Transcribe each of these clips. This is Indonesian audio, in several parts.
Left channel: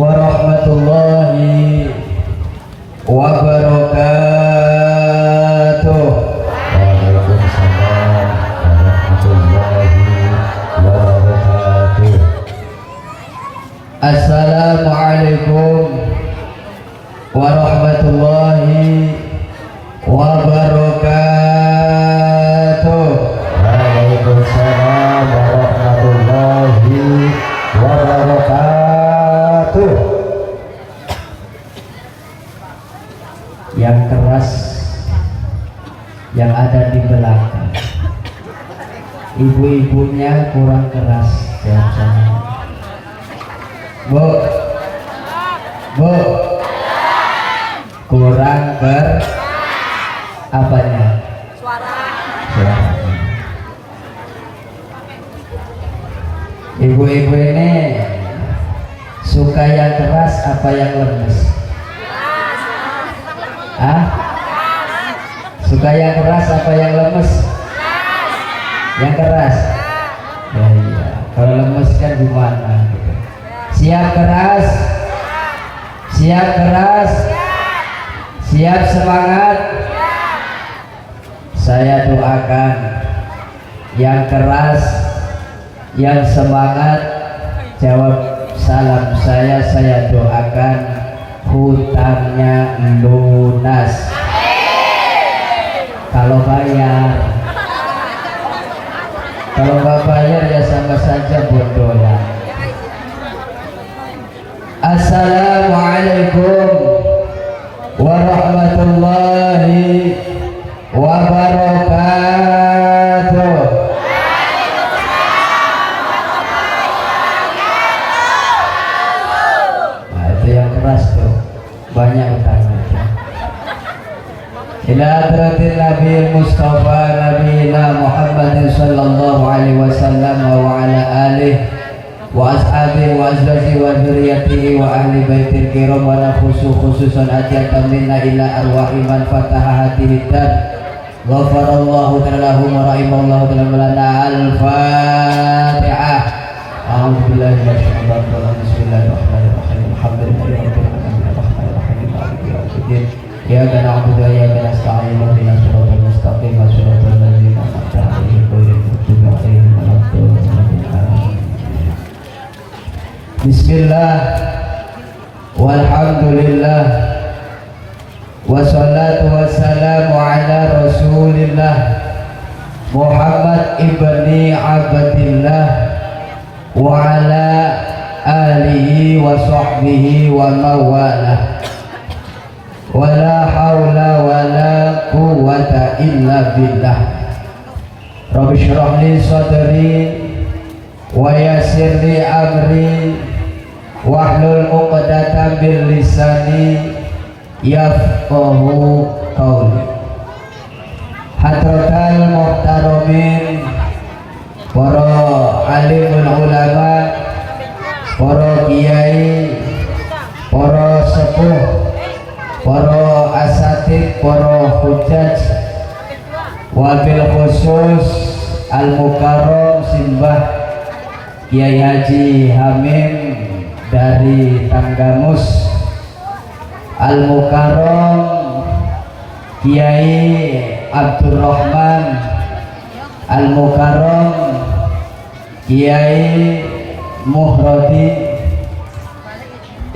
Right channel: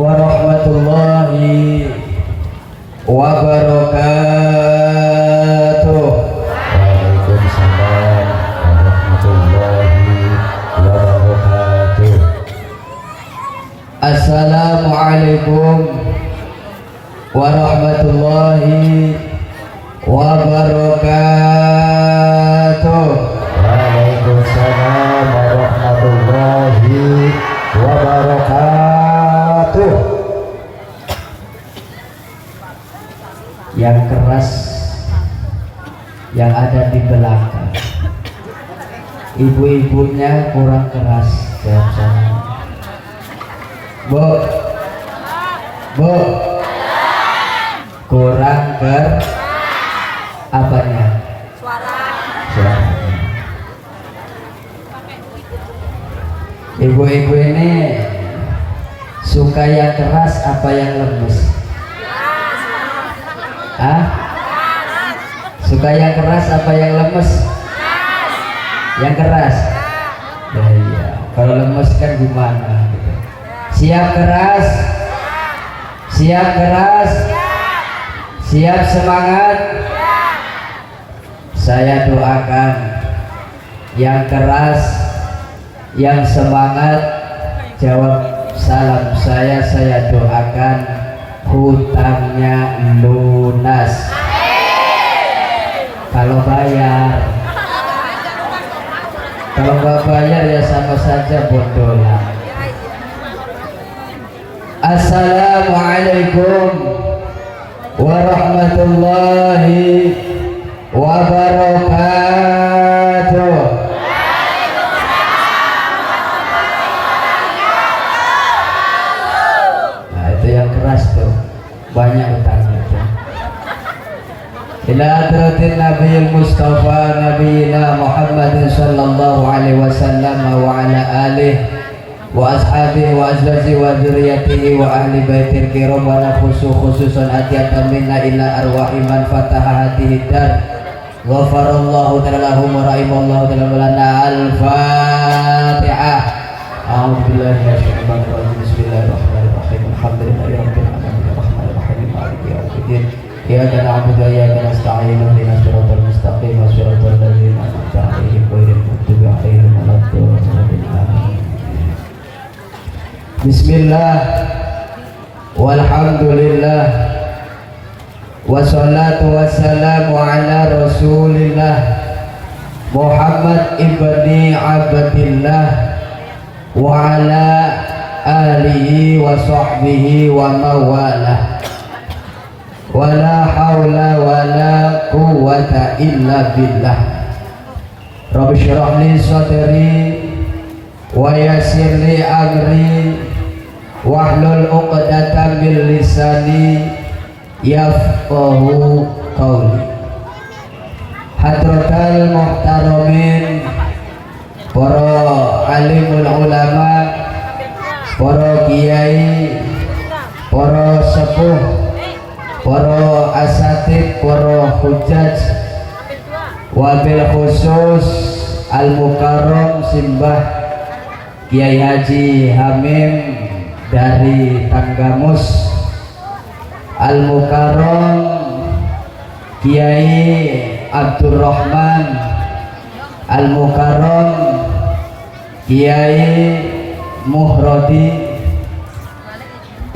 warahmatullahi wabarakatuh. Waalaikumsalam warahmatullahi wabarakatuh. Assalamualaikum warahmatullahi wabarakatuh. Waalaikumsalam warahmatullahi wabarakatuh. Yang keras yang ada di belakang, ibu-ibunya kurang keras. Jawab saya. Bu, bu, kurang apanya? Suara. Ibu-ibu ini suka yang keras apa yang lemes? Hah? Suka yang keras apa yang lemes? Yang keras. Ya iya. Kalau lemes kan gimana? Gitu. Siap keras? Siap keras? Siap semangat? Saya doakan yang keras, yang semangat, jawab salam saya doakan hutangnya lunas. Kalau bayar, kalau nggak bayar ya sama saja bondolan. Assalamualaikum warahmatullahi wabarakatuh. Nah itu yang keras tuh, banyak utangnya. Ila hadratin Nabi Mustafa Nabiyina Muhammad sallallahu alaihi wasallam wa ala alihi wa ashabihi wa azwajihi wa dzurriyyatihi wa ahli baitil kiram wa khususan atiyatan minna ila arwahi man fataha hatihi dan ghafarallahu ta'ala lahum wa rahimallahu ta'ala al-Fatihah. A'udzu billahi minasyaitonir rajim. Bismillahirrahmanirrahim. Alhamdulillahi rabbil alamin arrahmanir rahim maliki yaumiddin. Iyyaka na'budu wa iyyaka nasta'in ihdinas siratal mustaqim siratal ladzina an'amta 'alaihim ghairil maghdubi 'alaihim waladdallin. Bismillah walhamdulillah wassalatu wassalamu ala rasulillah Muhammad ibni Abdillah wa ala alihi wa sahbihi wa mawalah. Wala hawla wala quwwata illa billah. Rabbi shrah li sadri wa yassir li amri wahlul 'uqdatam min lisani yafqahu qawli. Hadratal muhtaramin, para alimul ulama, para kiai, para sepuh, para asatid, para hujjaj, wabil khusus al-mukarram simbah Kiai Haji Hamim dari Tanggamus, al-mukarram Kiai Abdurrahman, al-mukarram Kiai Muhrodi,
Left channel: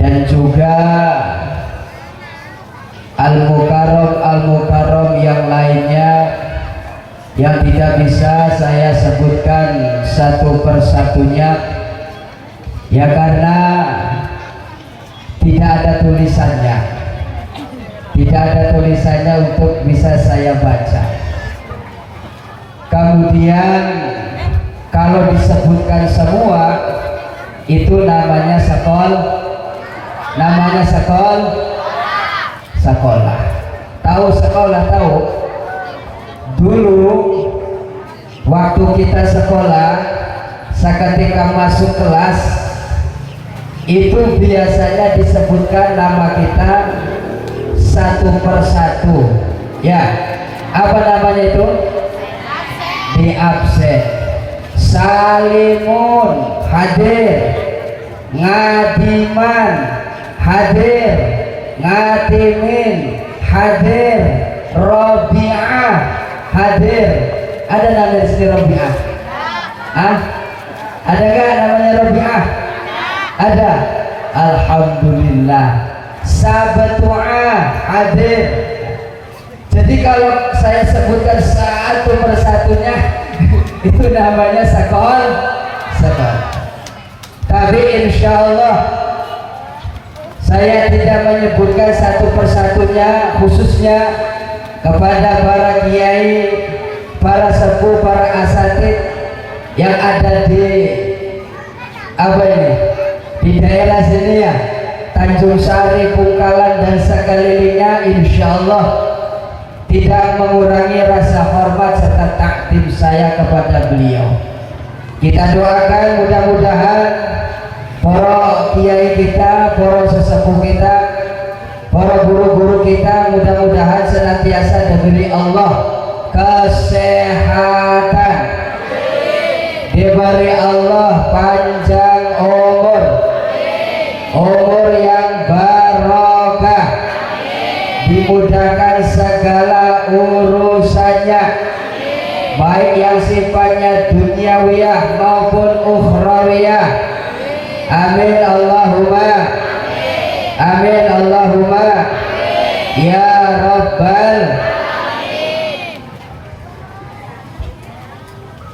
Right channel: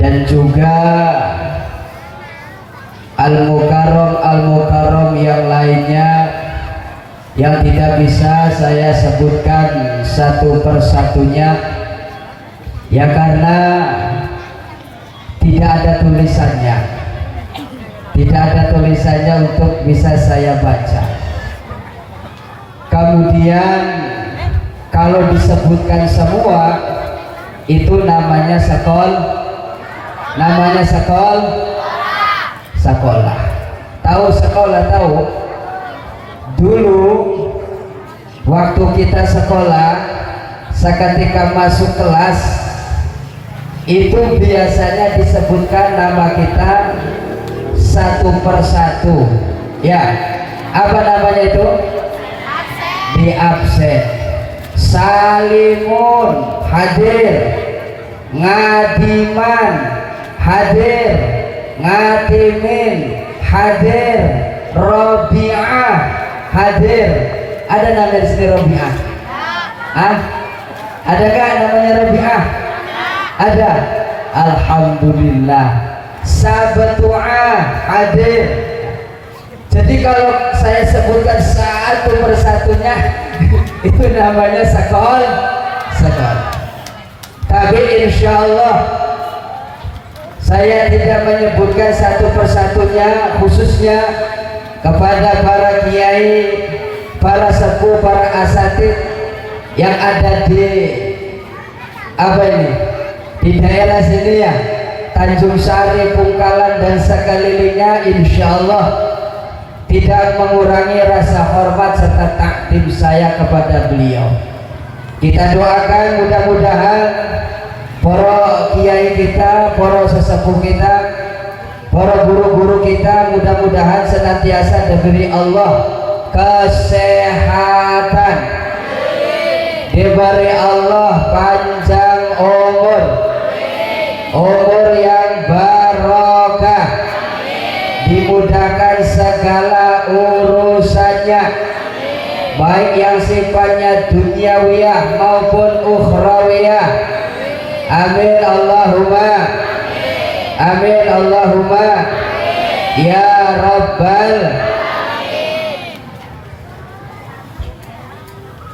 dan juga al-mukarram yang lainnya yang tidak bisa saya sebutkan satu persatunya ya karena tidak ada tulisannya untuk bisa saya baca. Kemudian kalau disebutkan semua itu namanya sekolah. Tahu sekolah? Tahu? Dulu waktu kita sekolah, seketika masuk kelas itu biasanya disebutkan nama kita satu persatu. Ya, apa namanya itu? Di absen. Salimun hadir, ngadiman hadir, ngatimin hadir, Robi'ah hadir. Ada nama di sini Robi'ah? Ah? Ada kan namanya Robi'ah? Ada. Alhamdulillah. Sabatu'ah hadir. Jadi kalau saya sebutkan satu persatunya itu namanya sakol. Tapi insya Allah saya tidak menyebutkan satu persatunya, khususnya kepada para kiai, para sepuh, para asatid yang ada di di daerah sini ya, Tanjung Sari, Pungkalan dan sekelilingnya, insya Allah tidak mengurangi rasa hormat serta takdim saya kepada beliau. Kita doakan mudah-mudahan para kiai kita, para sesepuh kita, para guru-guru kita mudah-mudahan senantiasa diberi Allah kesehatan, diberi Allah panjang umur yang barokah, dimudahkan segala urusannya, baik yang sifatnya duniawiyah maupun ukhrawiyah. Amin Allahumma amin Allahumma ya Rabbal.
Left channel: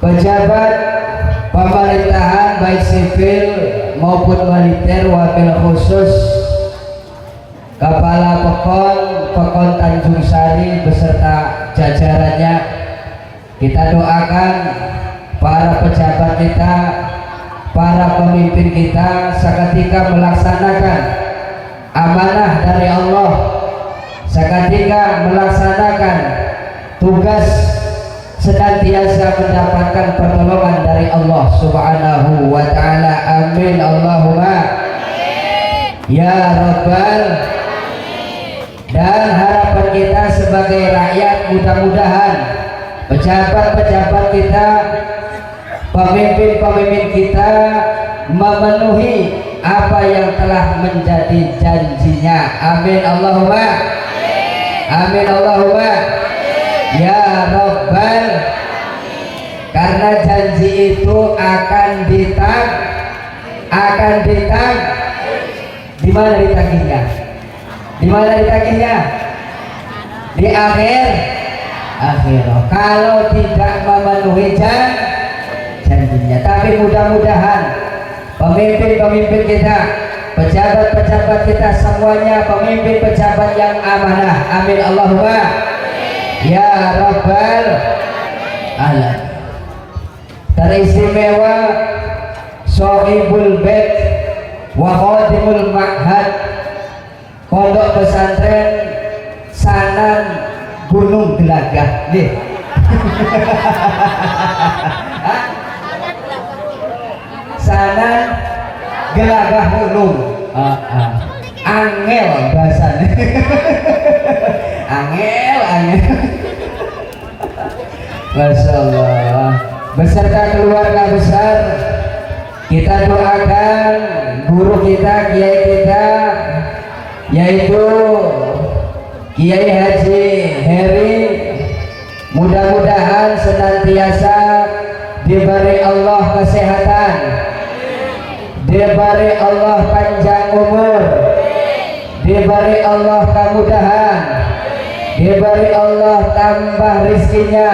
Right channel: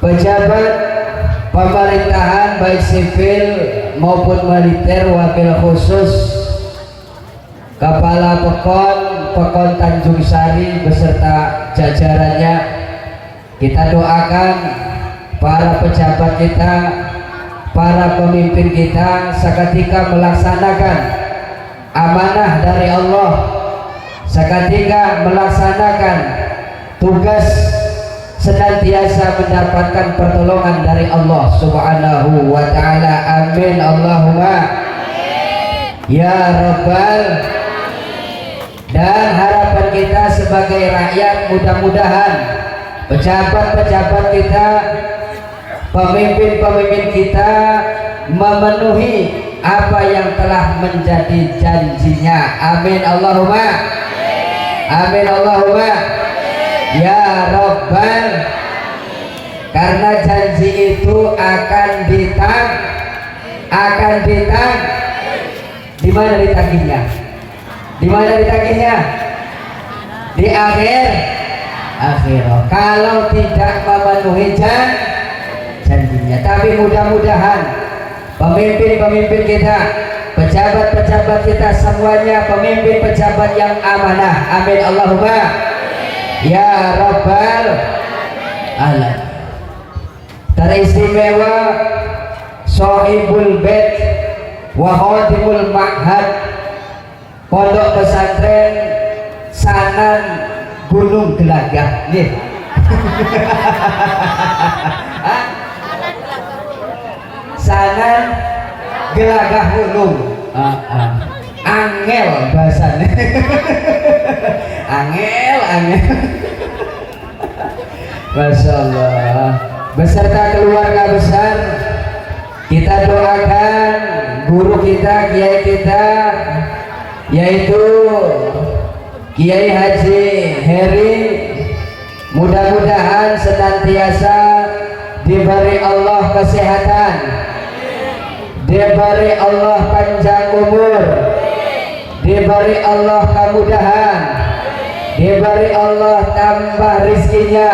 Pejabat pemerintahan baik sipil maupun militer, wakil khusus, kepala Pekon Tanjung Sari beserta jajarannya, kita doakan para pejabat kita, para pemimpin kita seketika melaksanakan amanah dari Allah, seketika melaksanakan tugas, senantiasa mendapatkan pertolongan dari Allah Subhanahu wa ta'ala. Amin Allahumma ya Rabbal. Dan harapan kita sebagai rakyat, mudah-mudahan pejabat-pejabat kita, pemimpin-pemimpin kita memenuhi apa yang telah menjadi janjinya. Amin Allahumma amin Allahumma ya Rabbal. Karena janji itu akan ditang. Di mana ditagihnya? Di mana ditagihnya? Di akhir. Kalau tidak memenuhi janjinya. Tapi mudah-mudahan pemimpin-pemimpin kita, pejabat-pejabat kita semuanya pemimpin pejabat yang amanah. Amin Allahumma ya Rabbal alamin. Teristimewa Sohibul Bait wa Khadimul Ma'had, Pondok Pesantren Sanan Gunung Gelagah. Nggih. Sanan Gelagah Gunung. Angel bahasanya. Angel. Masya Allah. Beserta keluarga besar, kita doakan guru kita, kiai kita, yaitu Kiai Haji Heri, mudah-mudahan senantiasa diberi Allah kesehatan, diberi Allah panjang umur, diberi Allah kemudahan, diberi Allah tambah rizkinya,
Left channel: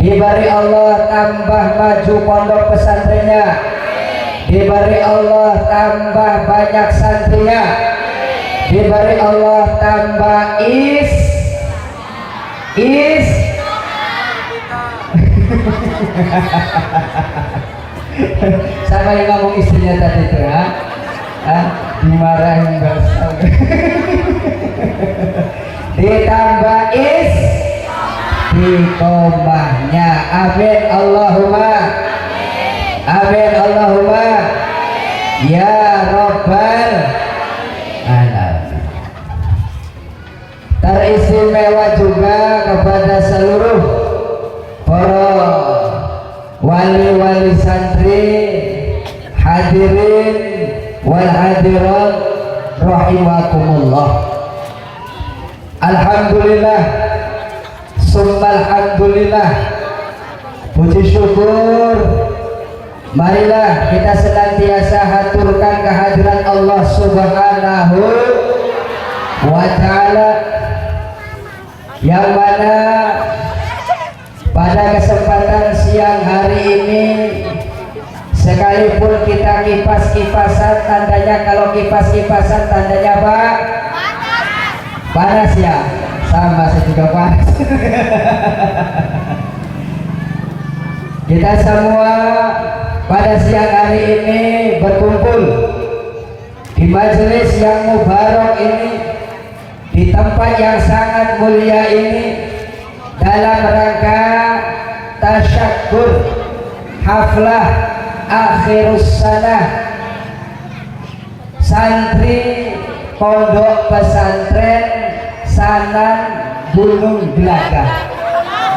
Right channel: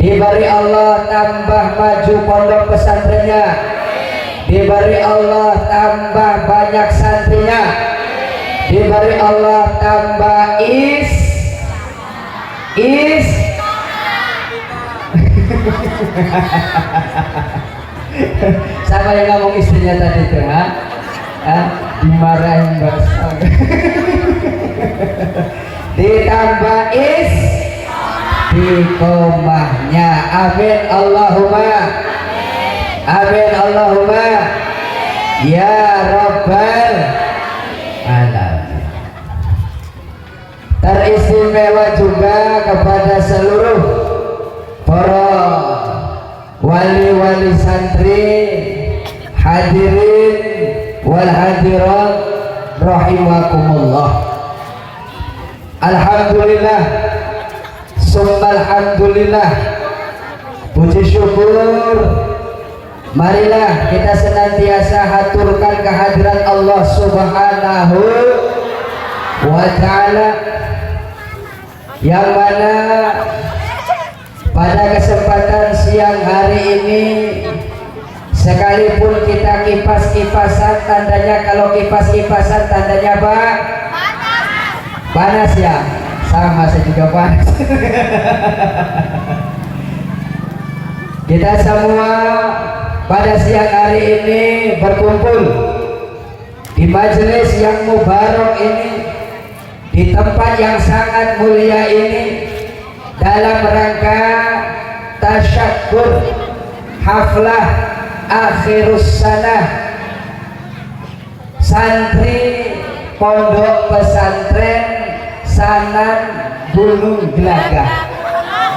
diberi Allah tambah maju pondok pesantrennya, diberi Allah tambah banyak santrinya, diberi Allah tambah sama yang ngomong istrinya tadi tuh, dimarahin basah. Ditambah istiqomahnya. Amin Allahumma amin Allahumma ya Rabbal alamin. Teristimewa juga kepada seluruh para wali-wali santri, hadirin hadirin wal hadirat rahimakumullah. Alhamdulillah, summa alhamdulillah, puji syukur, marilah kita senantiasa haturkan kehadiran Allah Subhanahu wa ta'ala, yang mana pada kesempatan siang hari ini, sekalipun kita kipas-kipasan, tandanya kalau kipas-kipasan tandanya apa? Panas ya? Sama, saya juga panas. Kita semua pada siang hari ini berkumpul di majelis yang mubarak ini, di tempat yang sangat mulia ini, dalam rangka tasyakur haflah akhirus sanah santri pondok pesantren Sanan Gunung Gelagah.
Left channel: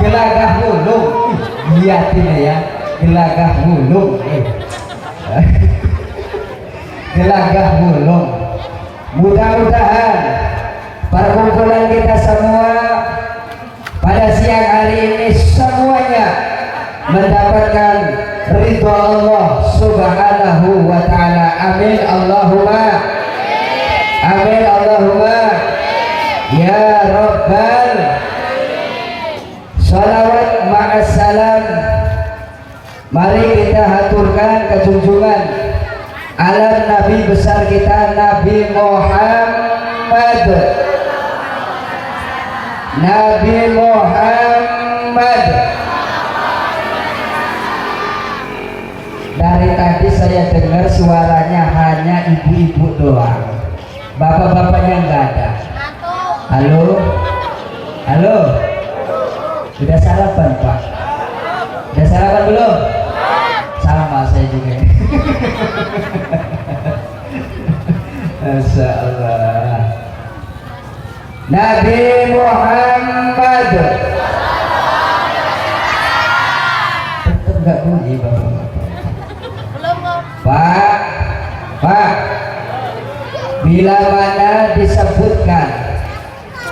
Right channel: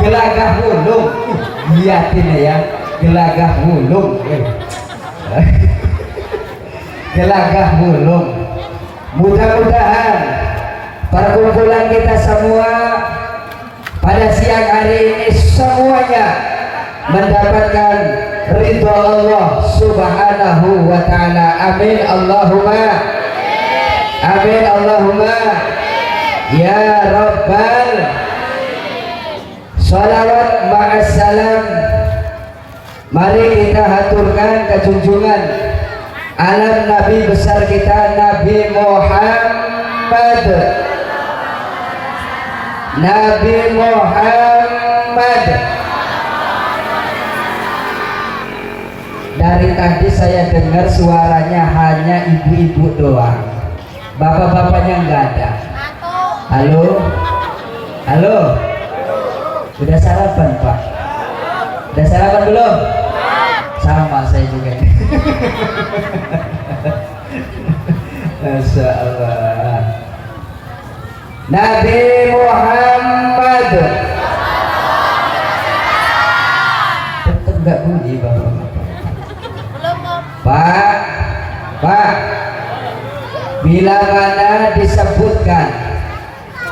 Gelagah Wulung, lihatin ya, Gelagah Wulung, Gelagah Wulung. Mudah-mudahan perkumpulan kita semua pada siang hari ini semuanya mendapatkan ridho Allah Subhanahu wa ta'ala. Amin Allahumma amin Allahumma ya Rabbal. Salawat ma'assalam, mari kita haturkan kejunjungan alam Nabi besar kita, Nabi Muhammad. Nabi Muhammad. Dari tadi saya dengar suaranya hanya ibu-ibu doang, bapak-bapaknya nggak ada. Halo, halo, sudah sarapan Pak? Sudah sarapan belum? Sama saya juga. Masya Allah. Nabi Muhammad. Tetap nggak bunyi bapak. Pak, bila mana disebutkan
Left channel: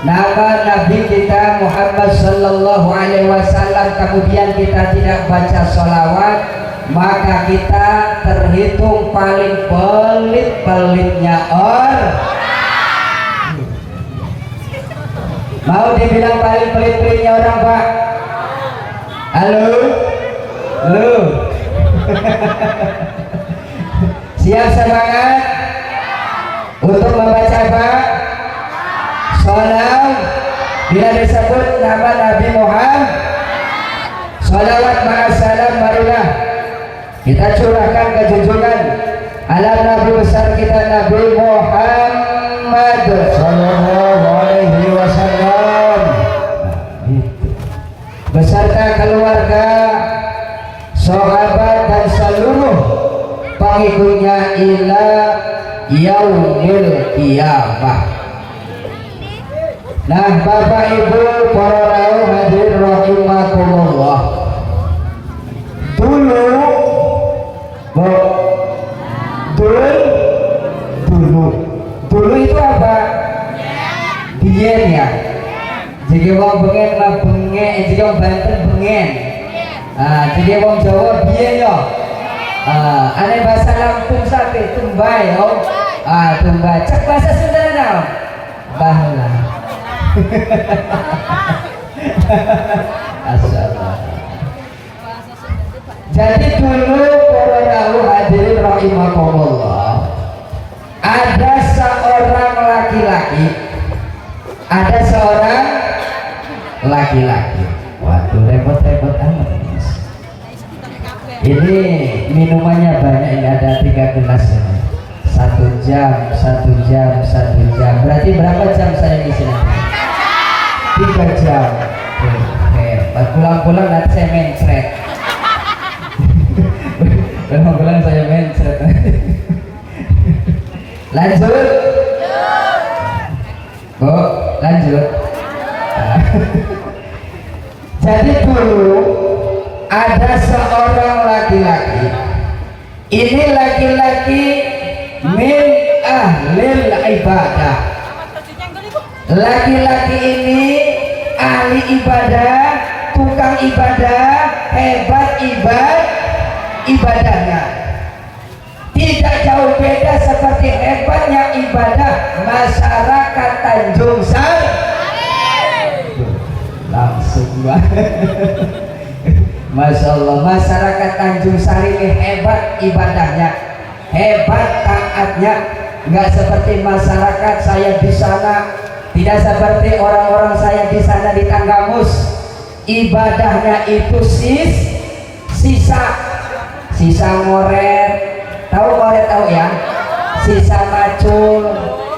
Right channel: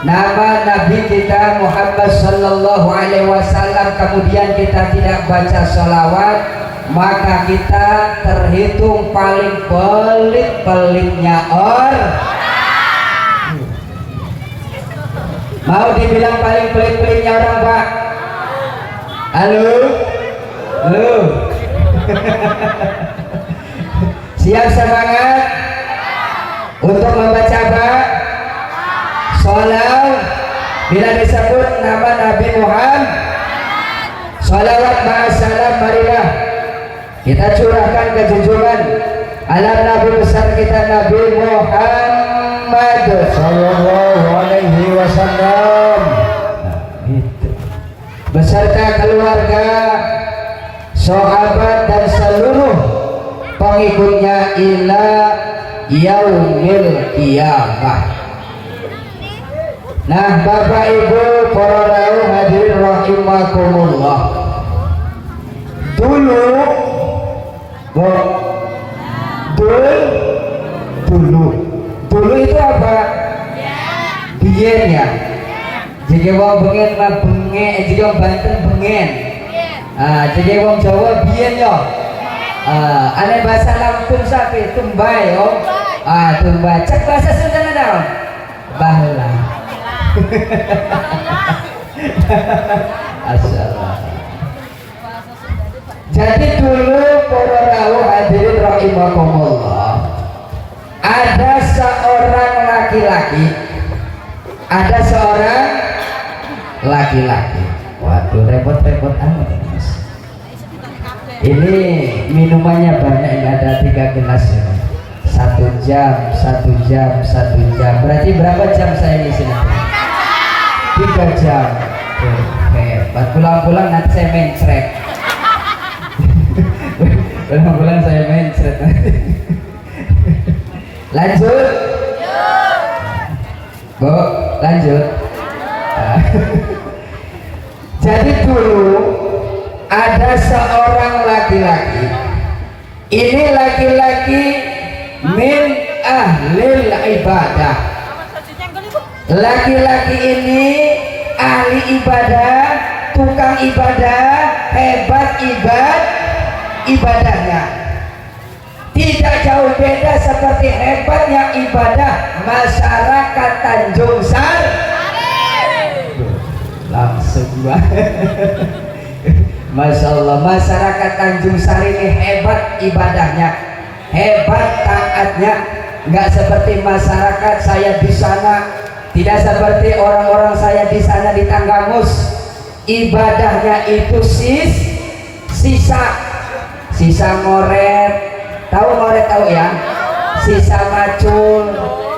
nama Nabi kita Muhammad Sallallahu Alaihi Wasallam, kemudian kita tidak baca salawat, maka kita terhitung paling pelit-pelitnya orang. Mau dibilang paling pelit-pelitnya orang Pak? Halo? Halo? Siap semangat untuk membaca apa? Salawat. Bila disebut nama Nabi Muhammad, salawat ma'assalam, marilah kita curahkan kejunjungan ala Nabi besar kita, Nabi Muhammad Sallallahu alaihi wasallam. Beserta keluarga, sahabat dan seluruh pengikutnya ila yaumil qiyamah. Nah, Bapak Ibu para hadirin rahimakumullah, dulu itu apa? Biyen ya. Jika wong bengen lah bengen, jika wong Banten bengen. Jika wong Jawa biyen yo. Ane bahasa Lampung sapi tumbai yo. Tumbai. Cek bahasa Sunda naon? Bahla. Asyaallah. Jadi dulu para hadirin rahimakumullah, ada seorang laki-laki, waduh repot-repot amat Mas. Ini minumannya banyak, ini ada 3 gelas ya. 1 jam, berarti berapa jam saya di sini? 3 jam. Pulang-pulang nanti saya mencret. Pulang-pulang saya mencret. Lanjut. Bu, lanjut. Jadi dulu ada seorang laki-laki. Ini laki-laki min ahlil ibadah. Laki-laki ini ahli ibadah, tukang ibadah, hebat ibadahnya. Tidak jauh beda seperti hebatnya ibadah masyarakat Tanjung Sari. Langsung banget. Masya Allah, masyarakat Tanjung Sari ini hebat ibadahnya, hebat taatnya. Nggak seperti masyarakat saya di sana, tidak seperti orang-orang saya di sana di Tanggamus. Ibadahnya itu sisa ngoret, tahu ngoret tahu ya, sisa macul,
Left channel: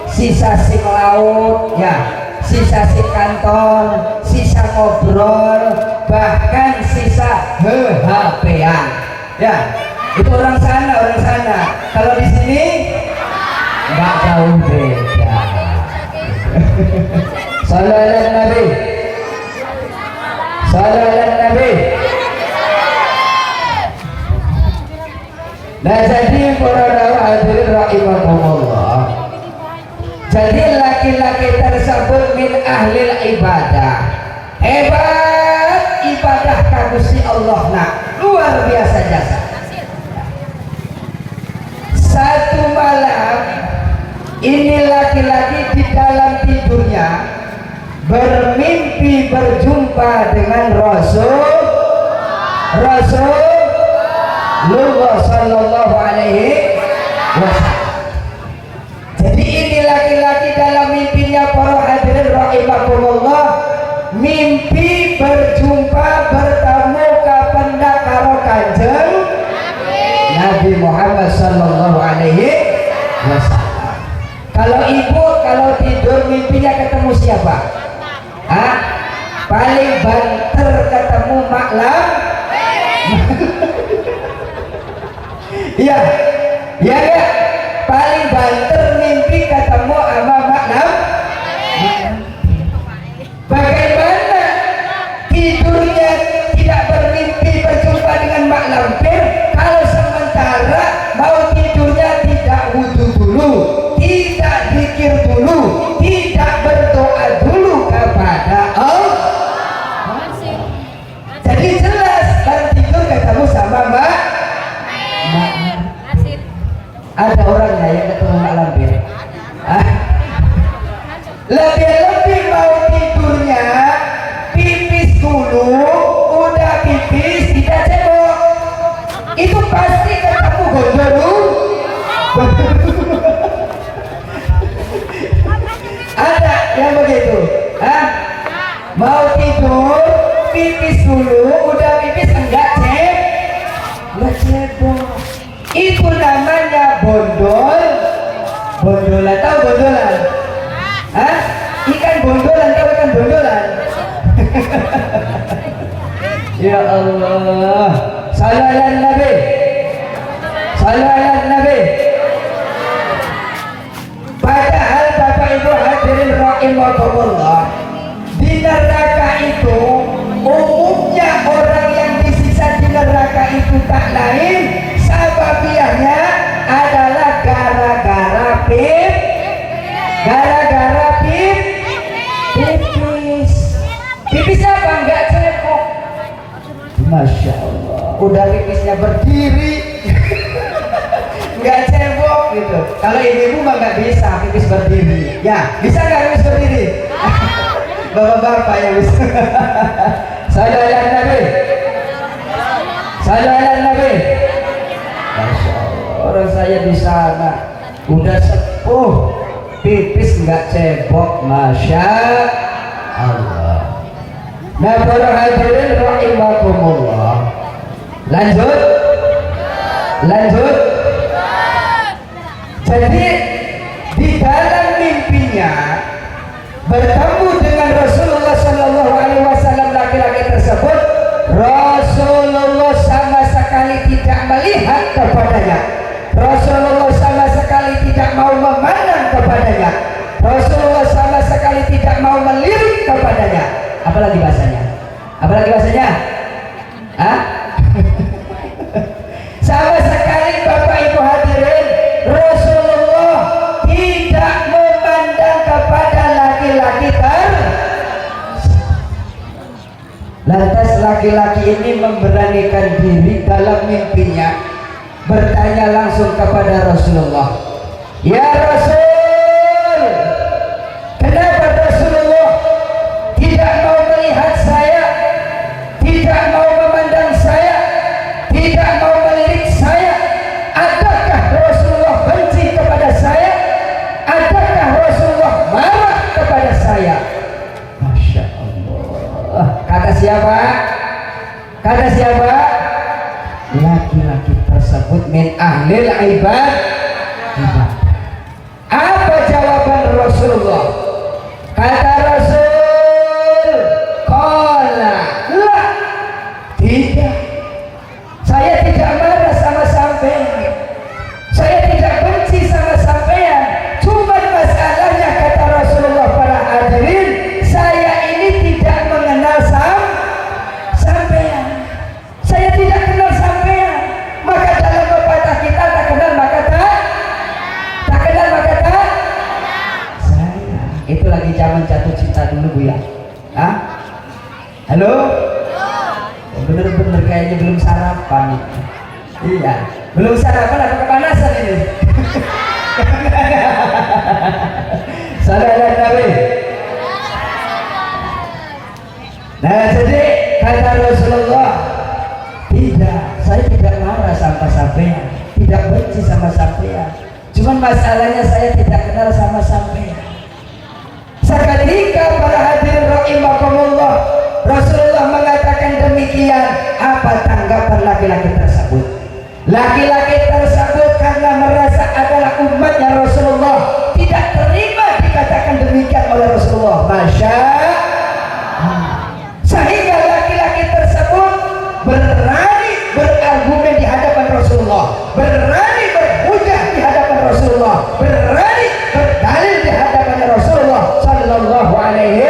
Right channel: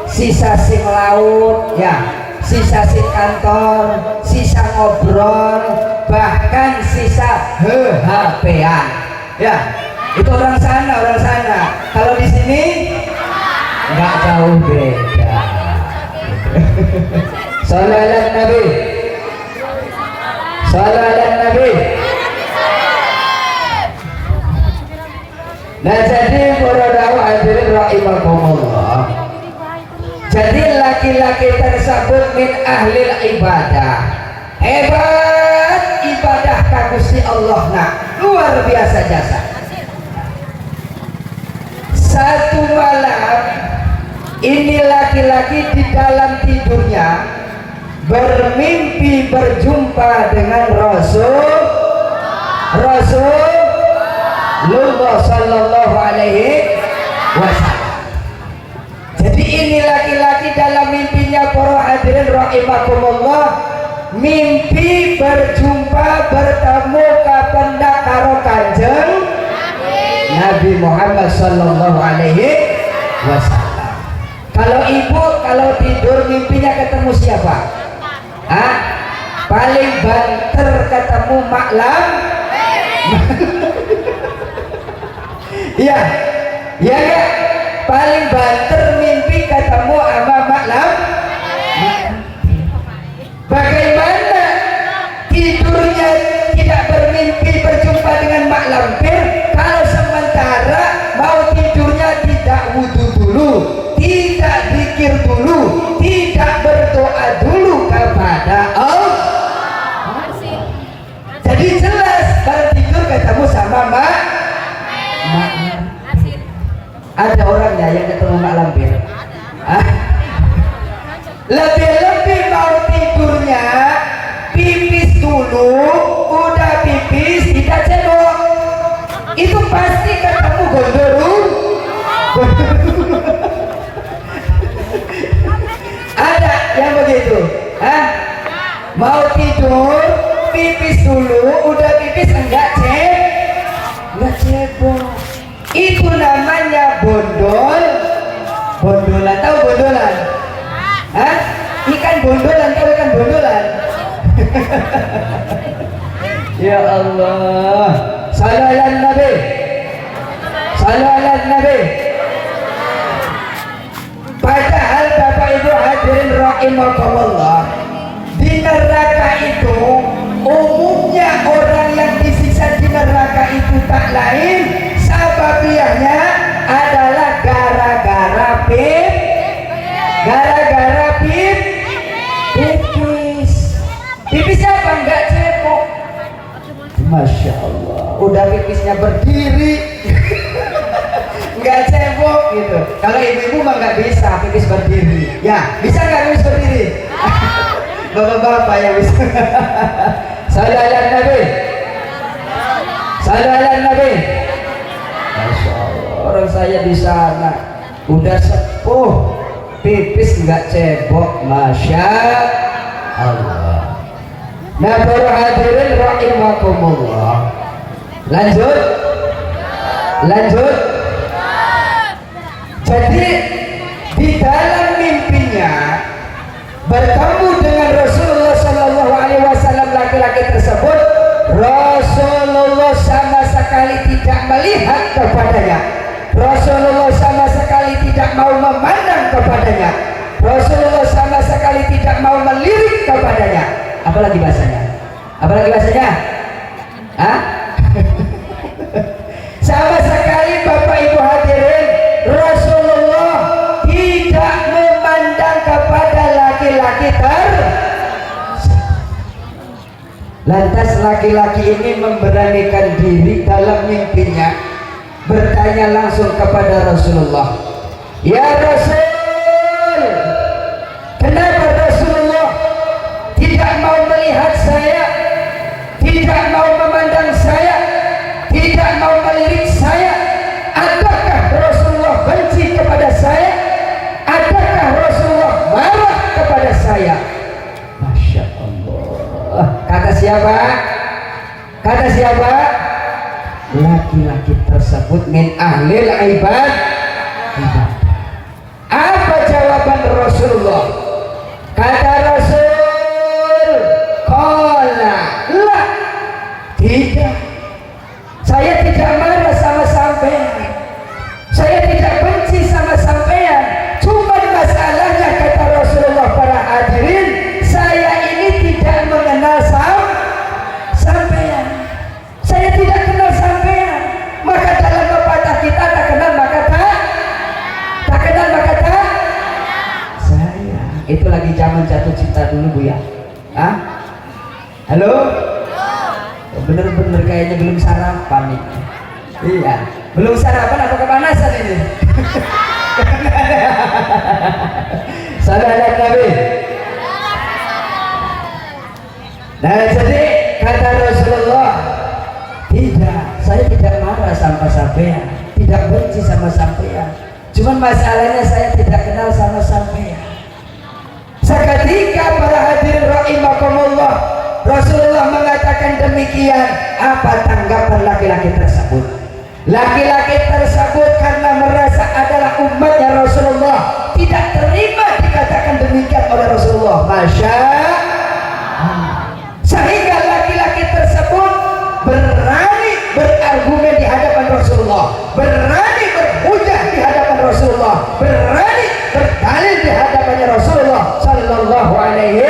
sisa sing laut ya, sisa sing kantor, sisa ngobrol, bahkan sisa HP-an ya. Itu orang sana. Kalau di sini nggak jauh beda. Sallallahu Nabi. Nah, jadi para hadirin rahimakumullah, jadi laki-laki tersebut min ahlil ibadah, hebat ibadah kagusti Allah, nah luar biasa jasa. Satu malam ini laki-laki di dalam tidurnya bermimpi berjumpa dengan Rasulullah sallallahu alaihi wasallam. Jadi ini laki-laki dalam mimpinya para hadirin rahimakumullah, mimpi berjumpa bertemu kapendak karo Kanjeng Nabi Muhammad sallallahu alaihi wasallam. Kalau ibu kalau tidur mimpinya ketemu siapa? Hah? Paling banter ketemu maklam. Iya, ya. Paling banter mimpi ketemu sama maklam. Bagaimana tidurnya tidak bermimpi berjumpa dengan mak lampir, kalau sementara mau tidurnya tidak wudu dulu, tidak zikir dulu, tidak berdoa dulu kepada Allah. Jadi jelas kalau tidur ketemu sama mak. Ada orangnya yang ketemu mak lampir. Lebih-lebih mau tidurnya pipis dulu, udah pipis tidak cebok, itu pasti ketemu gondolu. Ada yang begitu, mau tidur pipis dulu, udah pipis enggak cebok, itu namanya bondolan. Tahu bondolan? Ikan bondolan, tahu ikan bondolan? Ya Allah, sallallahu Nabi. Padahal Bapak Ibu hadirin rahimakumullah, di neraka itu umumnya orang yang disisa di neraka itu tak lain sababiahnya adalah gara-gara pipisnya apa enggak cebok. Masya Allah, udah pipisnya berdiri enggak cebok gitu. Kalau ibu-ibu mah enggak bisa pipis berdiri ya, bisa enggak pipis berdiri? Bapak-bapak ya bisa. Sallallahu Nabi. Masya Allah, orang saya di sana udah sepuh, pipis enggak cebok, Masya Allah. Nah, para hadirin rahimakumullah, lanjut. Jadi di dalam mimpinya bertemu dengan Rasulullah sallallahu alaihi wasallam, laki-laki tersebut Rasulullah sama sekali tidak melihat kepadanya, Rasulullah sama sekali tidak mau memandang kepadanya, Rasulullah sama sekali tidak mau melirik kepadanya. Apalagi bahasanya? Sama sekali Bapak Ibu hadirin, Rasulullah laki-laki ini memberanikan diri dalam mimpinya bertanya langsung kepada Rasulullah, "Ya Rasul, kenapa Rasulullah tidak mau melihat saya, tidak mau memandang saya, tidak mau melirik saya? Adakah Rasulullah benci kepada saya? Adakah Rasulullah marah kepada saya?" Masya Allah. Kata siapa? Kata siapa? Laki-laki tersebut min ahlil ibad. Apa jawaban Rasulullah? Kata Rasul, qala la, tidak, saya tidak marah sama sampean, saya tidak benci sama sampean, cuma masalahnya kata Rasulullah para hadirin, saya ini tidak mengenal sampean, saya tidak kenal sampean. Maka dalam pepatah kita tak kenal maka tak kenal maka tak saya. Itu lagi zaman jatuh cinta dulu Bu ya. Hah? Halo? Bener-bener kayaknya belum sarapan nih. Iya, belum sarapan atau kepanasan ini? Salam Nabi. Nah, jadi kata Rasulullah, tidak, saya tidak marah sama sampean, tidak benci sama sampean. Cuma masalahnya saya tidak kenal sama sampean. Seketika para hadirin rahimakumullah, Rasulullah mengatakan demikian. Apa tanggapan laki-laki tersebut? Laki-laki tersebut karena merasa adalah umatnya Rasulullah tidak terima dikatakan demikian oleh Rasulullah. Masya Allah. Sehingga laki-laki tersebut berani berargumen di hadapan Rasulullah, berani berhujah di hadapan Rasulullah, berani berdalil di hadapan Rasulullah Sallallahu Alaihi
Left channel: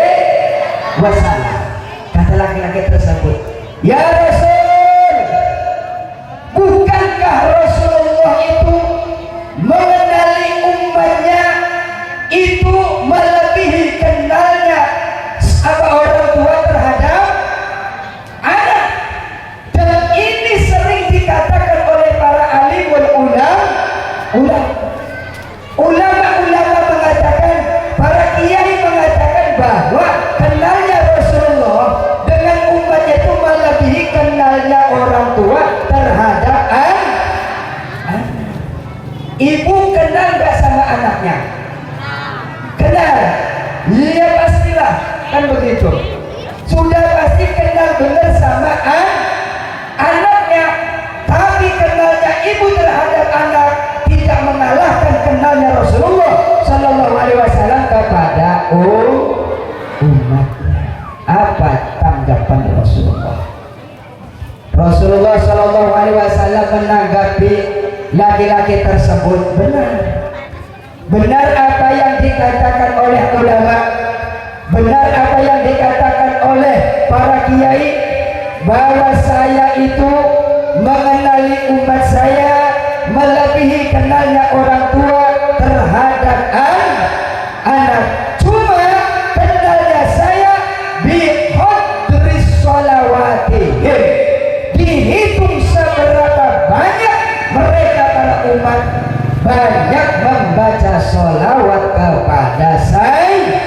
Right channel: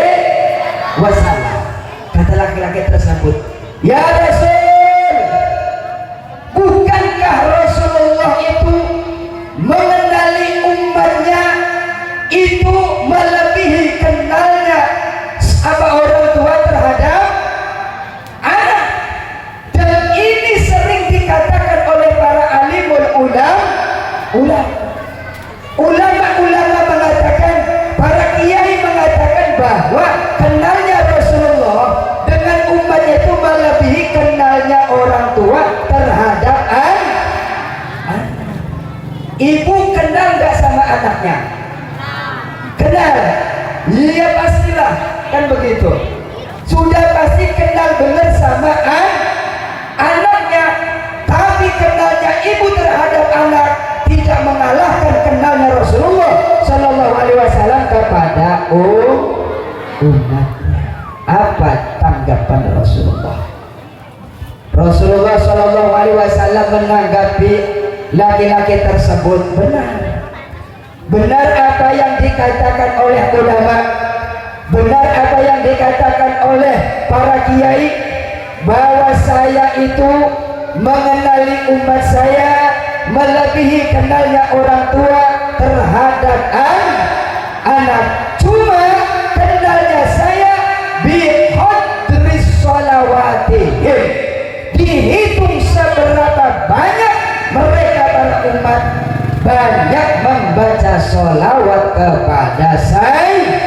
Wasallam. Kata laki-laki tersebut, "Ya Rasul, bukankah Rasulullah itu mengenali umatnya itu melebihi kenalnya apa orang tua terhadap anak? Dan ini sering dikatakan oleh para alimul ulama mengatakan, para kiai mengatakan bahwa kenalnya Rasulullah dengan umatnya itu melebihi kenalnya orang tua terhadap anak. Ibu kenal gak sama anaknya? Kenal? Iya pastilah, kan begitu. Sudah pasti kenal benar sama anaknya. Tapi kenalnya ibu terhadap anak tidak mengalahkan kenalnya Rasulullah Sallallahu Alaihi Wasallam kepada umatnya. Apa tanggapan Rasulullah? Rasulullah Sallallahu Alaihi Wasallam menanggapi laki-laki tersebut, benar apa yang dikatakan oleh ulama, benar apa yang dikatakan oleh para kiai, bahwa saya itu mengenali umat saya melebihi kenalnya orang tua terhadap anak. Cuma kenalnya saya bihadris sholawatihim, dihitung seberapa banyak mereka para umat banyak membaca sholawat kepada saya.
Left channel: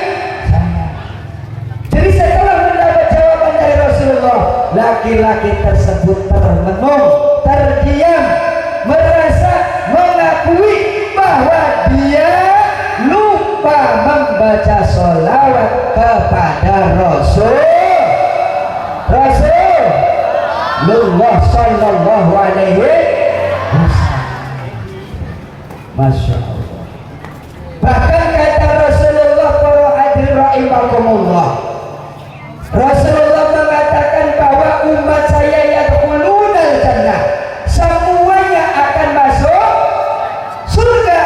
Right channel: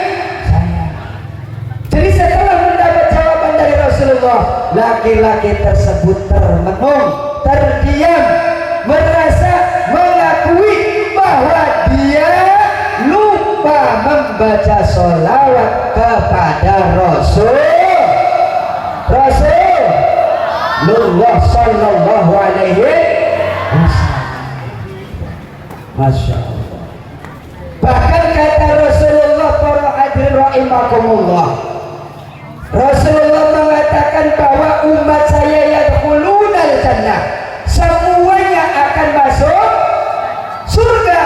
Jadi setelah mendapat jawaban dari Rasulullah, laki-laki tersebut termenung, terdiam, merasa mengakui bahwa dia lupa membaca sholawat kepada Rasulullah Sallallahu Alaihi Wasallam. Masya Allah. Bahkan kata Rasulullah para hadirin rahimakumullah, Rasulullah mengatakan bahwa umat saya yadkhulunal jannah, semuanya akan masuk surga,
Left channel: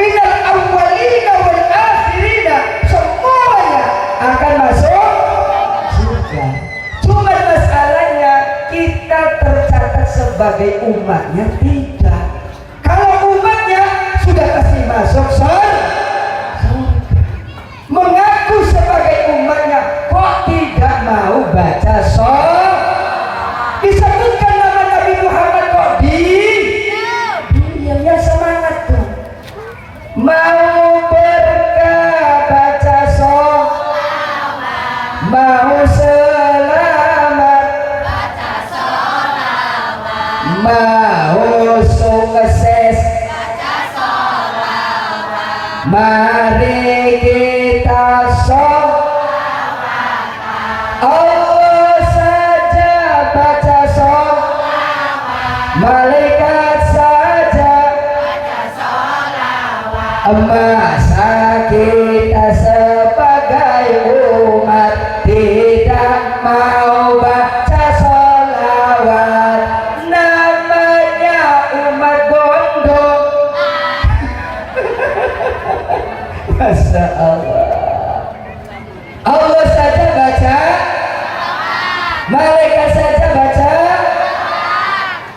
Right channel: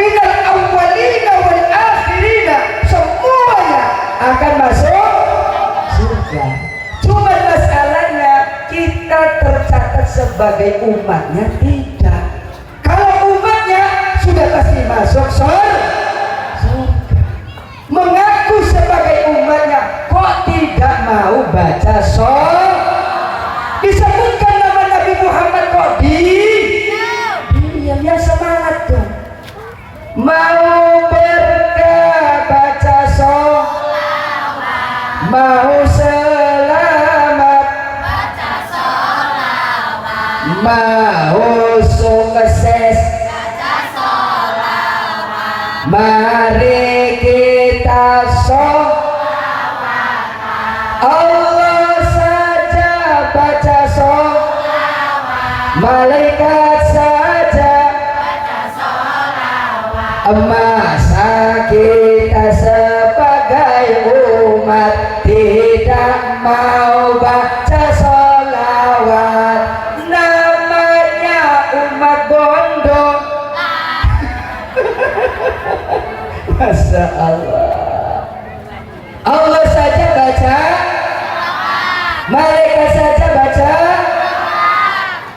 minal awwalina wal akhirina, semuanya akan masuk surga. Cuma masalahnya kita tercatat sebagai umatnya tidak. Kalau umatnya sudah pasti masuk surga. Mengaku sebagai umatnya kok tidak mau baca sholawat? mau berkah baca sholawat, mau selamat baca sholawat, mau sukses baca sholawat, mari kita sholawat, Allah saja baca sholawat, malaikat saja masa kita sebagai umat tidak mau baca sholawat, namanya umat gondok. Masya Allah, Allah saja baca, malaikat saja baca,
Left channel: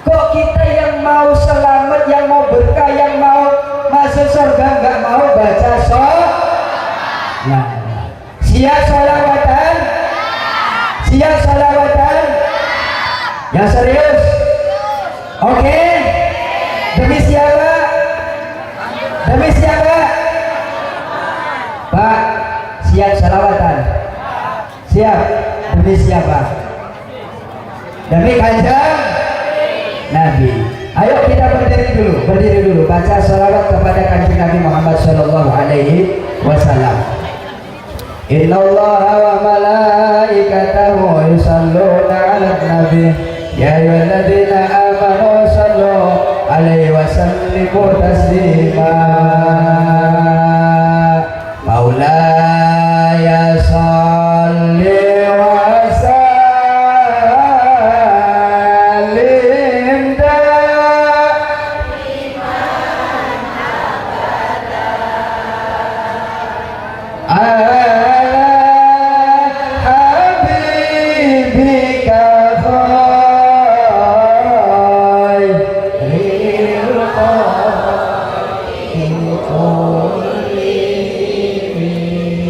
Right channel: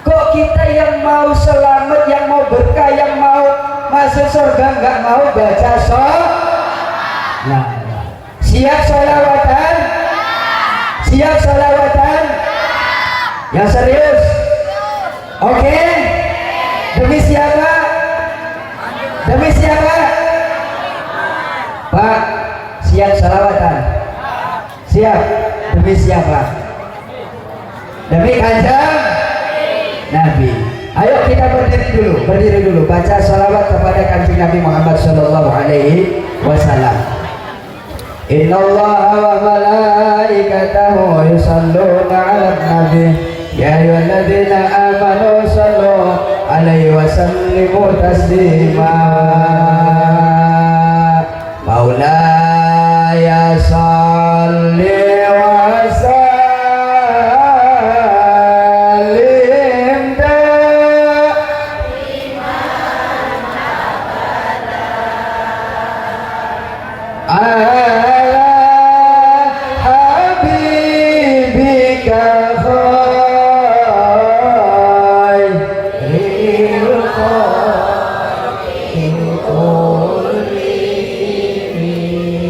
kok kita yang mau selamat, yang mau berkah, yang mau masuk surga nggak mau baca nah, siap sholawatan? Siap sholawatan? Yang serius? Oke? Demi siapa? Demi siapa? Pak, siap sholawatan? Siap? Demi siapa? Demi Kanjeng Nabi. Ayo kita berdiri dulu, baca salawat kepada Kanjeng Nabi Muhammad sallallahu alaihi wasallam. Innallaha wa malaikatahu yusholluna 'alan nabi ya ayyuhalladzina amanu shallu 'alaihi wa sallimu taslima. Maulaya shalli wa sallim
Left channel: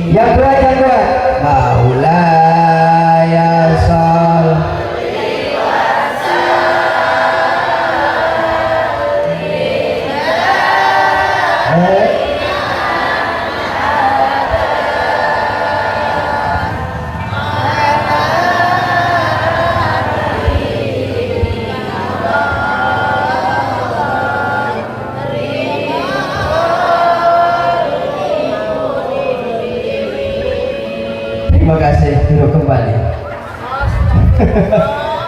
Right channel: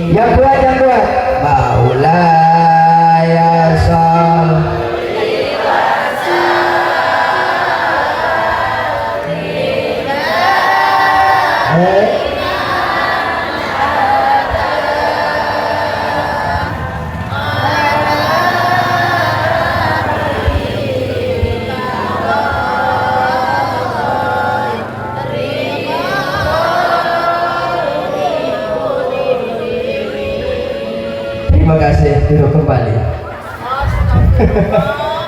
yang dua Maulaya sholli wa sallim. Terima kasih, duduk kembali.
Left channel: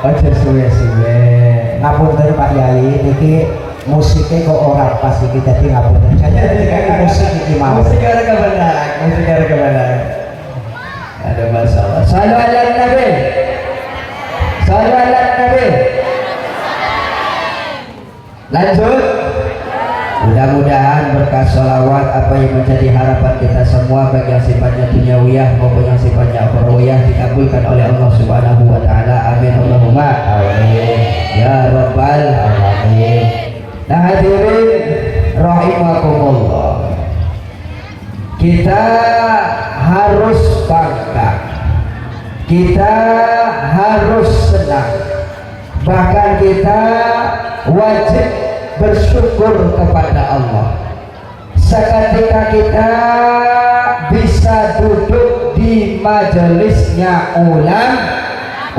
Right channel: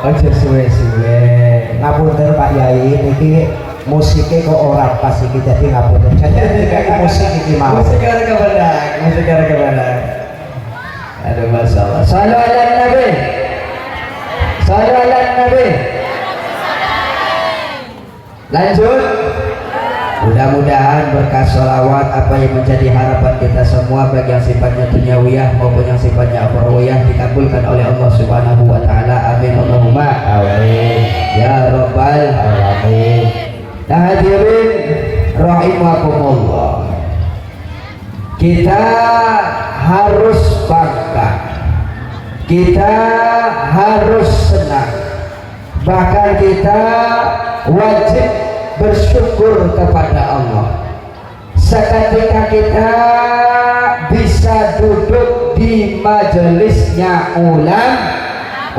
Ojo suwe-suwe. Ngapunten Pak Yai, niki musiknya kok orang pas iki jadi ngapunten. Saya jadi musik iki mau. Musik ada kebenaran, musik ada kebenaran. Aduh, masya Allah. Salam ala Nabi. Salam ala Nabi. Lanjut. Mudah-mudahan berkah sholawat apa yang menjadi harapan kita semua, baik yang sifatnya duniawiyah maupun yang sifatnya akhrawiyah, dikabulkan oleh Allah Subhanahu wa taala. Amin Allahumma amin ya rabbal alamin. Nah, hadirin rahimakumullah, kita harus bangga, kita harus senang, bahkan kita wajib bersyukur kepada Allah seketika kita bisa duduk di majelisnya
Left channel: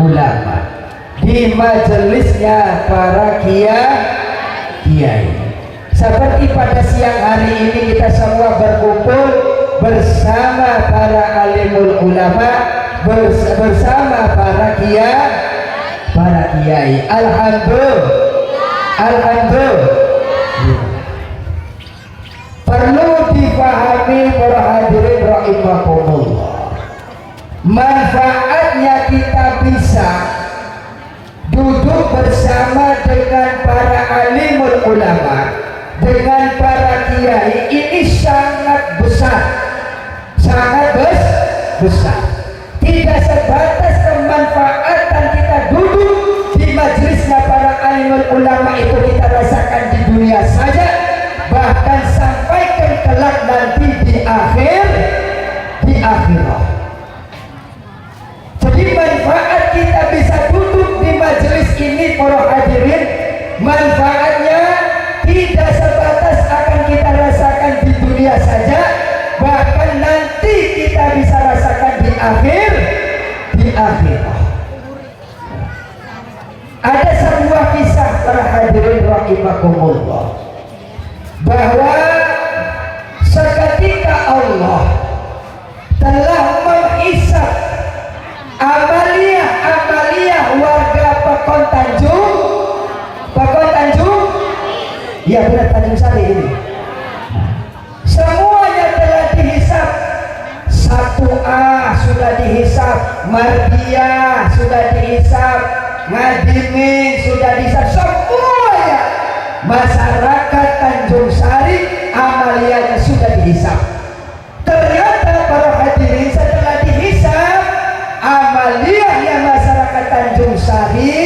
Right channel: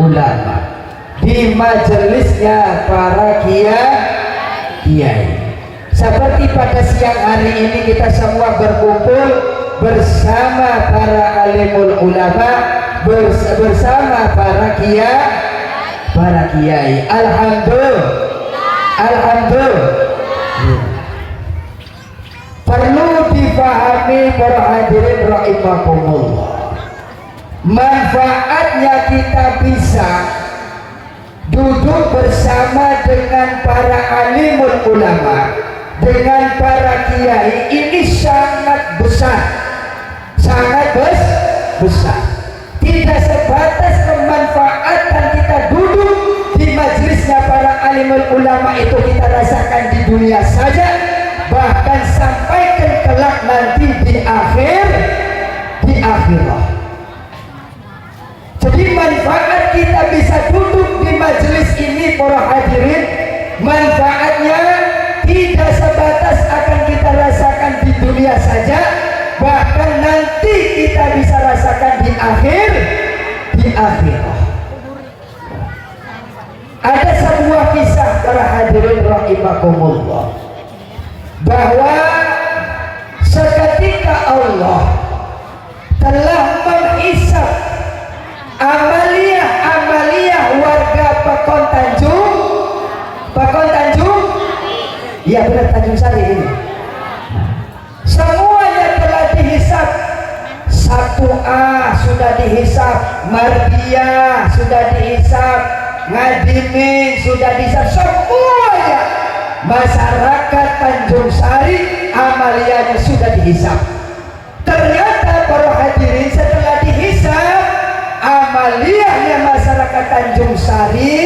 ulama, di majelisnya para kiai. Seperti pada siang hari ini kita semua berkumpul bersama para alimul ulama, bersama para kiai. Alhamdulillah. Perlu dipahami para hadirin rahimakumullah, manfaatnya kita bisa duduk bersama dengan para alimul ulama, dengan para kiai, ini sangat besar, sangat besar. Tidak sebatas kemanfaatan kita duduk di majelisnya para alimul ulama itu kita rasakan di dunia saja, bahkan sampai kelak nanti di akhirat. Jadi manfaat kita bisa duduk di majelis ini para hadirin, manfaatnya tidak sebatas akan kita rasakan di dunia Jimin sudah bisa semuanya. Masyarakat Tanjung Sari amaliannya sudah dihisap. Ternyata para hadirin setelah dihisap, amaliahnya masyarakat Tanjung Sari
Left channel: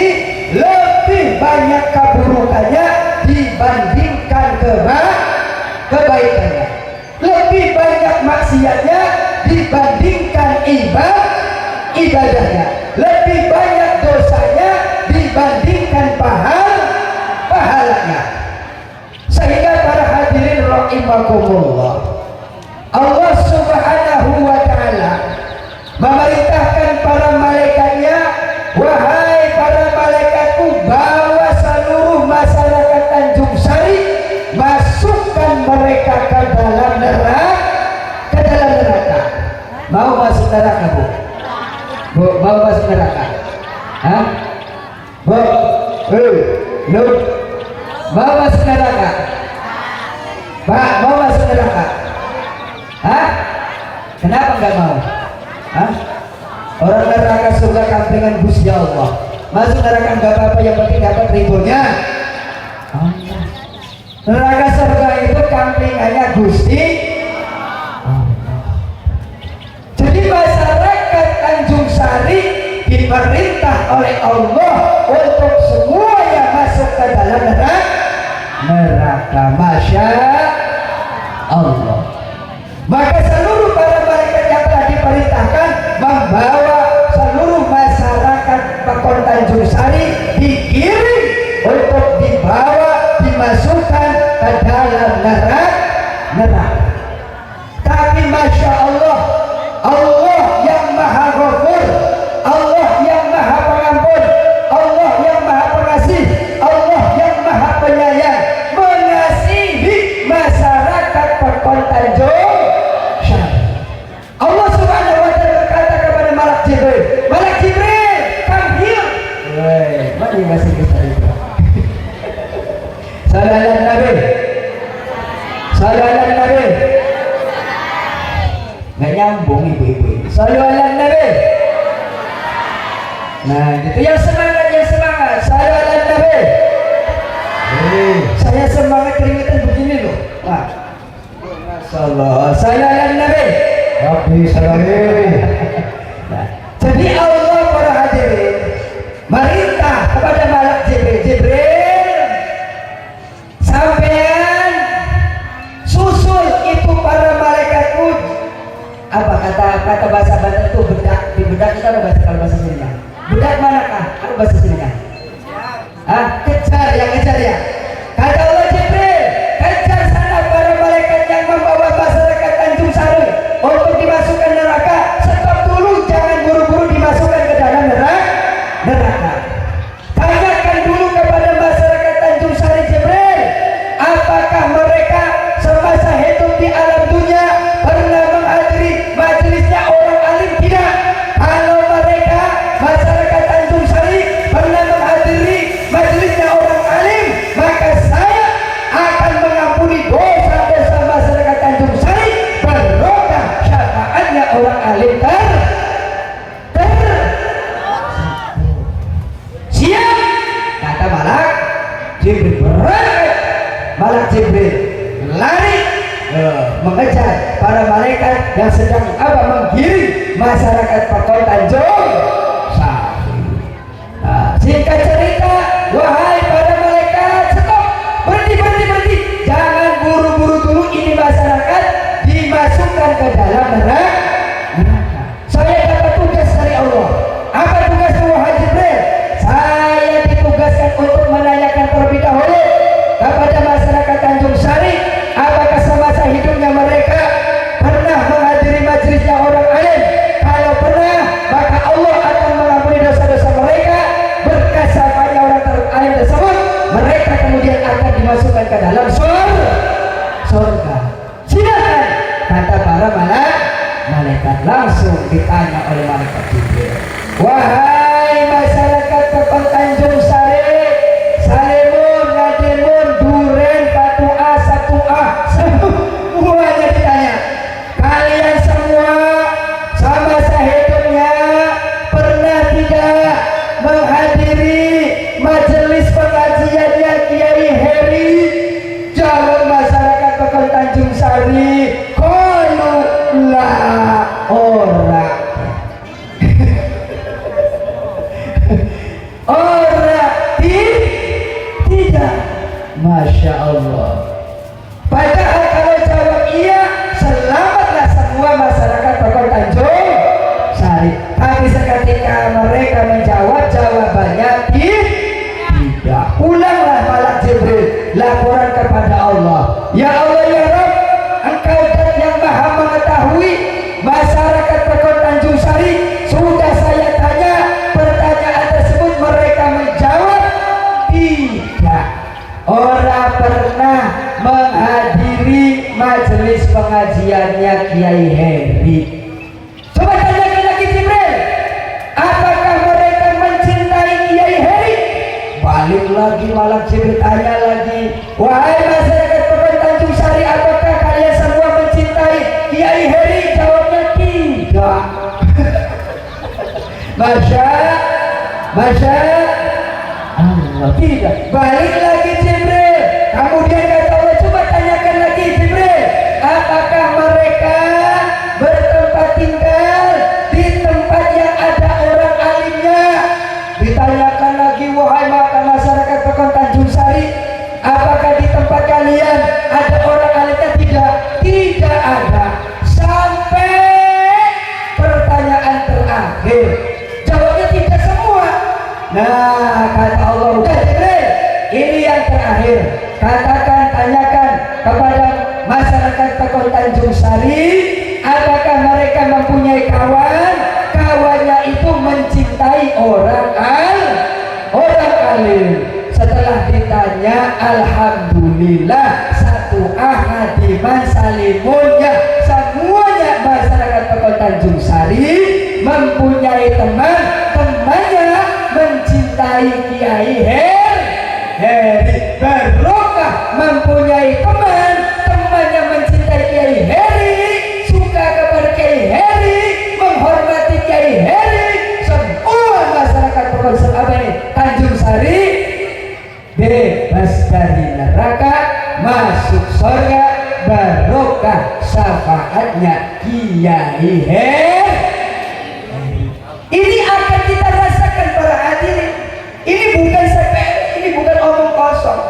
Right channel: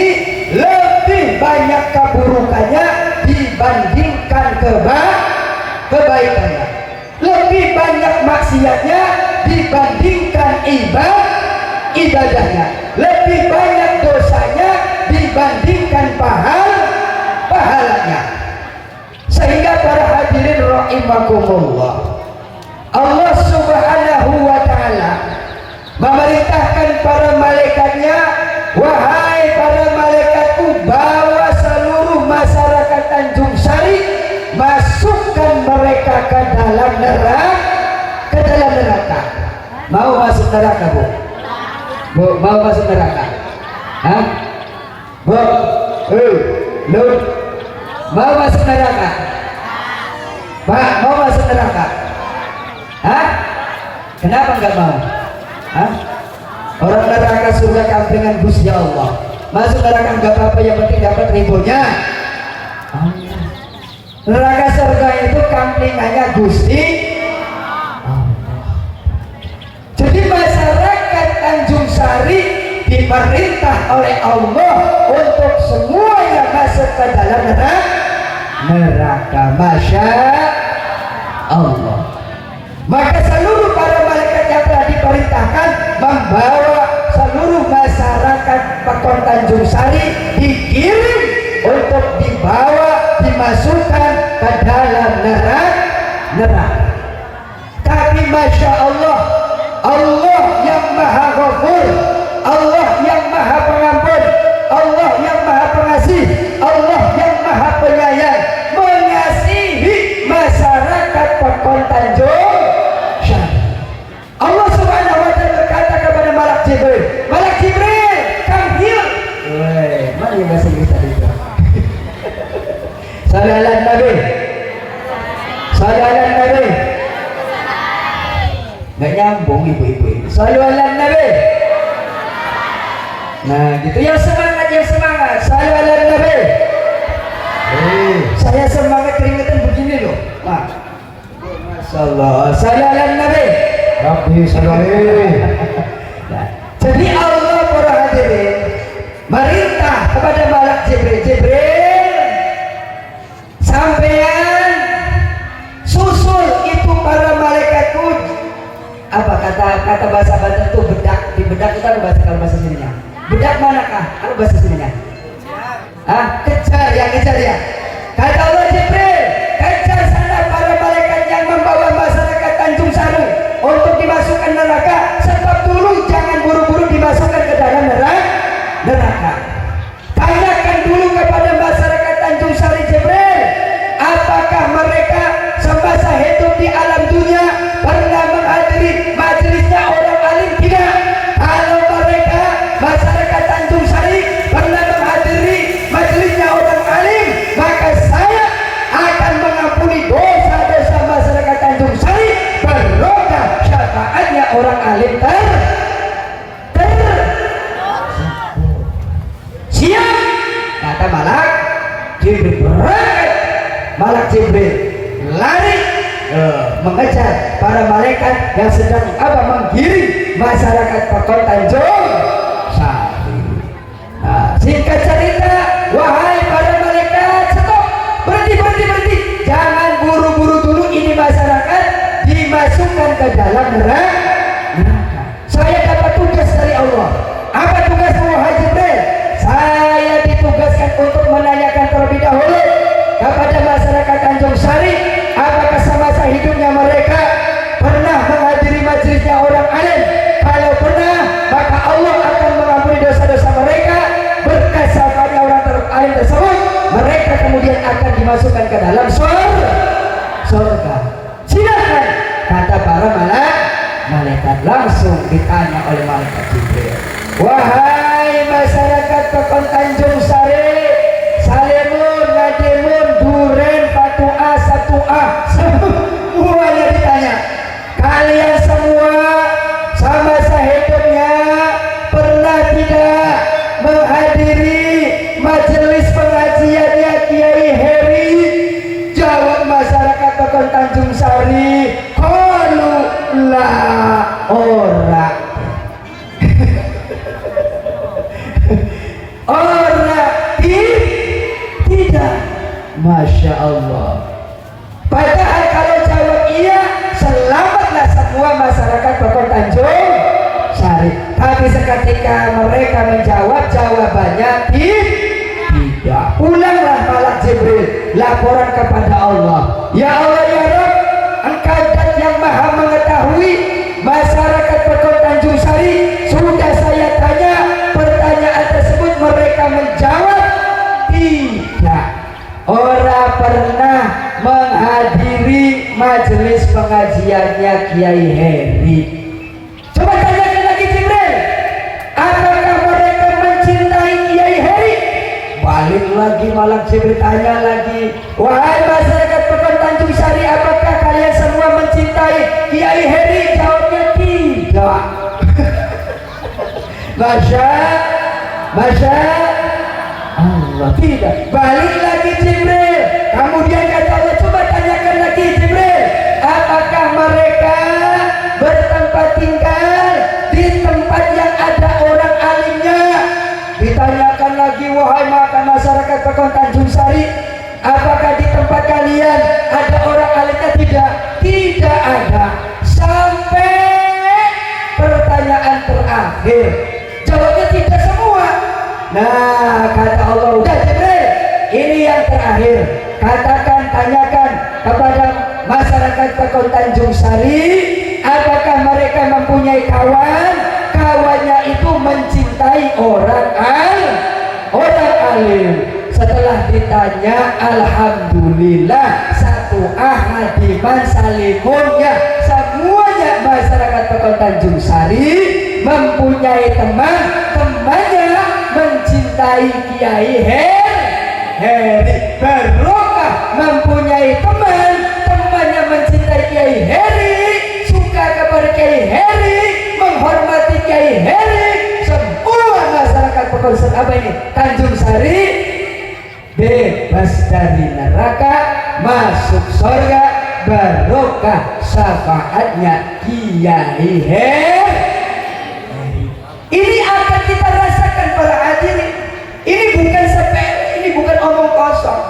lebih banyak keburukannya dibandingkan kebaikannya. Lebih banyak maksiatnya dibandingkan ibadahnya. Lebih banyak dosanya dibandingkan pahalanya. Sehingga para hadirin rahimakumullah, Allah Subhanahu wa ta'ala memerintahkan para malaikatnya, wahai para malaikatku, bawa seluruh masyarakat Tanjung Sari, masukkan mereka ke dalam neraka. Mau masuk neraka, Bu? Bu, mau masuk neraka? Hah? Bu, lu mau masuk neraka? Pak, mau masuk neraka? Hah? Kenapa enggak mau? Hah? Orang neraka surga kampingan Gusti Allah. Masuk neraka enggak apa-apa, yang penting dapat ridhonya. Neraka surga itu kampingannya Gusti. Jadi masyarakat Tanjung Sari diperintah oleh Allah untuk semuanya masuk ke dalam neraka. Masya Allah. Maka seluruh para malaikat yang telah diperintahkan membawa seluruh masyarakat Pekon Tanjung Sari dikirim untuk dibawa, dimasukkan ke dalam neraka. Tapi Masya Allah, Allah yang Maha Ghafur, Allah yang Maha Pengampun, Allah yang Maha Pengasih, Allah yang Maha Penyayang, mengasihi masyarakat Pekon Tanjung Sari. Allah Subhanahu wa ta'ala berkata kepada Malak Jibril, Malak Jibril, panggil. Mari masih bisa itu. Salam Nabi. Salam Nabi. Nggak nyambung ibu-ibu. Salam Nabi. Nah, gitu ya, semangat, ya semangat. Salam Nabi. Saya semangat keringetan begini loh. Nah, Masya Allah. Salam Nabi. Rabbi salam. Nah, jadi Allah para hadirin merintah kepada Malak Jibril, Jibril, sampean susul itu para malaikatku. Apa kata bahasa Banten itu bedak? Di bedak itu ada bahasa sininya. Bedak manakah? Apa bahasa sininya? Kejar ya. Kata Allah, Jibril, kejar sana para malaikat yang membawa masyarakat Tanjung Sari untuk dimasukkan neraka. Stop dulu, jangan buru-buru dimasukkan ke dalam neraka. Tanyakan dulu kepada masyarakat Tanjung Sari, Jibril, apakah mereka semasa hidup di alam dunia pernah menghadiri majelisnya orang alim? Tidak. Kalau mereka masyarakat Tanjung Sari pernah menghadiri majelisnya orang alim, maka saya akan mengampuni dosa-dosa masyarakat Tanjung Sari berkah syafaatnya orang alim siap. Kata Malak Jibril berangkat. Malak Jibril lari mengejar para malaikat yang sedang menggiring masyarakat Pekon Tanjung Sari. Singkat cerita, wahai para malaikat, stop, berhenti, jangan buru-buru dulu, ini masyarakat dimasukkan ke dalam neraka. Saya dapat tugas dari Allah. Apa tugasmu, wahai Jibril? Saya ditugaskan untuk menanyakan terlebih dahulu kepada masyarakat Tanjung Sari, apakah semasa hidupnya mereka pernah menghadiri majelisnya orang alim? Kalau pernah, maka Allah akan mengampuni dosa-dosa mereka. Berkat syafaatnya orang alim tersebut, mereka kemudian akan dimasukkan ke dalam surga. Silakan, kata para malaikat. Langsung ditanya oleh malaikat Jibril, wahai masyarakat Pekon Tanjung Sari, Salimun, Nadimun, Duren, Fatua, Satua, semuanya ditanya. Kalian semua sama hidupnya pernah tidak menghadiri Sari qalu la ora ora tidak. Masya Allah. Padahal kalau jawab iya, selamatlah semua masyarakat Pokok Tanjung Sari. Tapi seketika mereka menjawab jawabannya tidak. Ulanglah malaikat Jibril laporan kepada Allah. Ya Allah ya Rabb, Engkau dat yang maha mengetahui masyarakat Pokok Tanjung Sari. Sudah saya tanya pertanyaan tersebut, mereka menjawab tidak. Orang pernah menghadiri majelis pengajiannya Kiai Heri. Coba tanyakan lagi Jibril, apakah mereka mencintai Kiai Heri? Balik lagi malam Jibril tanya lagi, wahai masyarakat Pokok Tanjung Sari, apakah kalian semua mencintai Kiai Heri? Jawabnya tidak. Masya Allah, tidak. Balik lagi Jibril. Kemudian kata Allah, coba tanyakan lagi Jibril, apakah mereka bertempat tinggal di tempat yang ada orang alimnya? Ditanyakan lagi, wahai masyarakat Pokok Tanjung Sari, apakah di tempat kalian ada orang alimnya? Tidak ada. Sampai pertanyaan terakhir, jawabnya tidak semua. Nah, kata Allah, udah Jibril, ini yang terakhir. Katakan, tanyakan kepada masyarakat Pokok Tanjung Sari, apakah mereka mempunyai kawan? Kawannya itu mencintai orang alim. Setelah ditanya, alhamdulillah, satu ahadiman salimunnya, semuanya masyarakat Pokok Tanjung Sari mempunyai teman, temannya mencintai Kiai Heri. Barokah mempunyai teman, temannya mencintai Kiai Heri, suka kepada Kiai Heri, menghormati Kiai Heri. Semua masyarakat Pokok Tanjung Sari bebas dari neraka, masuk surga, barokah syafaatnya Kiai Heri. Ini akan kita rasakan para hadirin. Ini bukan sepele, ini bukan omong kosong.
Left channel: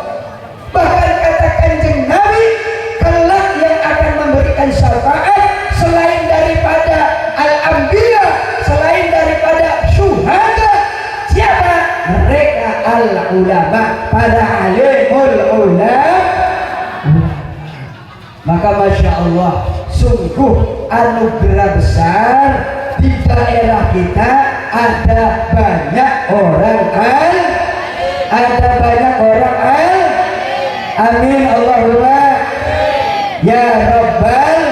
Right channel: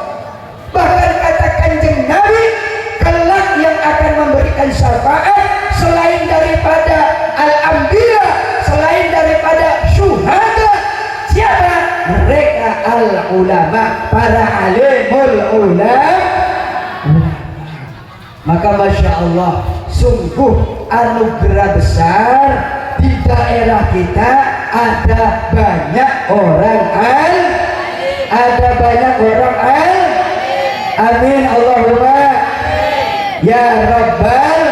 Bahkan kata Kanjeng Nabi, kelak yang akan memberikan syafaat selain daripada al-anbiya, selain daripada syuhada, siapa? Mereka al-ulama, para alimul ulama. Maka Masya Allah, sungguh anugerah besar. Di daerah kita ada banyak orang amin Allahumma ya Rabbal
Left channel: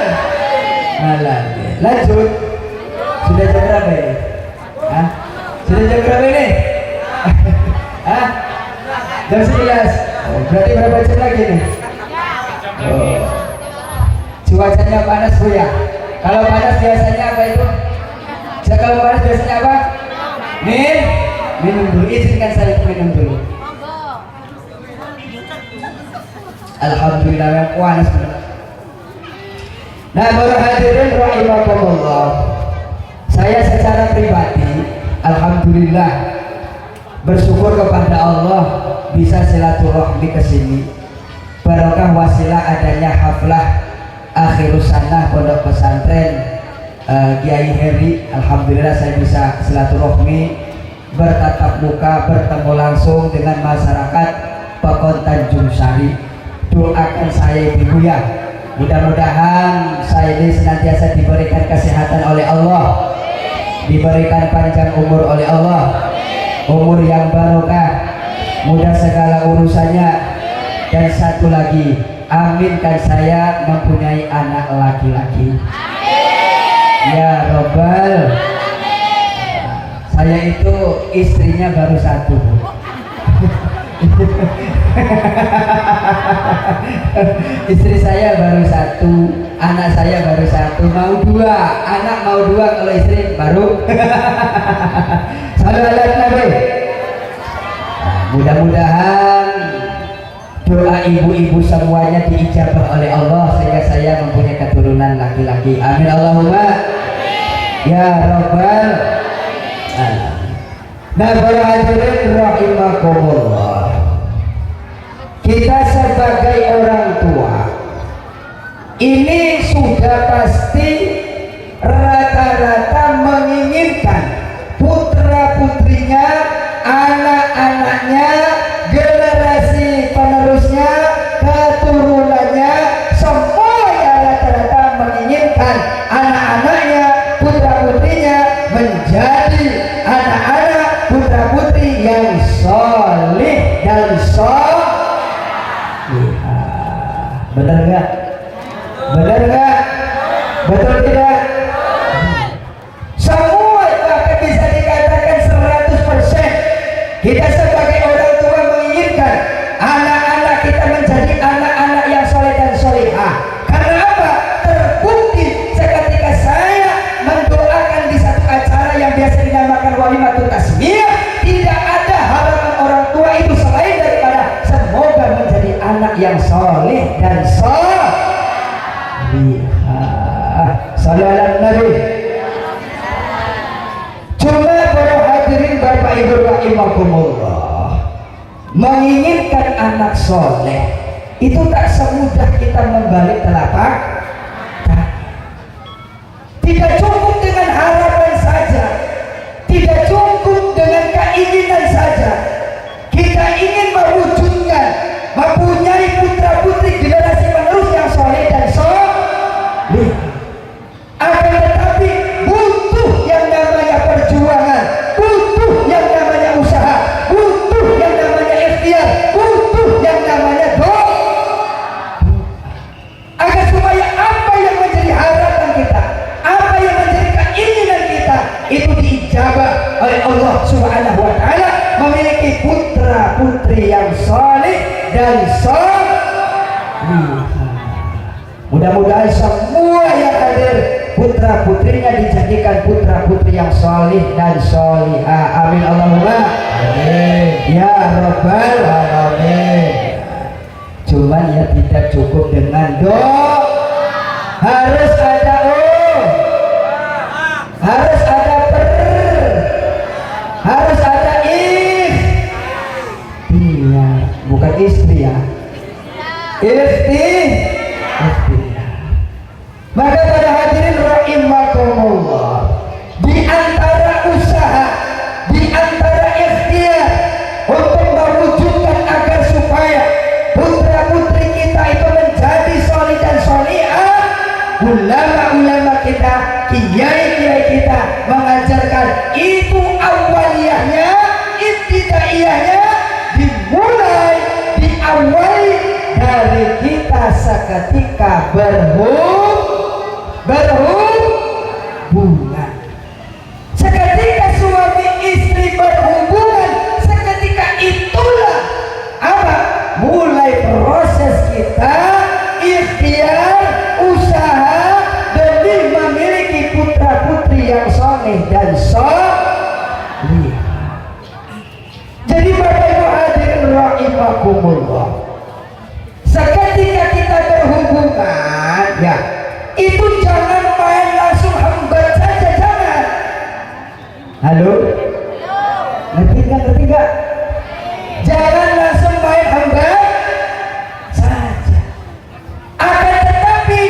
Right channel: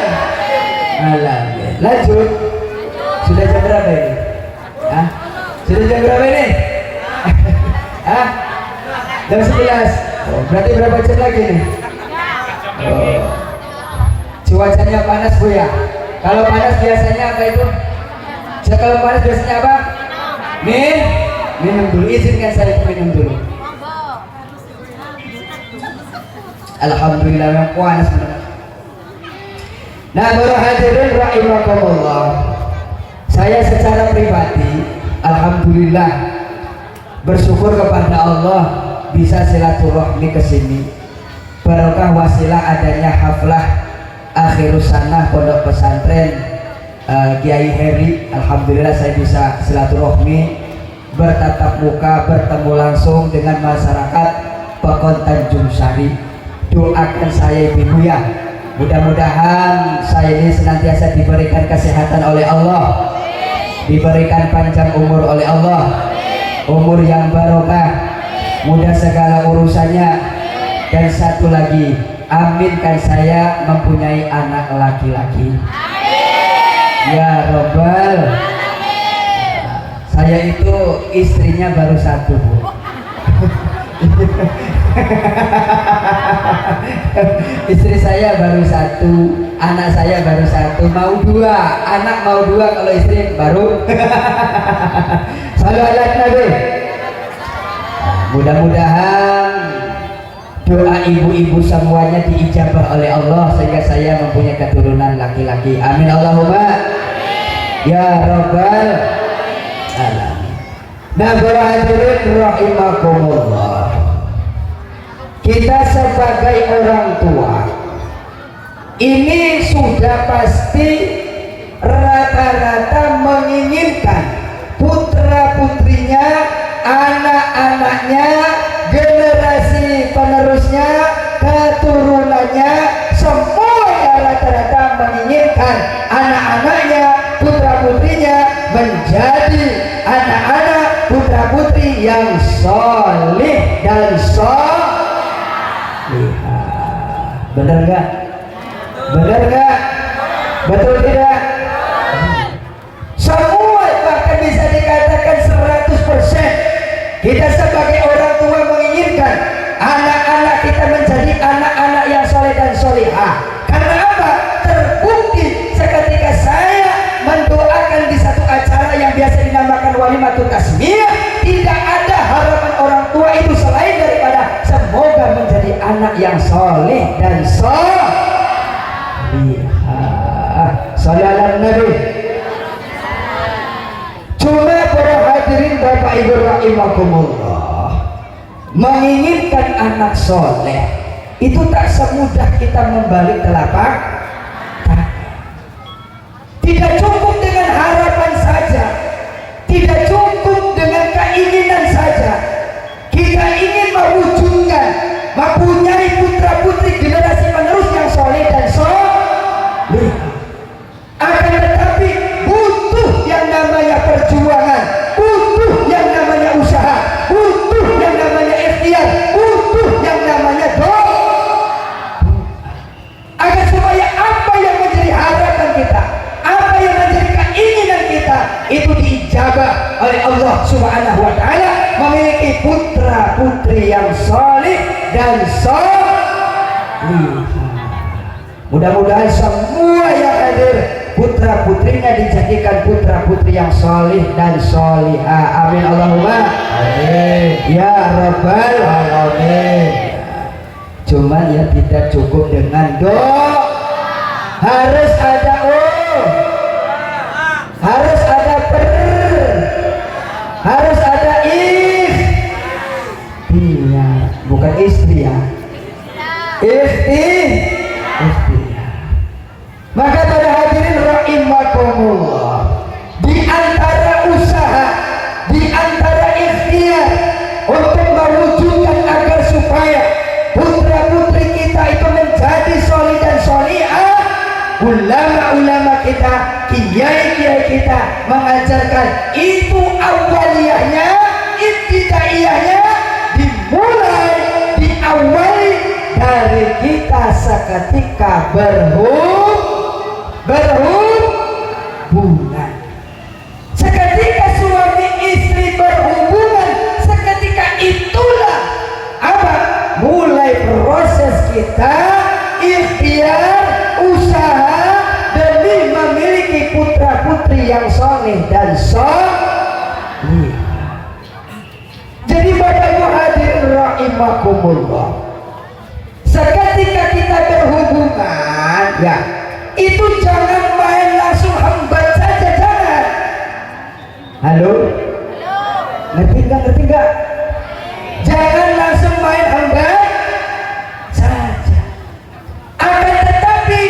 alamin. Lanjut, sudah jam berapa ini? Sudah jam berapa ini? Jam 11. Berarti berapa jam lagi nih? Cuacanya panas Bu ya. Kalau panas biasanya apa itu? Kalau panas biasanya apa? Minum dulu. Izinkan saya minum dulu. Alhamdulillah, yang panas. Nah, para hadirin rahimakumullah, saya secara pribadi alhamdulillah bersyukur kepada Allah bisa silaturahmi ke sini. Barokah wasilah adanya haflah akhirus sanah pondok pesantren Kiai Heri. Alhamdulillah saya bisa silaturahmi, bertatap muka, bertemu langsung dengan masyarakat Pokok Tanjung Sari. Doakan saya Ibu ya, mudah-mudahan saya ini senantiasa diberikan kesehatan oleh Allah, diberikan panjang umur oleh Allah, umur yang barokah, mudah segala urusannya. Dan satu lagi, aminkan saya mempunyai anak laki-laki. Ya Robbal. Saya itu istrinya baru satu. Istri saya baru satu, anak saya baru satu, mau dua, anak mau dua, kalau istri baru. Salam Nabi. Mudah-mudahan doa ibu-ibu semuanya diijabah oleh Allah sehingga saya mempunyai laki-laki. Amin Allahumma ya rabbal alamin. Nah para hadirin rahimakumullah, kita sebagai orang tua ini sudah pasti rata-rata menginginkan putra putrinya, anak-anaknya, generasi penerusnya, keturunannya, semuanya rata-rata menginginkan anak-anaknya, putra putrinya menjadi anak-anak putra putri yang soleh dan soleh. Benar nggak? Benar nggak? Betul tidak? Semua, bahkan bisa dikatakan 100%. Kita sebagai orang tua menginginkan anak-anak kita menjadi anak-anak yang soleh dan solehah. Karena apa? Terbukti seketika saya mendoakan di satu acara yang biasa dinamakan walimatul tasmiyah, tidak ada harapan orang tua itu selain daripada semoga menjadi anak yang soleh dan soleh. Sallallahu Nabi. Cuma para hadirin Bapak Ibu rahimakumullah, menginginkan anak soleh itu tak semudah kita membalik telapak kaki. Tidak cukup dengan harapan saja, tidak cukup dengan keinginan saja. Kita ingin mewujudkan, mempunyai putra putri generasi penerus yang soleh dan soleh. Akan tetapi butuh yang namanya perjuangan, butuh yang namanya usaha, butuh yang namanya ikhtiar, butuh yang namanya doa, agar supaya apa yang menjadi harapan kita, apa yang menjadi keinginan kita itu diijabah oleh Allah Subhanahu wa Ta'ala, memiliki putra putri yang soleh dan soleh. Mudah-mudahan semua yang hadir putra putrinya dijadikan putra putri yang solih dan solihah. Amin Allahumma amin ya rabbal alamin. Cuman ya tidak cukup dengan doa, harus ada harus ada harus ada bukan istri ya, Maka pada hadirin rahimakumullah, di antara usaha, di antara ikhtiar untuk mewujudkan agar supaya putra putri kita itu menjadi soleh dan solehah, ulama-ulama kita, kiai-kiai kita mengajarkan itu awaliyahnya, ibtidaiyahnya diawali dari kita seketika berhubungan. Seketika suami istri berhubungan, seketika itulah apa? Mulai proses kita ikhtiar, usaha demi memiliki putra putri yang soleh dan soleh. Jadi Bapak Ibu hadirin rahimakumullah, seketika kita berhubungan, ya itu jangan main langsung hambat saja, jangan. Halo? Ngerti nggak? Jangan langsung main hambat saja. Akan tetapi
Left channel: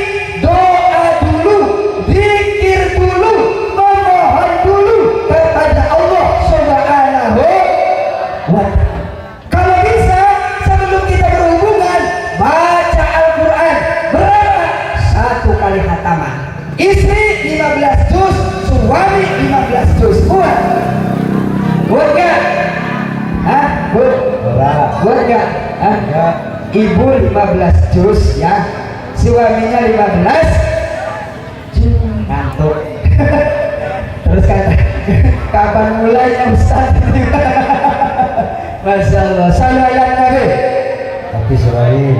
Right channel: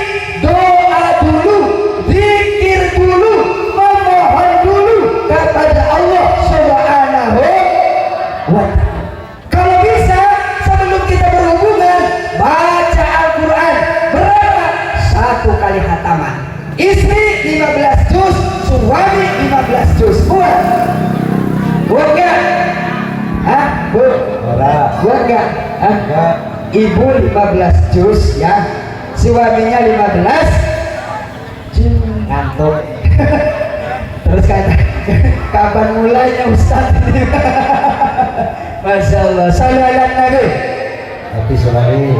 doa dulu, zikir dulu, memohon dulu kepada Allah Subhanahu wa Ta'ala. Kalau bisa sebelum kita berhubungan, baca Al-Quran berapa? 1 kali khataman. Istri 15 juz, suami 15 juz. Buat gak? Buat gak? Ibu 15 juz ya, suaminya 15 ngantuk. Terus kata, kapan mulainya Ustaz? Masya Allah, sallallahu Nabi. Tapi selain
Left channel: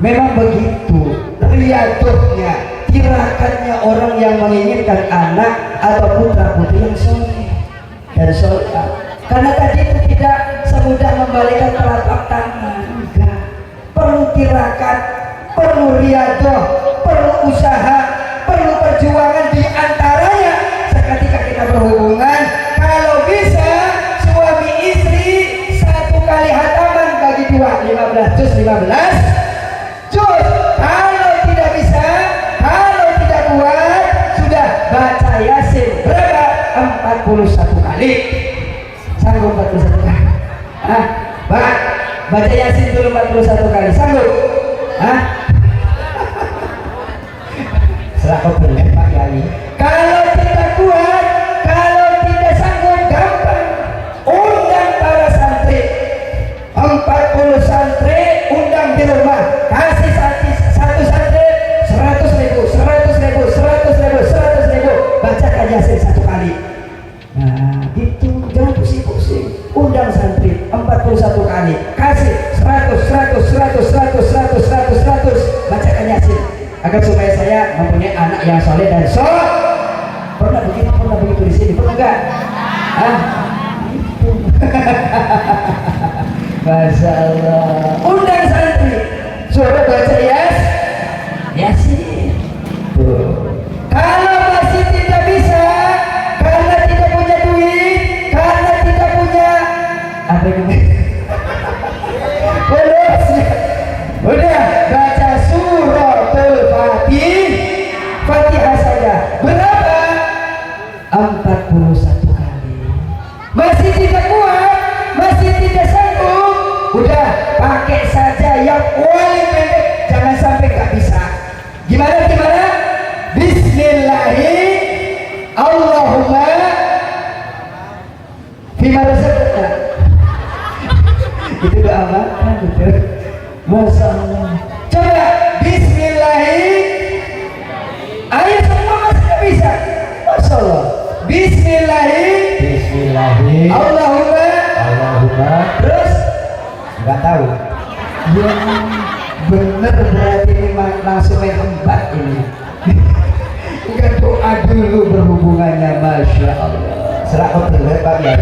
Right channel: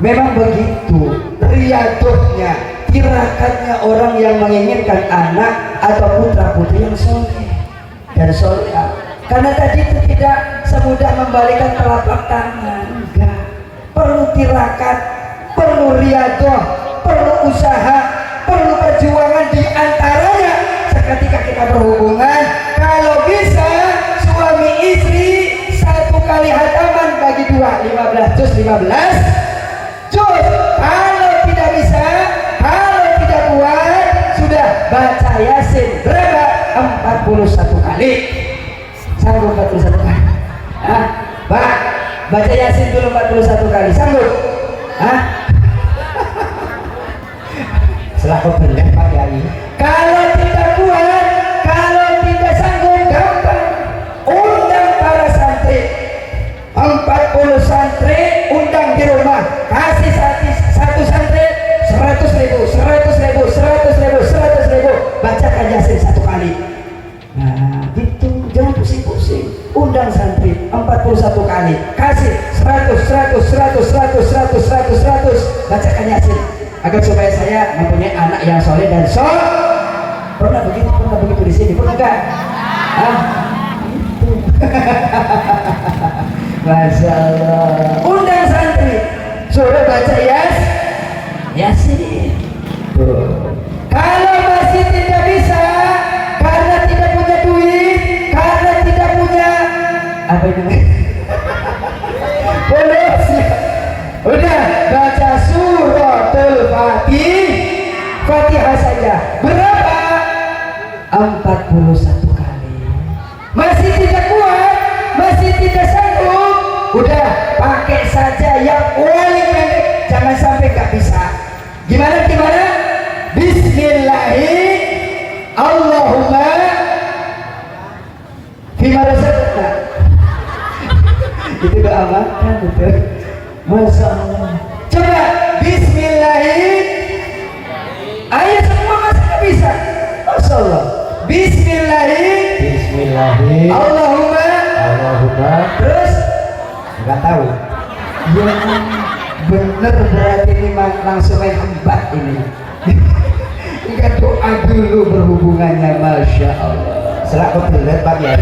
memang begitu riadohnya, tirakannya orang yang menginginkan anak atau putra putri yang soleh dan solehah. Karena tadi itu tidak semudah membalikkan telapak tangan, enggak. Perlu tirakat, perlu riadoh, perlu usaha, 41 kali. Sanggup 41 kali? Hah? Pak, baca Yasin dulu 41 kali. Sanggup? Hah? Selaku Pak Yai. Kalau tidak kuat, kalau tidak sanggup, gampang. Undang para santri. 40 santri undang di rumah. Kasih satu santri 100.000, 100.000, 100.000, 100.000. Bacakan Yasin 1 kali. Nah, gitu. Jangan pusing-pusing. Undang santri 41 kali. Kasih 100. Bacakan Yasin. Agar supaya saya mempunyai anak yang soleh dan pernah begitu di sini, pernah enggak? Hah? Itu. Masya Allah. Undang santri, suruh baca Yasin. Kalau masih tidak bisa, karena tidak punya duit, karena tidak punya apa ini? Udah baca suratul Fatihah saja. Berapa? 41 kali. Masih tidak kuat, masih tidak sanggup. Udah pakai saja yang paling pendek. Jangan sampai nggak bisa. Gimana? Bismillahirrahmanirrahim. Allahumma fima razaqtana. Itu doa makan, betul. Masya Allah. Coba Bismillahirrahmanirrahim. Ayo semua masih nggak bisa. Masya Allah. Bismillahirrahmanirrahim. Allahumma. Terus nggak tahu. Ya, bener berarti ini langsung embat ini. Enggak doa dulu berhubungannya. Masya Allah. Selaku bener Pak Yai.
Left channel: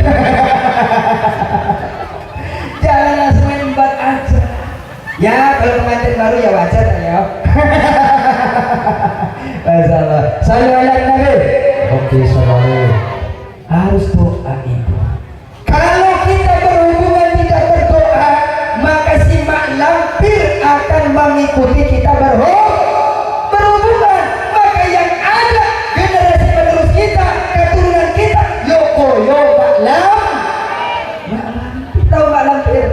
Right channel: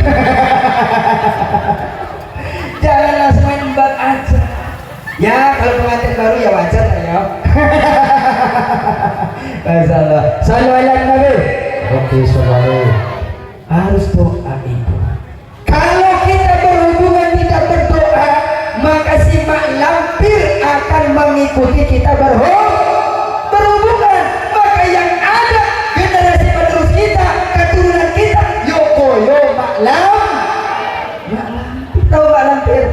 Jangan langsung embat aja. Ya kalau pengantin baru ya wajar ya. Masalah. Sallu ala Nabi. Oke, sallallahu. Harus doa itu. Kalau kita berhubungan tidak berdoa, maka si mak lampir akan mengikuti kita berhubungan. Maka yang ada generasi penerus kita, keturunan kita, mak lampir. Tahu mak lampir?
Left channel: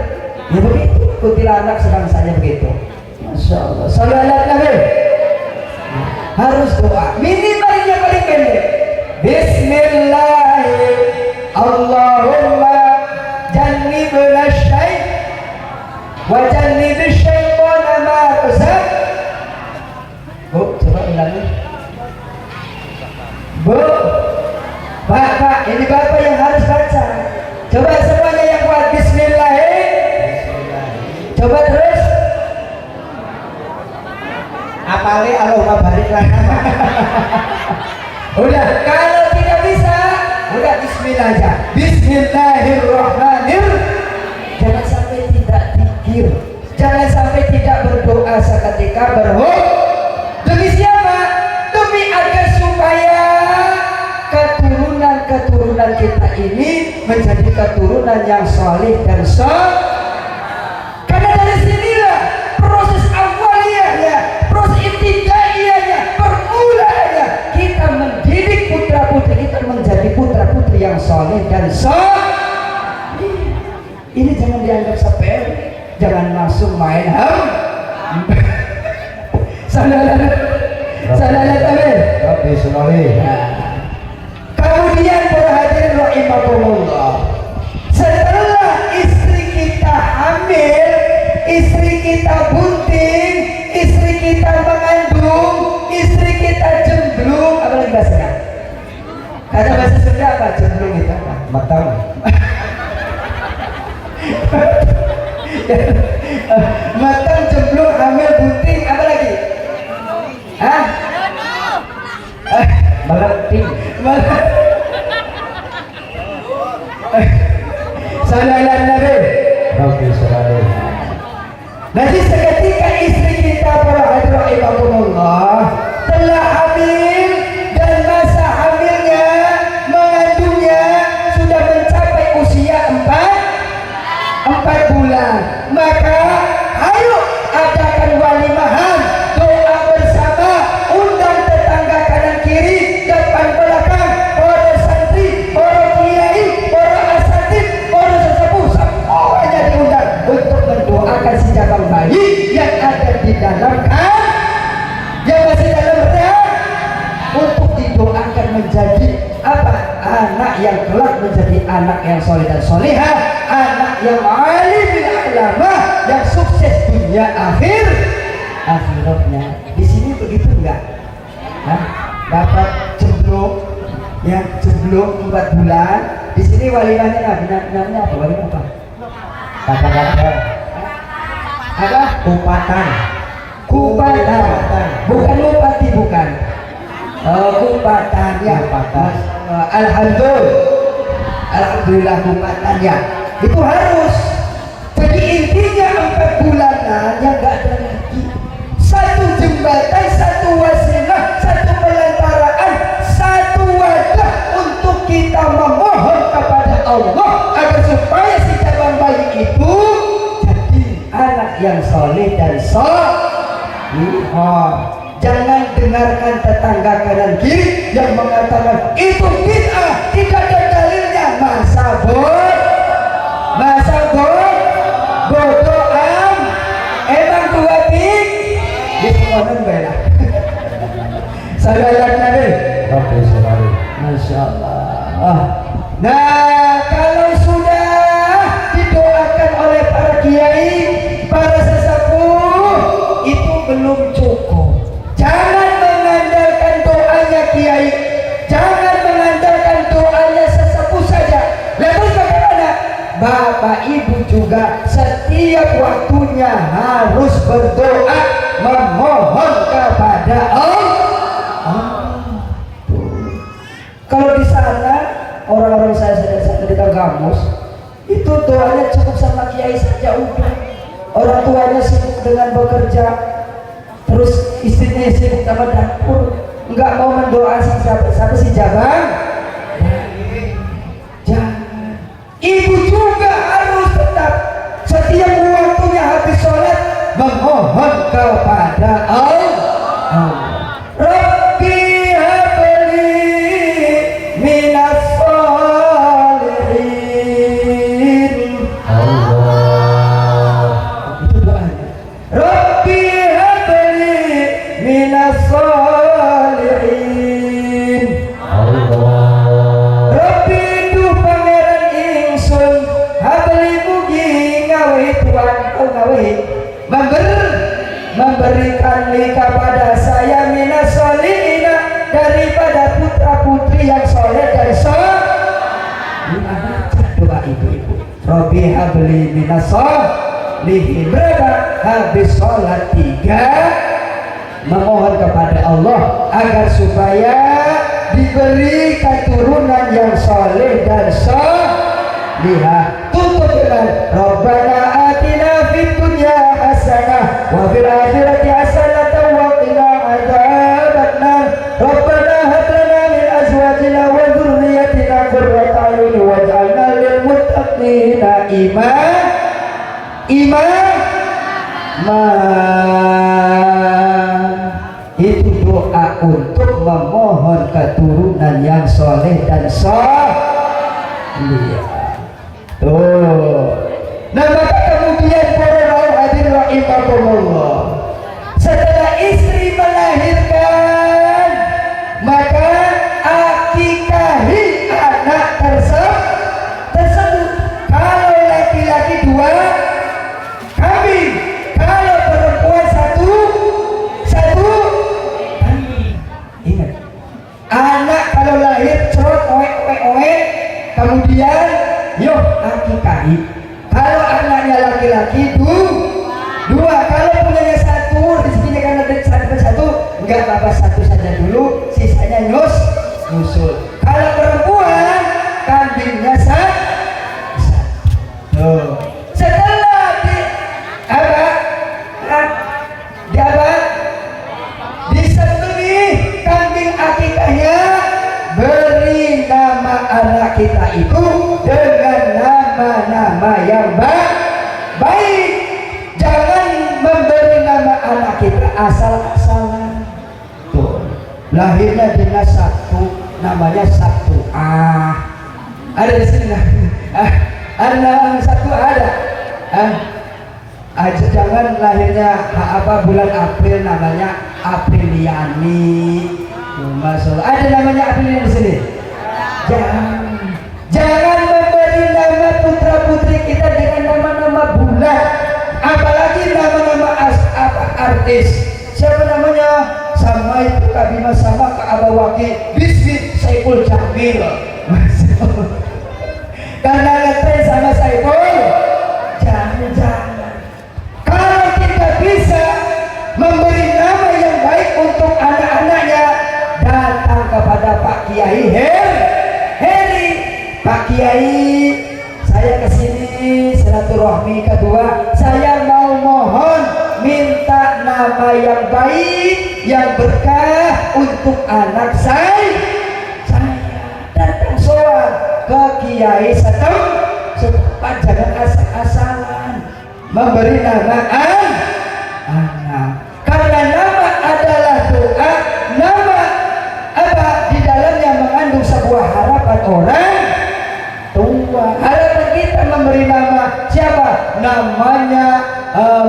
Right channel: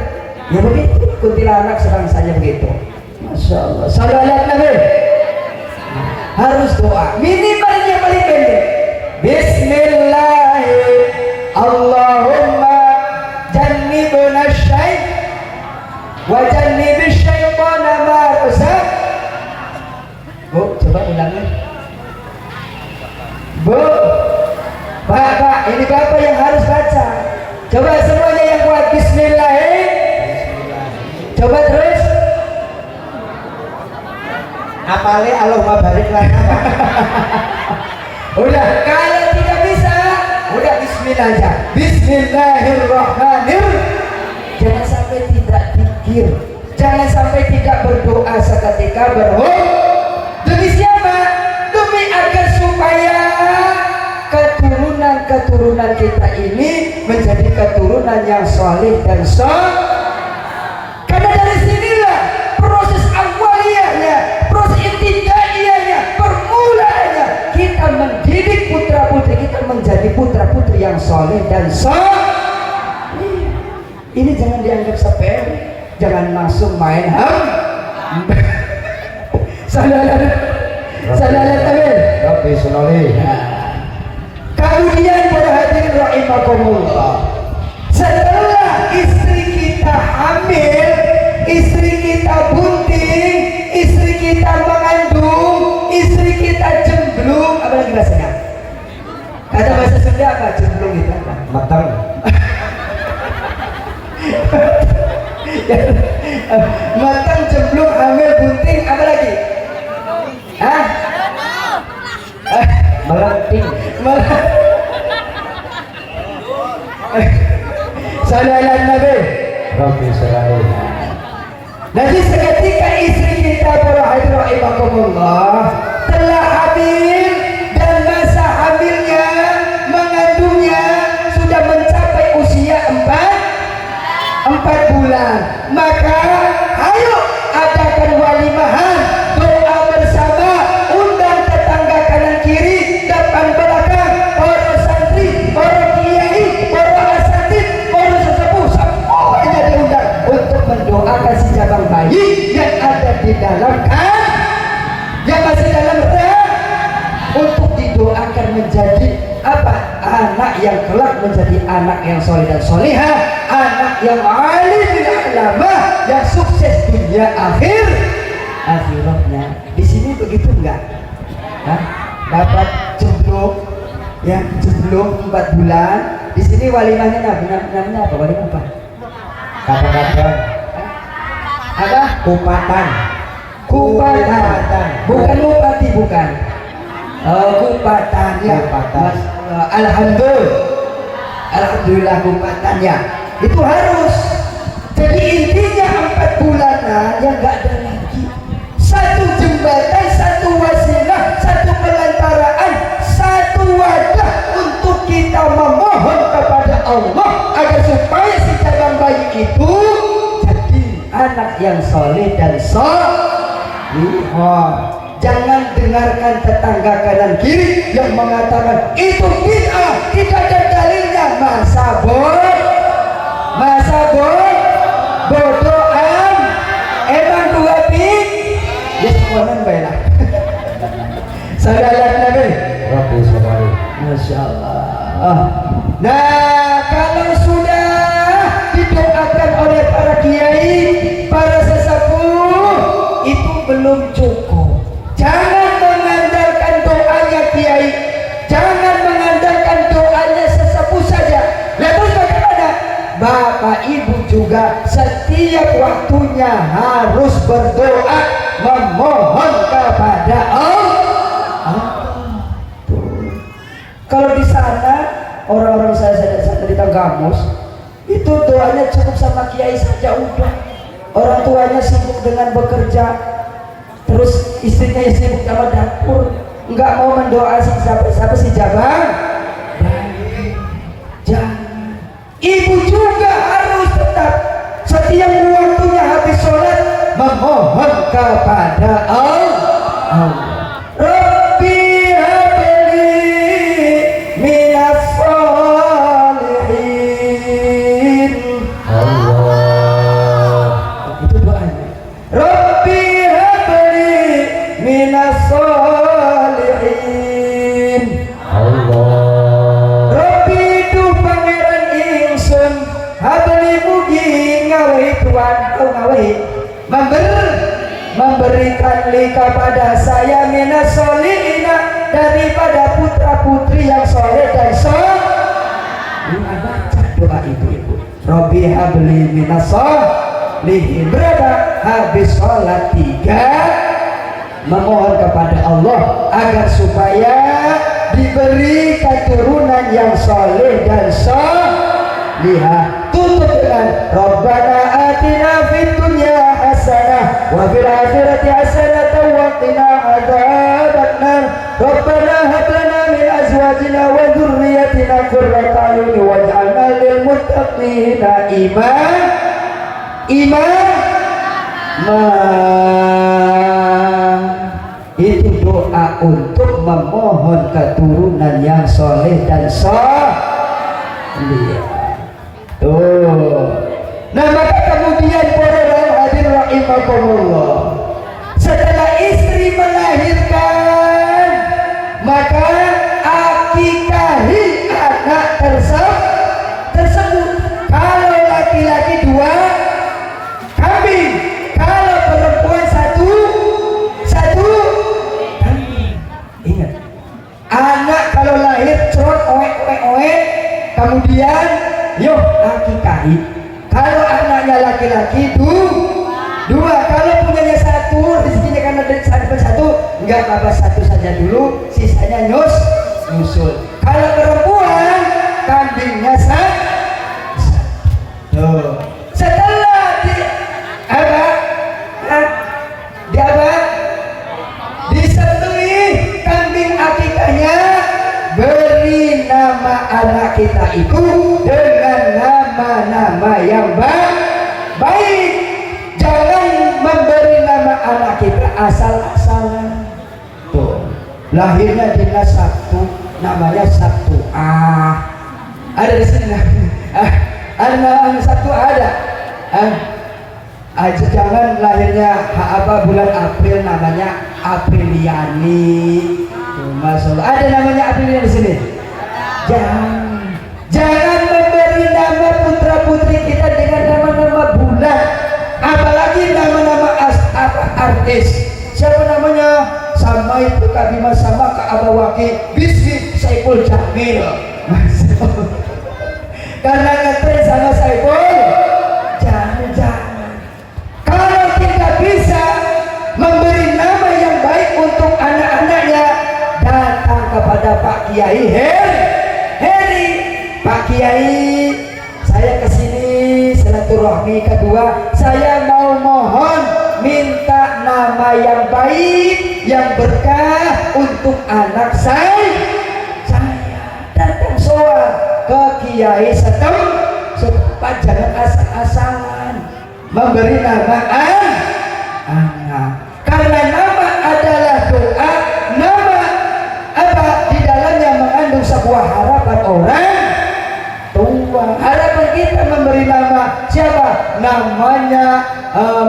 Ya begitu. Kuntilanak sedang saja begitu. Masya Allah. Sallu ala Nabi. Harus doa. Minimal yang paling pendek. Bismillahirrahmanirrahim. Allahumma jannibna syaitan wa jannibish syaitana ma razaq. Bu, coba ulangi. Bu, Bapak, ini Bapak yang harus baca. Coba semuanya yang kuat. Bismillahirrahmanirrahim. Coba terus. Apalagi Allahumma barik lana. Udah, kalau tidak bisa, udah Bismillah aja. Bismillahirrahmanirrahim. Jangan sampai tidak zikir, jangan sampai tidak berdoa seketika demi siapa? Demi agar supaya keturunan kita ini menjadi keturunan yang saleh dan karena dari sinilah proses awaliyahnya, proses ibtidaiyahnya, permulaannya kita mendidik putra-putri kita menjadi putra-putri yang saleh dan ini jangan dianggap sepele, jangan langsung main Kemudian para hadirin rahimakumullah, setelah istri kita hamil, istri kita bunting, istri kita mengandung, istri kita jemblung, apa lagi bahasanya? Kata bahasa Sunda apa jemblung itu? Matang. Matang, jemblung, hamil, bunting, apa lagi? Hah? Meleting. Salam Nabi. Nanti seketika istri kita para hadirin rahimakumullah telah hamil dan masa hamilnya mengandungnya sudah mencapai menjadi apa? Anak yang kelak menjadi anak yang soleh dan solihah, anak yang alim bil ulama, yang sukses dunia akhiratnya. Di sini begitu enggak? Hah? Bapak jomblo, ya jomblo 4 bulan. Di sini walimahnya namanya apa? Walimah apa? Kadang-kadang Apa? kupatan. Kupatan. Bukan bupati, bukan. Kupatan ya. Kupatan. Alhamdulillah kupatan ya. Itu harus. Jadi intinya 4 bulanan yang enggak ada lagi. Satu jembatan, satu wasilah, satu pelantaraan, satu wadah untuk kita memohon kepada Allah agar supaya si cabang bayi itu jadi anak yang soleh dan solihah. Jangan dengarkan tetangga kanan kiri yang mengatakan itu bid'ah, tidak ada dalilnya. Masa bodohan. Emang dua ping di sekolah bela. Saudara Nabi. Oke, sekali. Masya Allah. Nah, kalau sudah didoakan oleh para kiai, para sesepuh, itu belum cukup. Jangan mengandalkan doanya kiai, jangan mengandalkan doanya sesepuh saja. Lalu bagaimana? Bapak Ibu juga setiap waktunya harus berdoa, memohon kepada Allah. Kalau di sana orang-orang saya di Kanggamus itu doanya cukup sama kiai saja udah. Orang tuanya sibuk dengan bekerja, terus istrinya sibuk sama dapur, nggak mau mendoa siapa si Jabang. Jangan. Ibu juga harus tetap setiap waktunya habis sholat memohon kepada Allah. Rabbi habli minas sholihin. Itu doanya. Rabbi habli minas sholihin. Rabbi tu pangeran ingsun habli mugi ngawi tuan ngawi memberikan kepada saya minas solihina daripada putra putri yang soleh dan solihah. Baca doa ibu-ibu. Rabbi habli minas solihin. Berapa? Habis sholat 3 memohon kepada Allah agar supaya diberi keturunan yang soleh dan solihah. Tutup dengan Rabbana atina fid dunya hasanah wa fil akhirati hasanah wa qina adzabannar. Rabbana hab lana min azwajina wa dhurriyyatina qurrata a'yun waj'alna lil muttaqina itu doa untuk memohon keturunan yang soleh dan solihah. Tuh. Nah, maka kemudian para hadirin rahimakumullah, setelah istri melahirkan, maka akikahi anak tersebut. Kalau laki-laki 2 kambing, kalau perempuan satu kambing. Ingat, anak kalau lahir cerot oek, kemudian yuk akikahi. Kalau anaknya laki-laki 2, kalau punyanya 1, rezekinya kan ada satu, enggak apa-apa 1 saja dulu, sisanya nyusul. Kalau perempuan kambingnya 1. Setelah disembeli kambing akikahnya, beri nama anak kita itu dengan nama-nama yang baik. Jangan memberi nama anak kita asal-asalan. Tuh, lahirnya dengan 1, namanya 1A. Ada di sini ada nama 1 ada. Jangan lahirnya bulan April namanya Apriliani. Masya Allah. Ada namanya Aprilia di sini. Jangan memberi nama putra putri kita dengan nama-nama bulan, apalagi nama-nama artis. Siapa namanya? Sama itu Kak Bima, sama Kak Abawaki, Bismit Saiful Jamil. Karena ngetren sama Saiful. Jangan. Kalau kita bisa memberi nama yang baik untuk anak-anaknya, datang kepada Pak Kiai Heri. Pak Kiai, saya kesini silaturahmi kedua. Saya mau mohon minta nama yang baik, yang berkah untuk anak saya. Datang soal ke Kiai setempat, jangan asal-asalan memberi nama anak. Karena nama adalah doa, nama apa di dalamnya mengandung sebuah harapan orang tua. Harapan kita memberi nama siapa? Namanya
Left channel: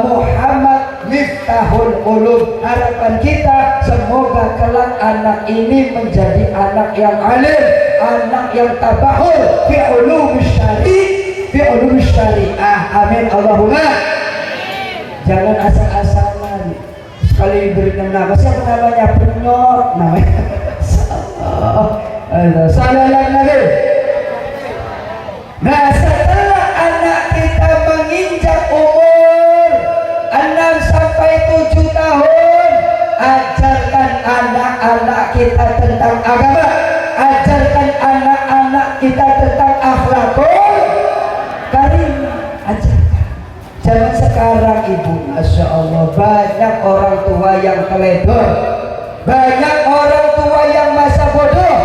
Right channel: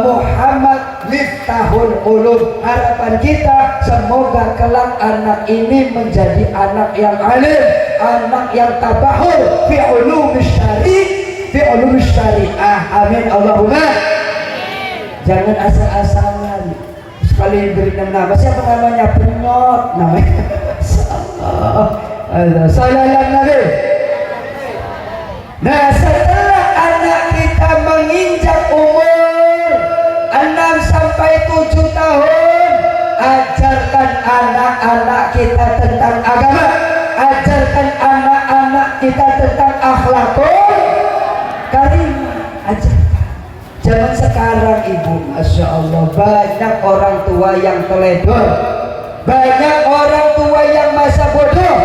Muhammad Miftahul Qulub. Harapan kita semoga kelak anak ini menjadi anak yang alim, anak yang tabahul fi ulumis syariah. Amin Allahumma. Jangan asal-asalan sekali beri nama. Siapa namanya? Penyot namanya. Sallallahu Nabi. Nah, setelah anak kita menginjak umur 6 sampai 7 tahun, ajarkan anak-anak kita tentang agama, ajarkan anak-anak kita tentang akhlakul karimah. Ajarkan. Zaman sekarang ibu, Masya Allah, banyak orang tua yang teledor, banyak orang tua yang masa bodoh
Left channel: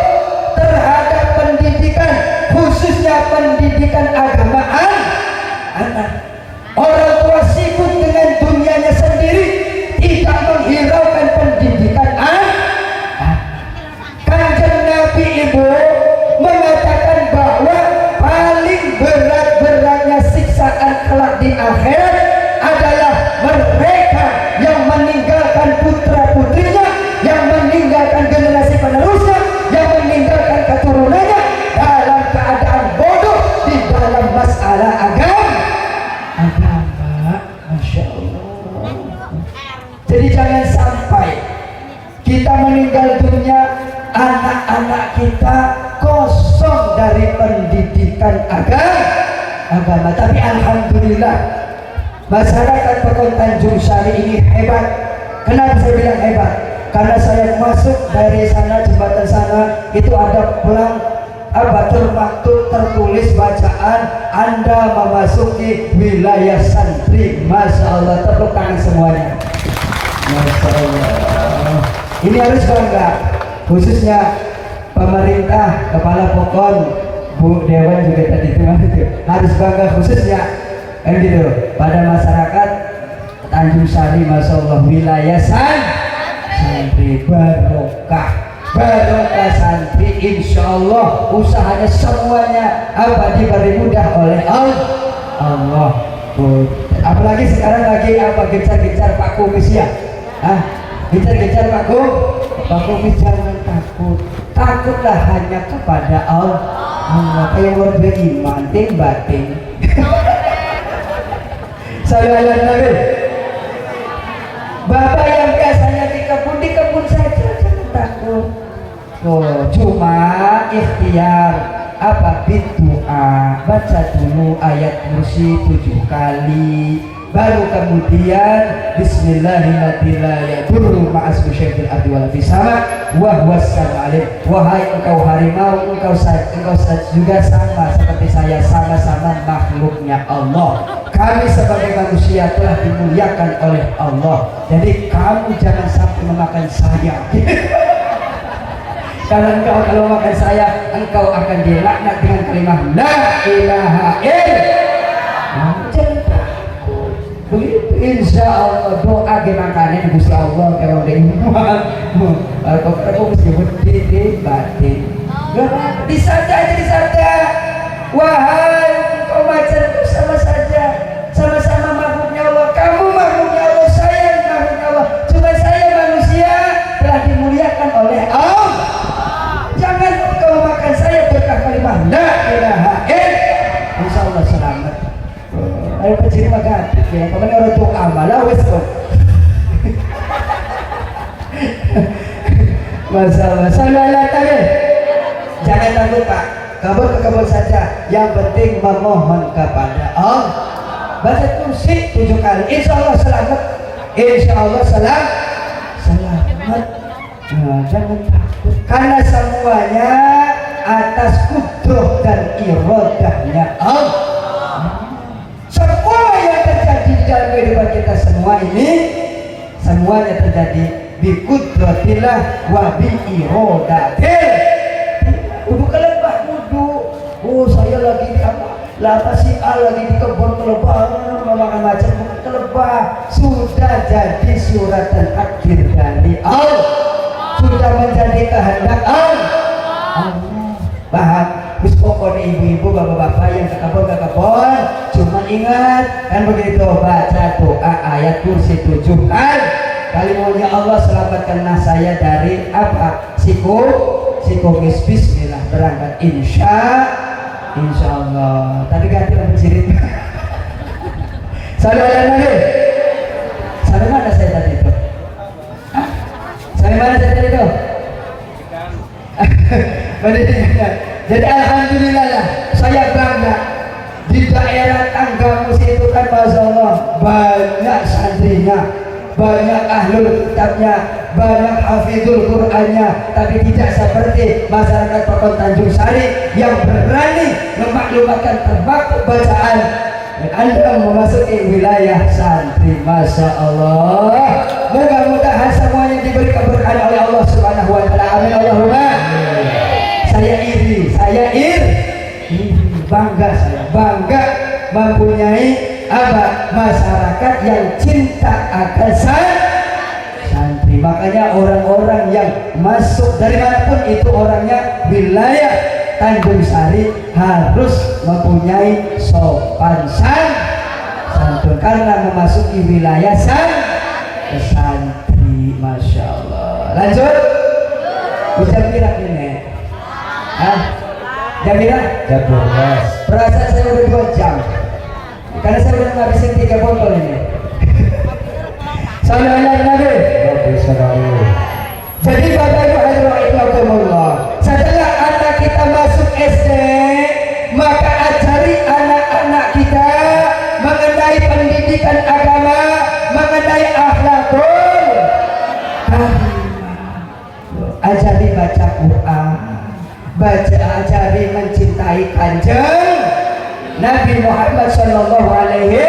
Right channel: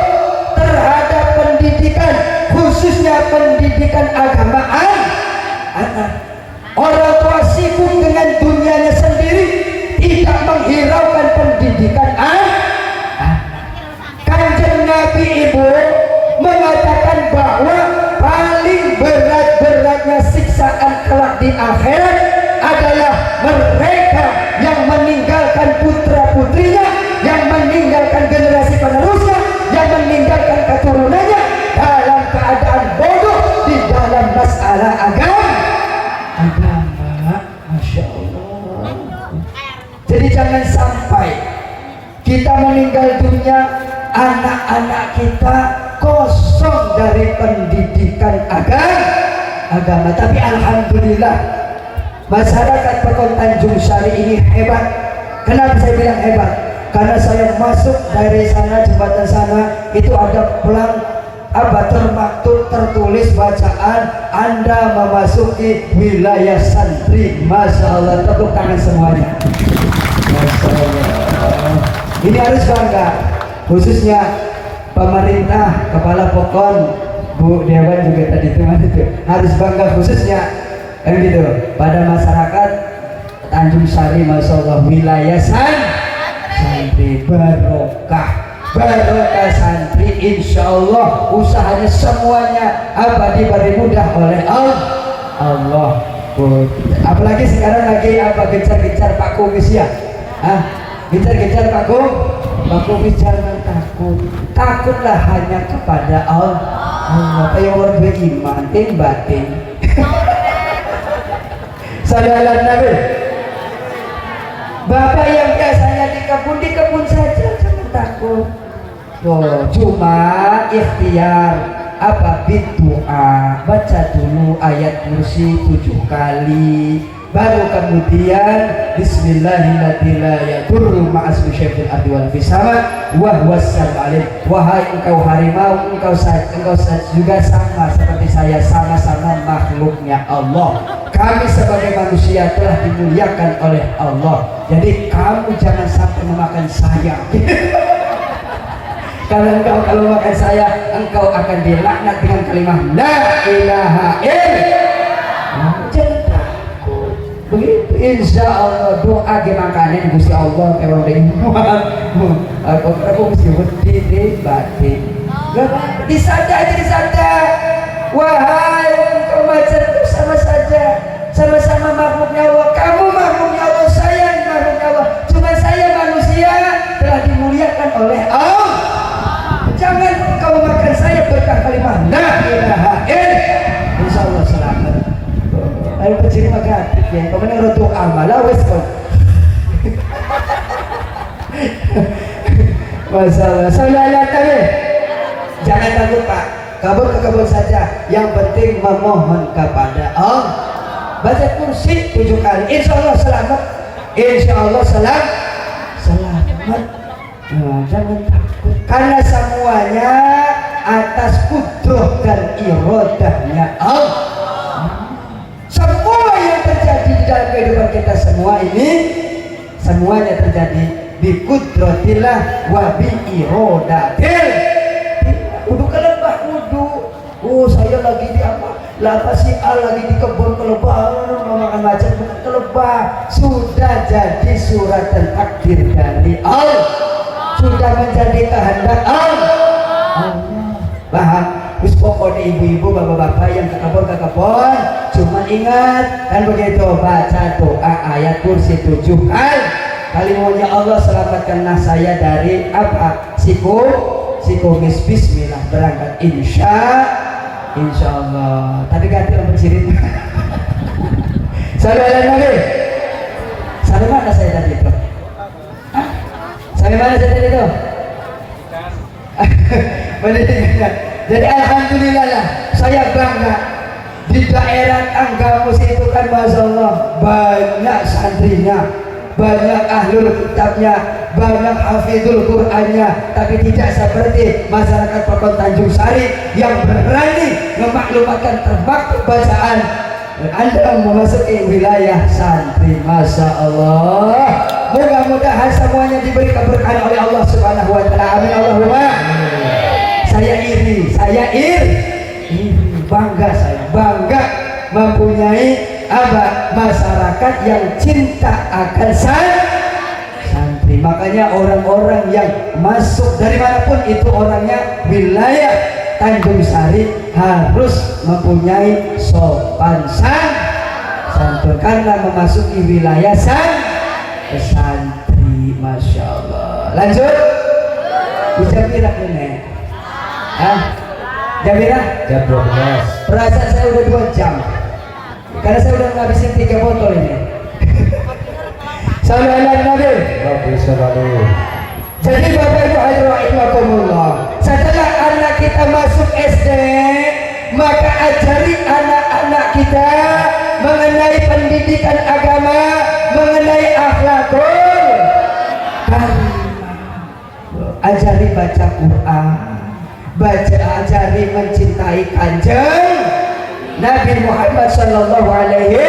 terhadap pendidikan, khususnya pendidikan agamaan anak. Orang tua sibuk dengan dunianya sendiri, tidak menghiraukan pendidikan anak. Kanjeng Nabi ibu mengatakan bahwa paling berat-beratnya siksaan kelak di akhirat adalah mereka yang meninggalkan putra-putrinya, yang meninggalkan generasi penerusnya, yang meninggalkan keturunannya dalam keadaan bodoh di dalam masalah agama. Masya Allah. Jadi jangan sampai kita meninggal dunia, anak-anak kita kosong dari pendidikan agama. Tapi alhamdulillah masyarakat Perkom Tanjung Sari ini hebat. Kenapa saya bilang hebat? Karena saya masuk dari sana, jembatan sana itu ada pelang maktub tertulis bacaan Anda memasuki wilayah santri. Masya Allah, tepuk tangan semuanya. Masya Allah. Ini harus bangga, khususnya pemerintah, kepala Pokon, Bu Dewan juga tadi itu harus bangga khususnya gitu pada masyarakat Tanjung Sari. Masya Allah, wilayah santri barokah santri, insya Allah usahanya semuanya diberi mudah oleh Allah. Apalagi sekarang lagi gencar-gencar Pak Kumis ya, gencar-gencar Pak Kumis. Jangan takutlah hanya kepada Allah. Kayak orang beriman batin. Sallallahu Nabi. Bapak yang biasanya di kebun saja, jangan takut. Cuma ikhtiar berdoa, baca dulu ayat kursi 7 kali, baru kemudian Bismillahirrahmanirrahim ma'asmi syaikhil ardi wal fisama wa huwassal alim. Wahai engkau harimau, engkau juga sama seperti saya, sama-sama makhluknya Allah. Kami sebagai manusia telah dimuliakan oleh Allah, jadi kamu jangan sampai memakan saya. Karena engkau kalau makan saya, engkau akan dilaknat dengan kalimat la ilaha illallah. Begitu insya Allah doa gimana Gusti Allah kalau aku mesti berdiri batin. Disada. Wahai engkau macam sama saja, sama-sama makhluknya Allah. Kamu makhluknya Allah, saya makhluknya Allah. Cuma saya manusia telah dimuliakan oleh Allah. ya pokoknya orang tua amalah wes kok. Masalah salah tadi. Jangan terluka, kabur ke kabur saja. Yang penting memohon kepada Allah. Baca kursi 7 kali. Insya Allah selamat. Insya Allah selamat. Nah, jangan takut. Karena semuanya atas kudrah dan iradahnya Allah. Semua yang terjadi di dalam kehidupan kita semua ini semuanya terjadi bi kudratillah wa bi iradatil. Udah kelebah wudu. Oh, saya lagi di apa? Lah si lagi di kebun kelebah, makan macam kelebah. Sudah jadi suratan takdir dari Allah. Sudah menjadi kehendak Allah. Bahan terus pokoknya ibu-ibu bapak-bapak yang ke kebun cuma ingat kan begitu, baca doa ayat kursi 7 hal. Kalimaunya Allah selamatkanlah saya dari apa? Psikogis. Bismillah berangkat insya Allah. Tadi ganti lampu cirit. Saudara Nabi, sampai mana saya tadi itu? Sampai mana saya tadi itu? Jadi alhamdulillah lah, saya bangga di daerah Anggamus itu kan Masya Allah banyak santrinya, banyak ahlul kitabnya, banyak hafizul Qur'annya, tapi tidak seperti masyarakat Pokok Tanjung Sari yang berani memaklumatkan terbaik bacaan dan Anda memasuki wilayah santri. Masya Allah, mudah-mudahan semuanya diberi keberkahan oleh Allah Subhanahu wa Ta'ala. Amin Allahumma. Saya iri, bangga, saya bangga mempunyai masyarakat yang cinta akan santri. Makanya orang-orang yang masuk dari manapun itu orangnya wilayah Tanjung Sari harus mempunyai sopan santun karena memasuki wilayah santri. Masya Allah. Lanjut, bisa bilang ini. Jamila? Jam 12. Perasaan saya udah 2 jam karena saya udah ngabisin 3 botol ini. Salam Nabi. Jadi Bapak Ibu Rahimahumullah, setelah anak kita masuk SD, maka ajari anak-anak kita mengenai pendidikan agama, mengenai akhlakul karimah. Ajari baca Quran, ajari mencintai Kanjeng Nabi Muhammad Sallallahu Alaihi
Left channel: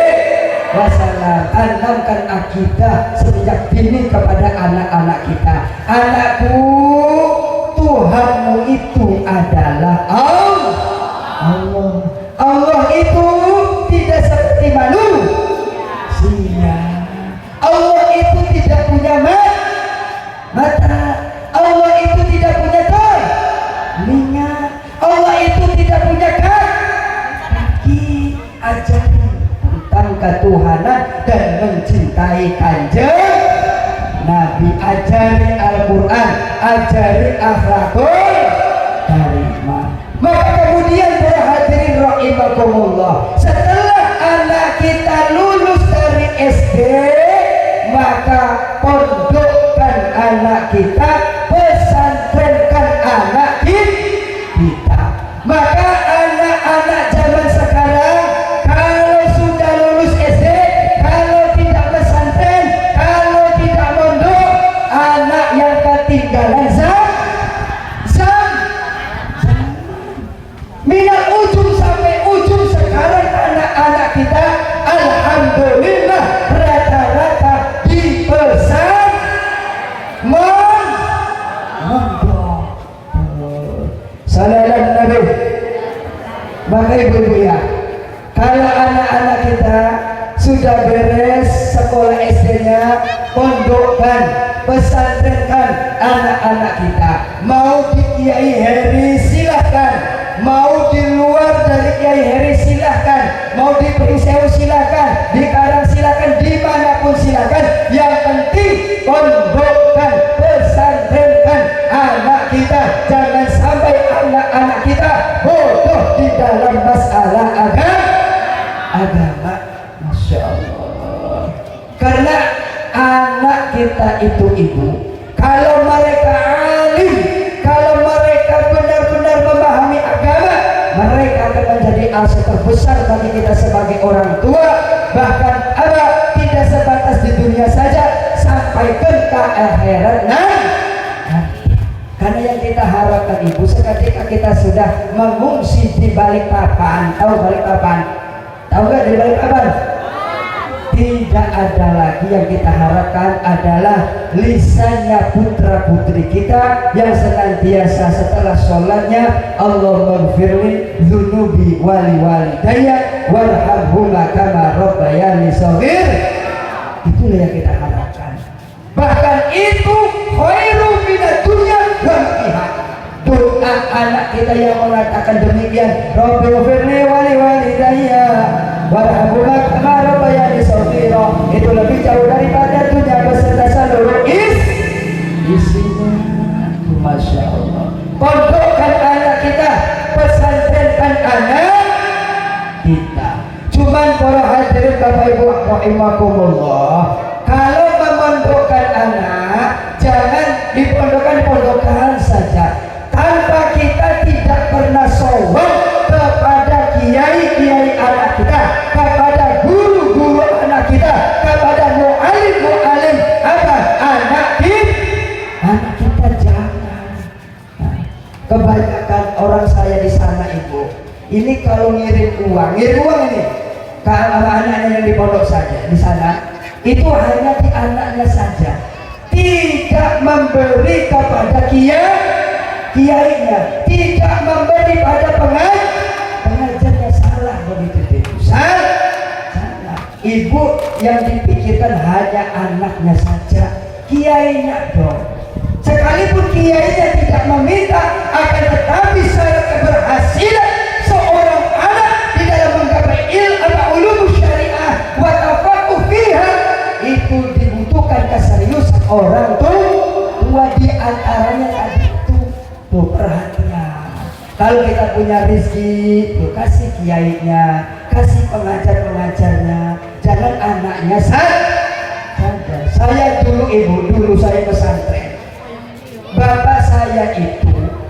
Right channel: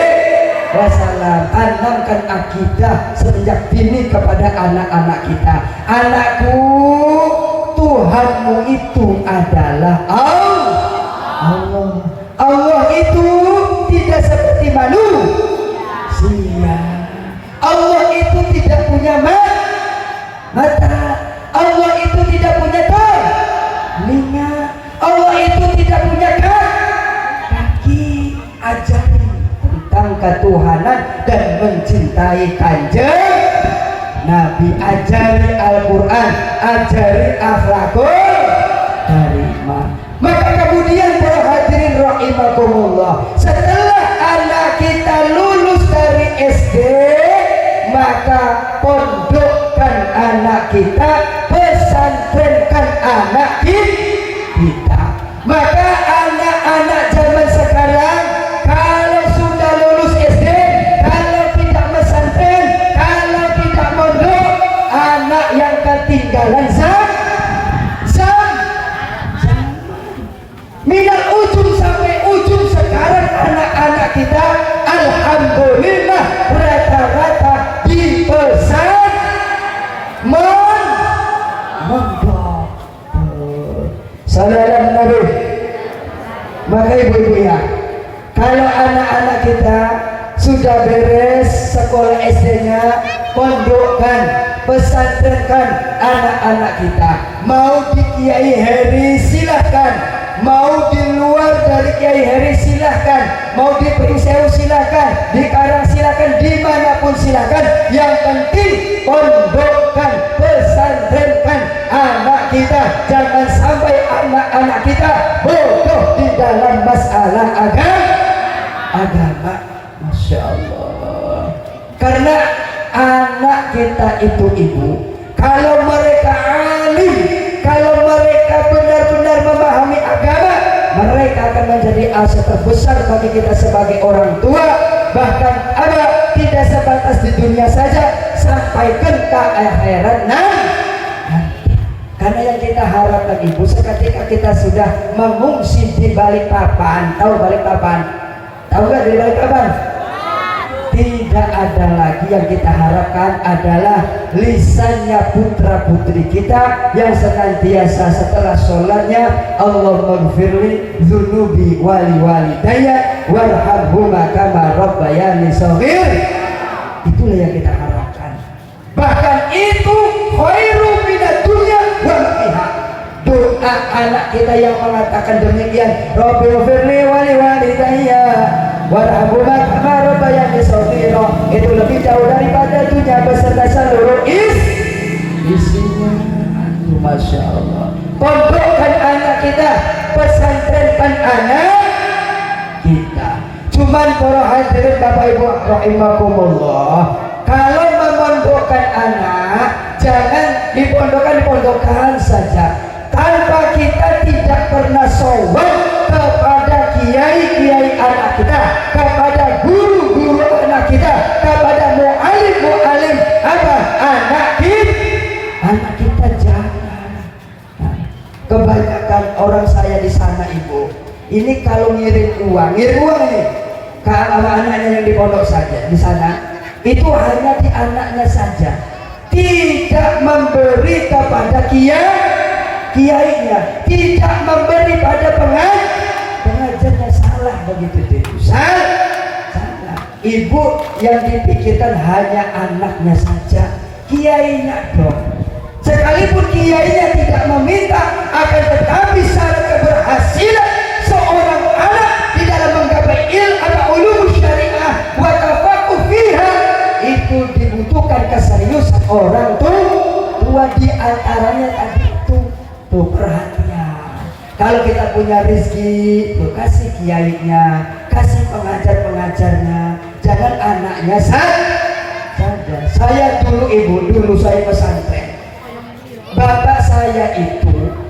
Wasallam. Tanamkan akidah sejak dini kepada anak-anak kita. Anakku, Tuhanmu itu adalah Allah. Allah itu tidak seperti manusia. Allah itu tidak punya mata. Allah itu tidak punya telinga. Allah itu tidak punya kaki. Ajari tentang ketuhanan dan mencintai Kanjeng Nabi. Ajari Al-Quran, ajari akhlakul karimah. Maka kemudian para hadirin rahimakumullah, setelah anak kita lulus dari SD, maka pondokkan anak kita, pesantrenkan anak kita. Maka anak-anak zaman sekarang kalau sudah lulus SD, kalau tidak pesantren, kalau tidak mondok, anak yang ketinggalan minal ujung sampai ujung. Sekarang anak-anak kita alhamdulillah rata-rata di mondok. Salam Nabi. Maka ibu-ibu ya, kalau anak-anak kita sudah beres sekolah SD-nya, pondokkan, pesantrenkan anak-anak kita. Mau di Kiai Heri silahkan, mau di luar dari Kiai Heri silahkan, mau di Prisewu silahkan, di Karang silahkan, dimanapun silahkan. Yang penting pondokkan, pesantrenkan anak kita. Jangan sampai anak-anak kita bodoh di dalam masalah agama. Masya Allah. itu ibu, kalau mereka alim, kalau mereka benar-benar memahami agama, mereka akan menjadi aset terbesar bagi kita sebagai orang tua. Bahkan tidak sebatas di dunia saja, sampai ke akhirat nanti. Karena yang kita harapkan ibu, ketika kita sudah mengungsi di balik papan, tahu balik papan? Tahu nggak di balik papan? Tidak ada lagi yang kita harapkan adalah lisannya putra putri kita yang senantiasa setelah sholatnya Allahumma ghfirli dzunubi wali walidayya warhamhuma kama rabbayani shaghir. Itulah yang kita harapkan. Bahkan itu khairu minad dunya wa ma fiha. Doa anak kita yang mengatakan demikian, Rabbi ghfirli wali walidayya warhamhuma kama rabbayani shaghir, itu lebih jauh daripada dunia beserta seluruh isinya. Masya Allah. Pondokkan anak kita, pesantrenkan anak kita. Cuman para hadirin Bapak Ibu rahimakumullah, kalau memondokkan anak, jangan dipondokkan saja tanpa kita tidak pernah sowan kepada kiai-kiai anak kita, kepada guru-guru anak kita, kepada mu'alim-mu'alim anak kita jangan. Kebanyakan orang saya di sana ibu, ini kalau ngirim uang ini ke anak-anaknya yang di pondok saja di sana, itu hanya di anaknya saja, tidak memberi kepada kiainya, tidak memberi pada pengajarnya. Salah begitu itu, salah. Ibu yang dipikirkan hanya anaknya saja, kiainya dong. Sekalipun kiainya tidak meminta, akan tetapi syarat keberhasilan seorang anak di dalam menggapai ulum syariah wa tafaqquh fiha, itu dibutuhkan keseriusan orang tua. Di antaranya tadi itu tuh perhatian. Kalau kita punya rezeki, tuh kasih kiainya, kasih pengajar-pengajarnya, jangan anaknya saja. Saya dulu saya pesantren.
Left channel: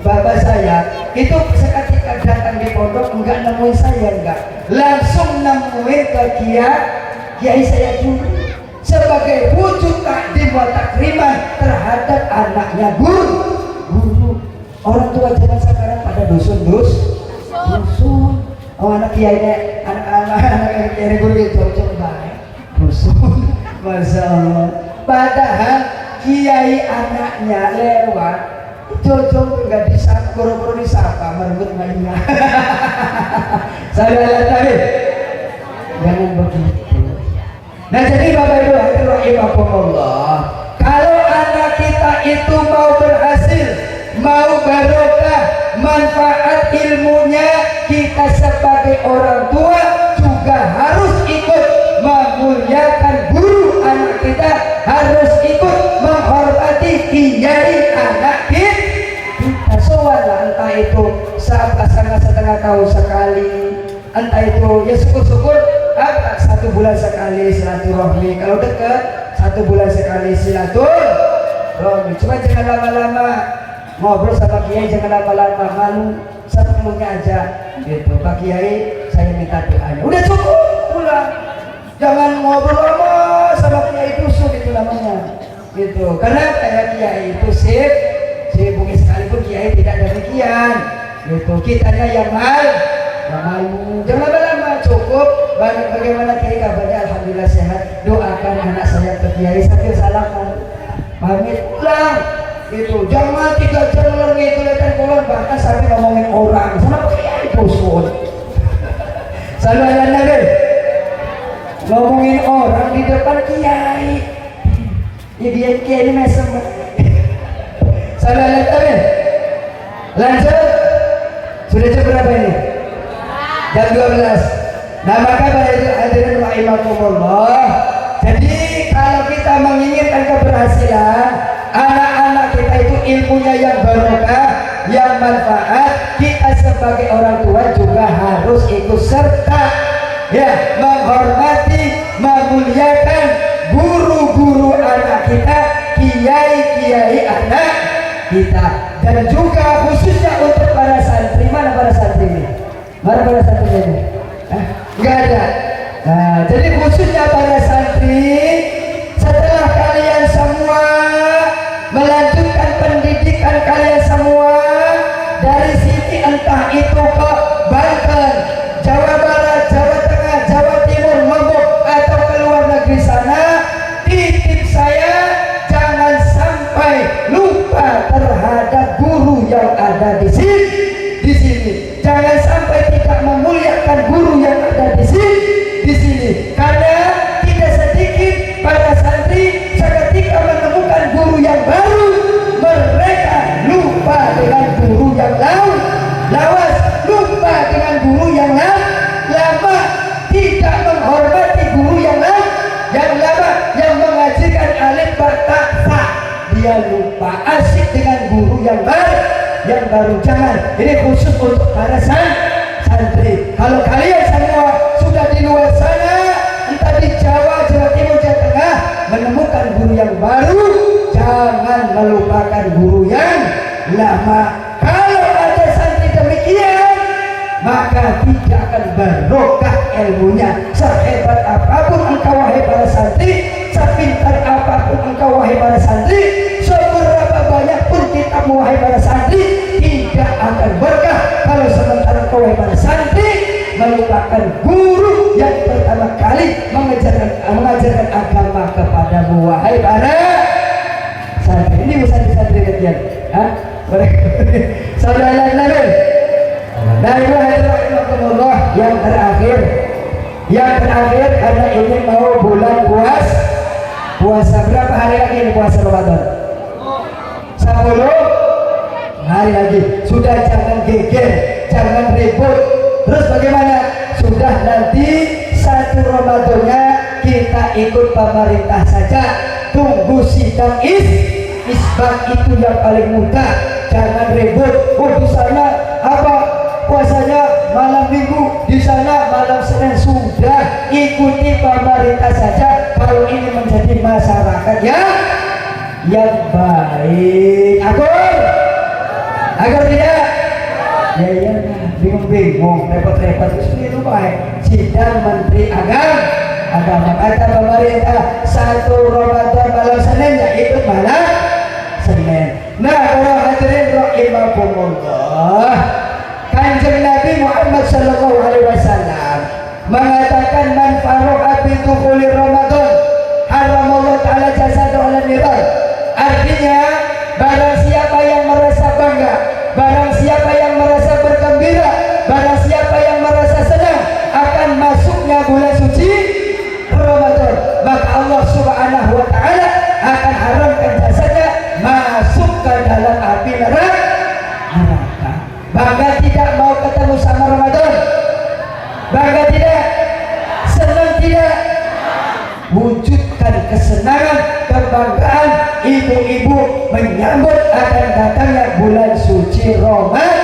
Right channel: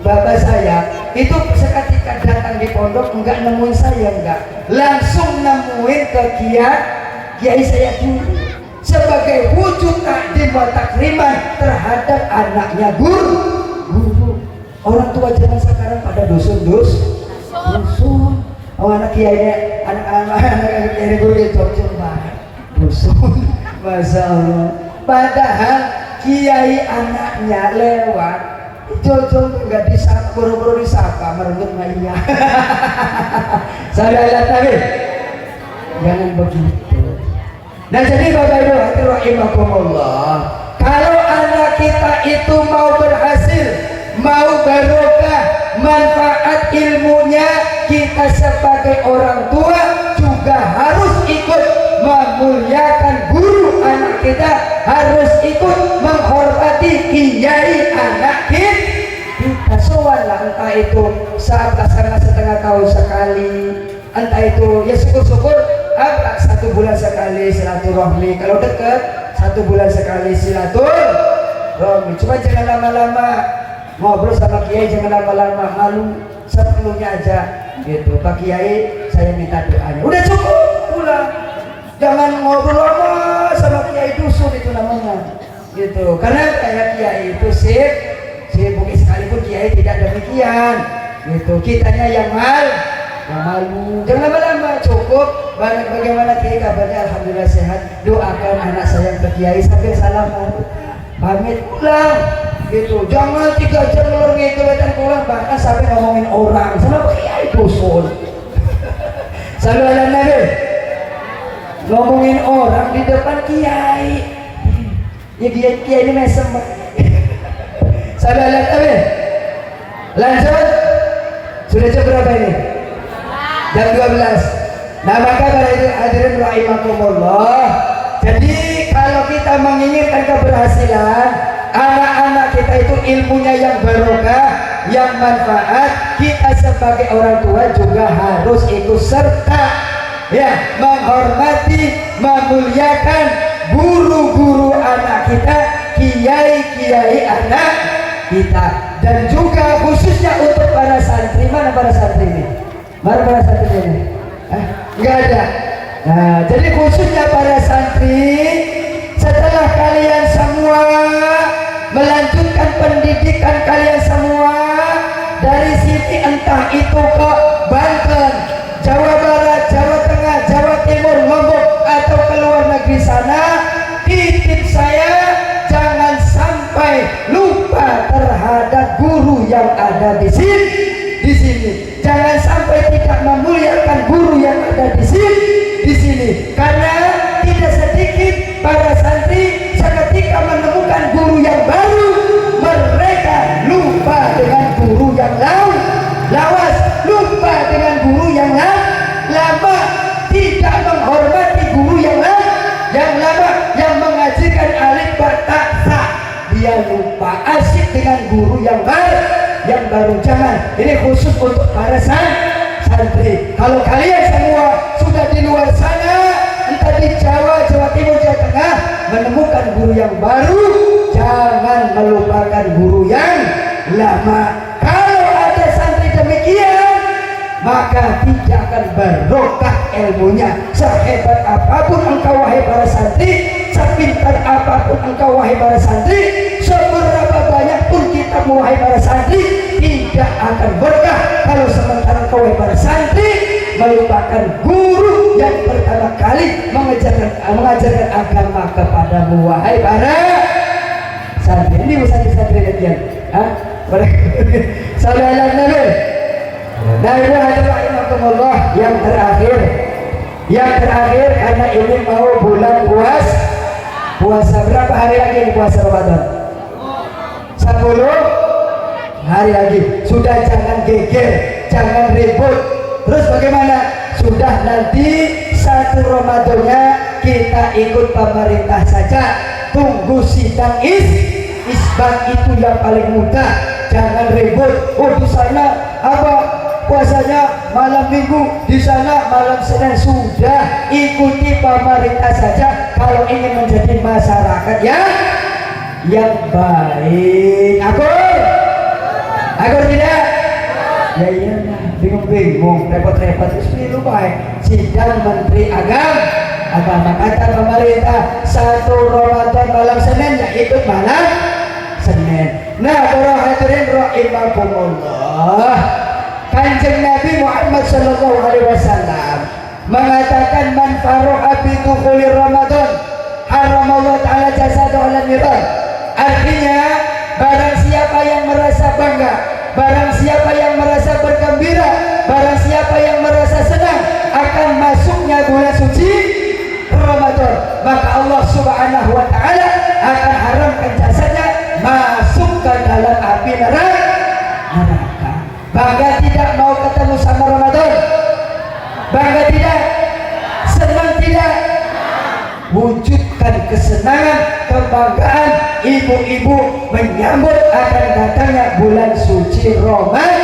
Bapak saya itu seketika datang di pondok enggak nemuin saya, enggak, langsung nemuin ke kiai saya dulu sebagai wujud takdim wa takriman terhadap anaknya guru. Orang tua zaman sekarang pada dusun. Anak kiainya, anak-anak kiai guru itu banget dusun. Masya Allah. Padahal kiai anaknya lewat, Jojong nggak disapa, buru-buru disapa, merebut mainnya. Saya lihat lagi, jangan begitu. Nah jadi Bapak Ibu rahimakumullah, kalau anak kita itu mau berhasil, mau barokah, manfaat ilmunya, kita sebagai orang tua juga harus ikut memuliakan guru anak kita, harus ikut menghormati kiai anak kita. Soalnya entah itu setengah tahun sekali, entah itu ya syukur-syukur 1 bulan sekali silaturahmi, kalau dekat 1 bulan sekali silaturahmi. Cuma jangan lama-lama ngobrol sama kiai, jangan lama-lama, malu, seperlunya aja gitu. Pak Kiai, saya minta doanya, udah cukup pulang. Jangan ngobrol lama sama kiai dusun, itu namanya gitu. Karena kayak kiai itu sibuk, sekalipun kiai tidak demikian gitu. Kitanya yang malu. Jangan lama-lama, cukup. Bagaimana kiai kabarnya? Alhamdulillah sehat. Doakan anak saya ke kiai sambil salaman, pamit pulang gitu. Jangan 3 jam lor gitu dan pulang, bahkan sampai ngomongin orang sama kiai dusun. Saudara lagi ngomongin orang di depan kiai, ya dia kiai ini mesem. Saudara lagi lanjut, sudah jam berapa ini? Jam 12. Nah maka hadirin rahimakumullah, jadi kalau kita menginginkan keberhasilan anak-anak kita itu ilmunya yang barokah, yang manfaat, kita sebagai orang tua juga harus ikut serta ya, menghormati, memuliakan guru-guru anak kita, kiai kita, dan juga khususnya untuk para santri. Mana para santri ini? Mana para santri ini? Enggak ada. Nah, jadi khususnya para santri, setelah kalian semua melanjutkan pendidikan kalian semua dari sini, entah itu ke Banten, Jawa Barat, Jawa Tengah, Jawa Timur, Lombok, atau ke luar negeri sana, titip saya jangan sampai lupa terhadap guru yang ada di sini. Jangan sampai tidak memuliakan guru yang ada di sini, karena tidak sedikit para santri seketika menemukan guru yang baru, mereka lupa dengan guru yang lawas, lupa dengan guru yang lama, tidak menghormati guru yang lama, yang mengajarkan alif bertakfa, dia lupa asik dengan guru yang baru. Jangan, ini khusus untuk para santri. Kalau kalian semua sudah di luar sana, entah di Jawa, Jawa Timur, Jawa Tengah, menemukan guru yang baru, jangan melupakan guru yang lama. Kalau ada santri demikian, maka tidak akan barokah ilmunya. Sehebat apapun engkau wahai para santri, sepintar apapun engkau wahai para santri, seberapa banyak pun kitabmu wahai para santri, tidak akan berkah kalau sementara kau wahai para santri melupakan guru yang pertama kali mengajarkan agama kepadamu wahai para santri. Ini santri bagian. Saudara Nabi. Yang terakhir karena ini mau bulan puasa berapa hari lagi ini puasa Ramadan? 10 hari lagi. Sudah jangan geger, jangan ribut. Terus bagaimana? Sudah nanti 1 Ramadannya kita ikut pemerintah saja. Tunggu sidang isbat itu yang paling mudah. Jangan ribut. Oh di sana apa puasanya malam minggu, di sana malam Senin. Sudah ikuti pemerintah saja. Kalau ini menjadi masyarakat yang baik. Agar tidak? Ya iya, bingung-bingung, repot-repot. Itu baik. Sidang Menteri Agama kata pemerintah 1 Ramadan malam Senin, ya ikut malam Senin. Nah, para hadirin rahimakumullah, Kanjeng Nabi Muhammad sallallahu alaihi wasallam mengatakan man faruha bi dukhuli Ramadan haramallahu ta'ala jasadu ala niran. Artinya barang siapa yang merasa bangga, barang siapa yang merasa bergembira, barang siapa yang merasa senang akan masuknya bulan suci Ramadan, maka Allah subhanahu wa ta'ala akan haramkan jasadnya masuk ke dalam api neraka. Bangga tidak mau ketemu sama Ramadan? Bangga tidak? Senang tidak? Wujudkan kesenangan, kebanggaan ibu-ibu menyambut akan datangnya bulan suci Ramadan.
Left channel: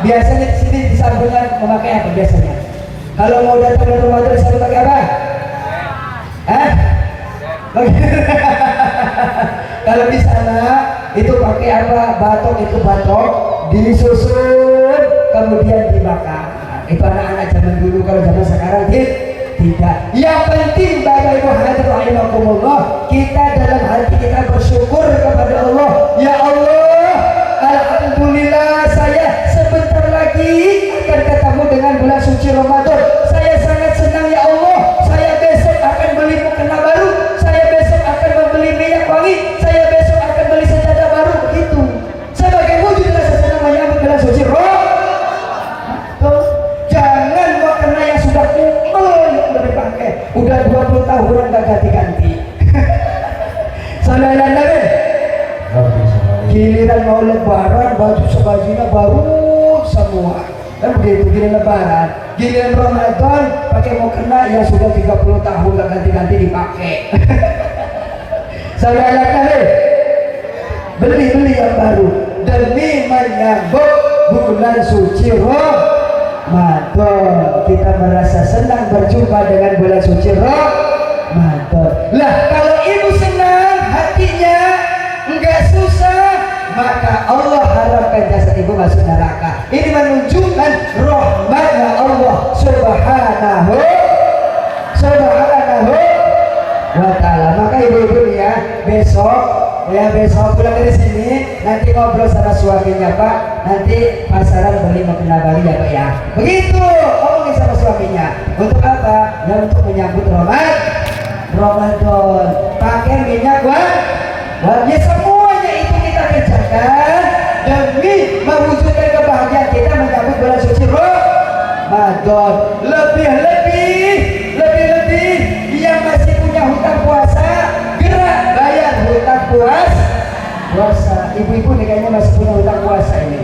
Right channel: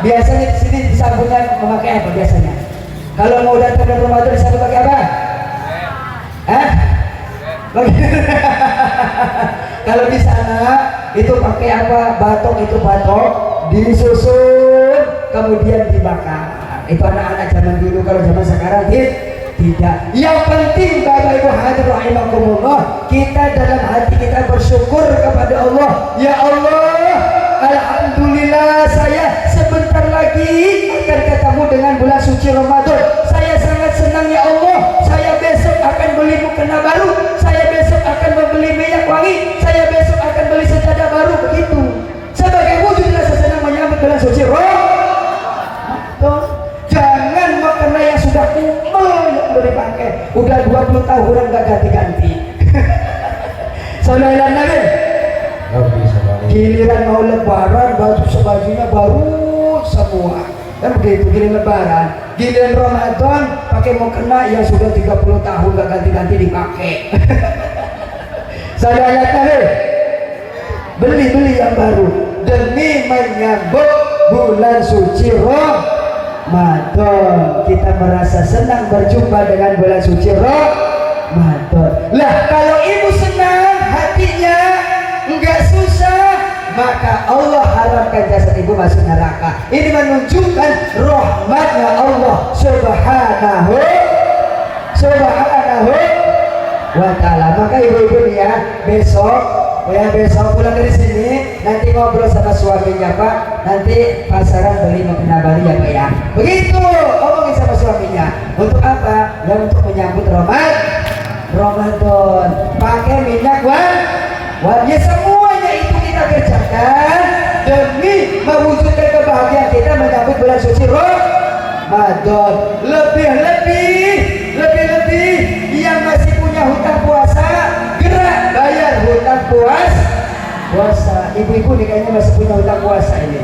Biasanya di sini disambungkan memakai apa biasanya? Kalau mau datang bulan Ramadan disambung pakai apa? Kalau di sana itu pakai apa? Batok, itu batok disusun kemudian dibakar. Itu anak-anak zaman dulu. Kalau zaman sekarang tidak. Yang penting Bapak Ibu hadirin rahimakumullah, kita dalam hati kita bersyukur kepada Allah. Ya Allah, alhamdulillah saya sebentar lagi akan ketemu dengan bulan suci Ramadan. Saya sangat senang ya Allah. Saya besok akan beli mukena baru, saya besok akan membeli minyak wangi, saya besok akan beli sejadah baru. Begitu sebagai wujud rasa senang menyambut bulan suci Ramadan. Jangan mukena yang sudah dipakai udah 20 tahunan gak ganti-ganti. Sallallahu alaihi giliran mau lebaran bajunya baru semua kan begitu. Giliran lebaran, giliran Ramadan pakai mukena yang sudah 30 tahun gak ganti-ganti dipakai. Sallallahu alaihi beli yang baru demi menyambut bulan suci Ramadan. Kita merasa senang berjumpa dengan bulan suci Ramadan. Lah kalau ibu senang hatinya, enggak susah maka Allah haramkan jasad ibu masuk neraka. Ini menunjukkan rahmatnya Allah subhanahu wa ta'ala. Maka ibu-ibu ya, besok pulang dari sini nanti ngobrol sama suaminya Pak, nanti pasaran beli mukena Bali ya Pak ya. Begitu ngomongin sama suaminya. Untuk apa? Ya untuk menyambut Ramadan. Pakai minyak wangi, semuanya itu kita kerjakan demi mewujudkan kebahagiaan kita menyambut bulan suci Ramadan. Lebih yang masih punya hutang puasa, gerak bayar hutang puasa. Ibu-ibu nih kayaknya masih punya hutang puasa ini.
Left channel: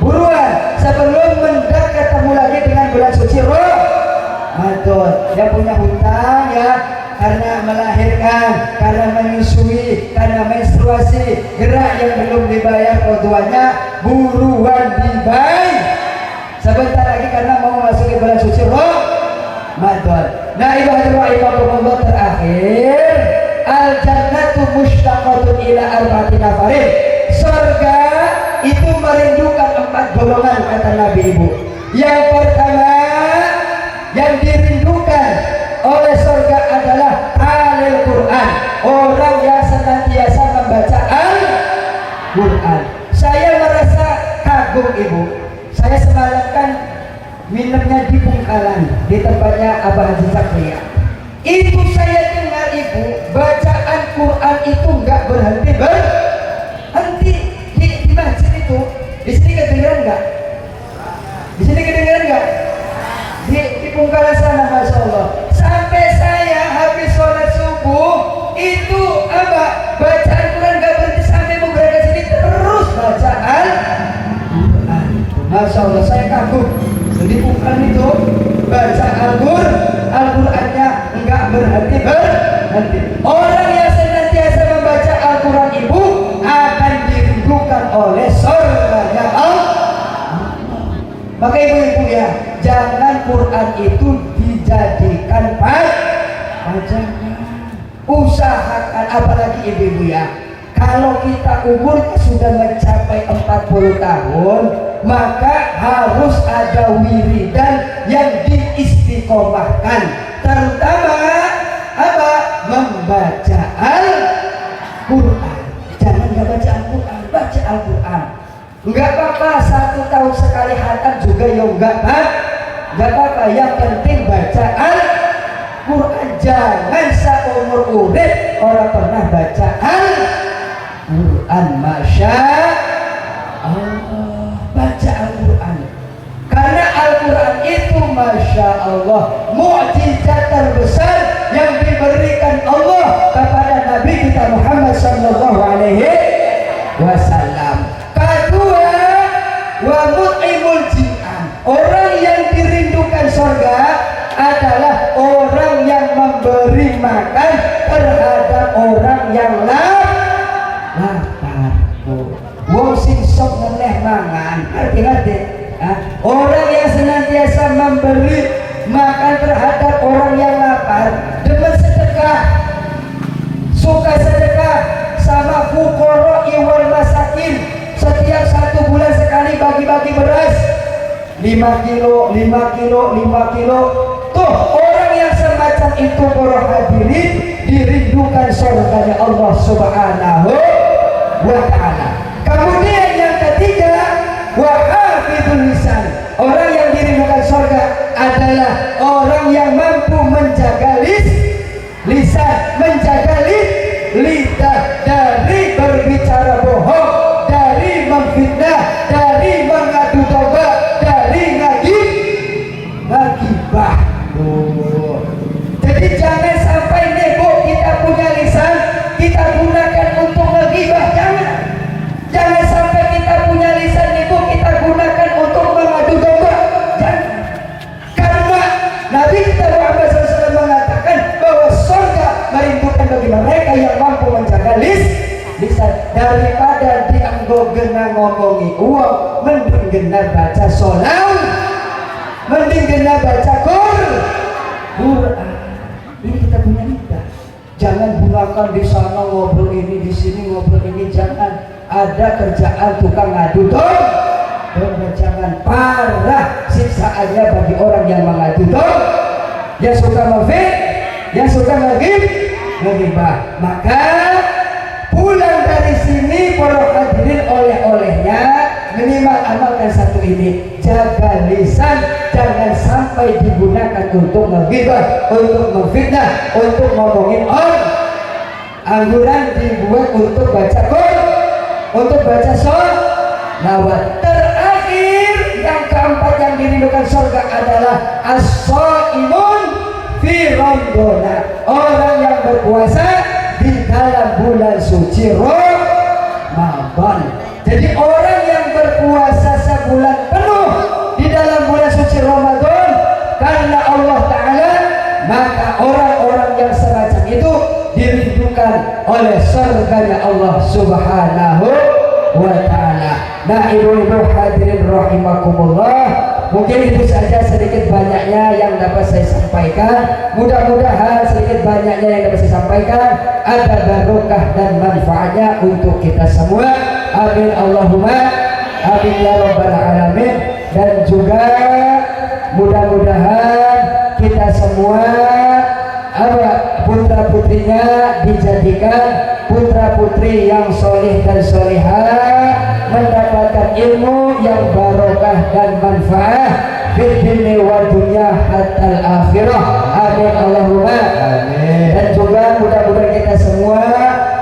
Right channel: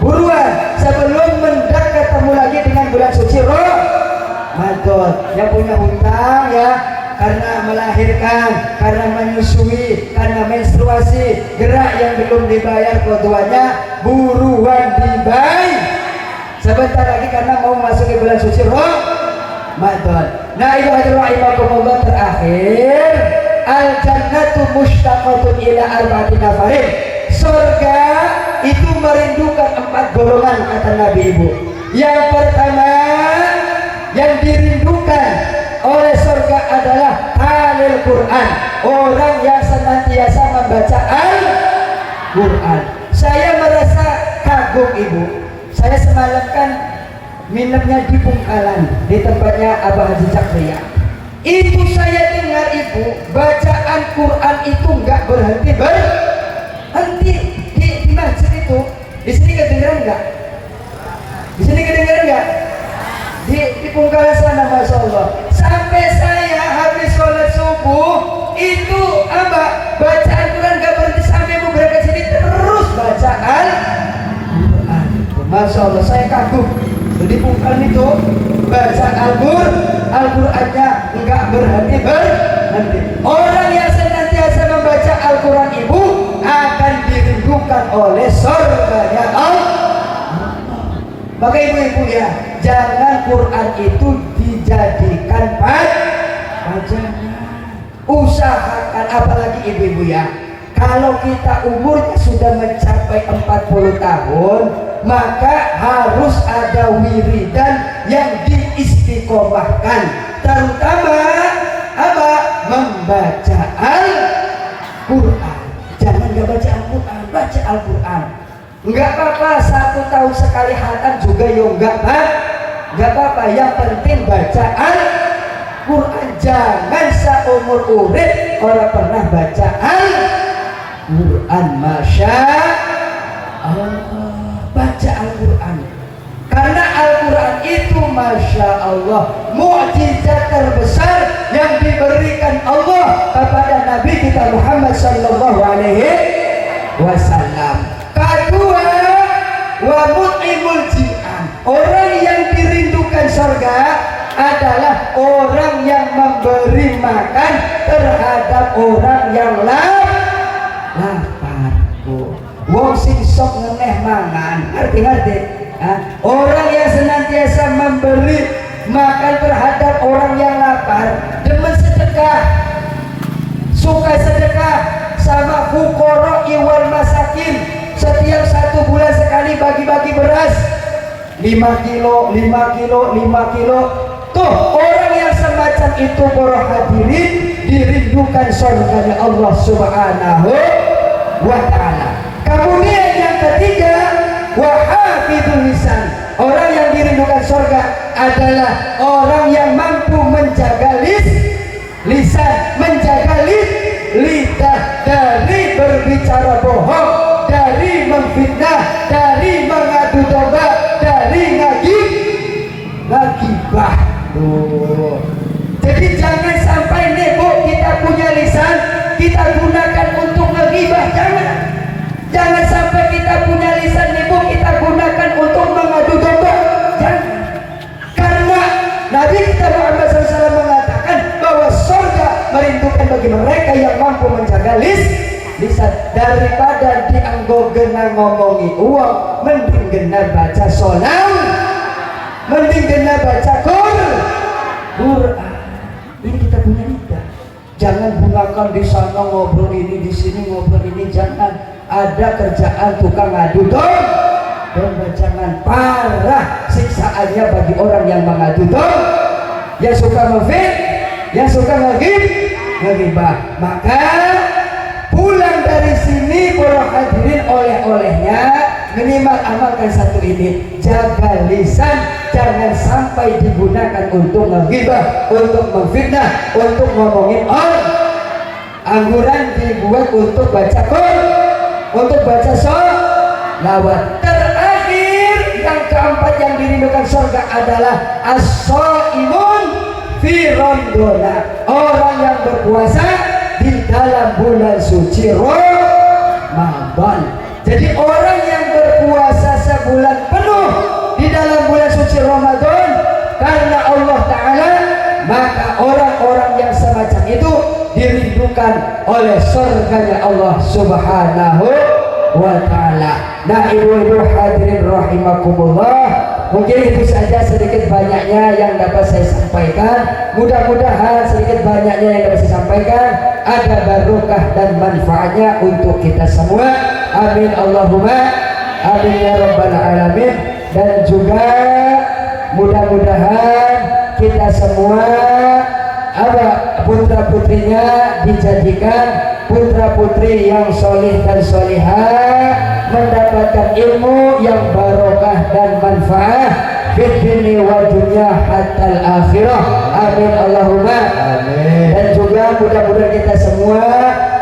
Buruan sebelum mendak ketemu lagi dengan bulan suci Ramadan. Yang punya hutang ya, karena melahirkan, karena menyusui, karena menstruasi, gerak yang belum dibayar keduanya, buruan dibayar sebentar lagi karena mau memasuki bulan suci Ramadan. Nah, ibadah terakhir, al-jannatu mushtaqatun ila arba'ati nafarin. Surga itu merindukan 4 golongan kata Nabi Ibu. Yang pertama yang dirindukan oleh surga adalah talil Quran, orang yang senantiasa membaca Al-Quran. Saya merasa kagum Ibu. Saya semalam kan minumnya di Bungkalan, di tempatnya Abah Haji Cakria. Itu saya dengar Ibu, bacaan Quran itu nggak berhenti di masjid itu. Di sini kedengeran nggak? Di sini kedengeran nggak? Di Bungkalan sana, masya Allah. Sampai saya habis sholat subuh itu apa? Bacaan Quran nggak berhenti sampai mau berangkat sini terus bacaan Quran. Masya Allah, saya kagum. Jadi bukan itu baca Al-Qurannya enggak berhenti. Orang yang senantiasa membaca Al-Quran Ibu akan dirindukan oleh surganya Allah. Maka ibu-ibu ya, jangan Quran itu dijadikan pajangan. Usahakan, apalagi ibu-ibu ya, kalau kita umurnya sudah mencapai 40 tahun, maka harus ada wiridan yang diistiqomahkan, terutama apa? Membaca Al-Quran. Jangan nggak baca Al-Quran, baca Al-Quran. Nggak apa-apa 1 tahun sekali khatam juga ya nggak apa-apa. Yang penting baca Al-Quran. Jangan seumur urip orang pernah baca Al-Quran. Masya Allah. Baca Al-Quran, karena Al-Quran itu masya Allah mukjizat terbesar yang diberikan Allah kepada Nabi kita Muhammad sallallahu alaihi wasallam. Kedua, wa mut'imul ji'an, orang yang dirindukan surga adalah orang yang memberi makan terhadap orang yang lapar. Wong sing sok ngeneh mangan, ngerti? Orang yang senantiasa memberi makan terhadap orang yang lapar, demen sedekah, suka sedekah sama fuqara wal masakin. Setiap 1 bulan sekali bagi-bagi beras 5 kilo. Tuh orang yang semacam itu para hadirin dirindukan surganya Allah subhanahu wa ta'ala. Kemudian yang ketiga, wahafidul lisan, orang yang dirindukan surga adalah orang yang mampu menjaga lisan, menjaga lidah dari berbicara bohong, dari memfitnah, dari mengadu domba, dari ngagibah. Jadi jangan sampai nebo kita punya lisan kita gunakan untuk ngagibah, jangan sampai kita punya lisan ibu kita gunakan untuk mengadu domba, jangan. Karena Nabi kita Muhammad SAW mengatakan bahwa surga merindukan bagi mereka yang mampu menjaga lisan. Daripada dianggo gena ngomongi uang, mending gena baca sholawat, mending gena baca Quran. Ini kita punya lidah. Jangan gunakan di sana ngobrol ini, di sini ngobrol ini, jangan. ada kerjaan tukang ngadu dom, dan jangan parah siksaannya bagi orang yang mengadu dom, yang suka ngefit, yang suka ngegibah. Maka pulang dari sini para hadirin oleh-olehnya minimal amalkan satu ini, jaga lisan, jangan sampai digunakan untuk menggibah, untuk memfitnah, untuk ngomongin orang. Angguran dibuat untuk baca Quran, untuk baca sholawat. Terakhir yang keempat yang dirindukan surga adalah as-shaimun fi Ramadan, orang yang berpuasa di dalam bulan suci Ramadan. Jadi orang yang berpuasa sebulan penuh di dalam bulan suci Ramadan karena Allah Ta'ala, maka orang-orang yang semacam itu dirindukan oleh surganya Allah Subhanahu wa Ta'ala. Nah, ibu-ibu hadirin rahimakumullah, mungkin itu saja sedikit banyaknya yang dapat saya sampaikan. Mudah-mudahan sedikit banyaknya yang dapat saya sampaikan ada barokah dan manfaatnya untuk kita semua. Amin Allahumma amin ya rabbal alamin. Dan juga mudah-mudahan kita semua putra putrinya dijadikan putra putri yang soleh dan solehah, mendapatkan ilmu yang barokah dan manfaat fid dunya wa dunya hatta akhirah. Amin Allahumma amin. Dan juga mudah-mudahan kita semua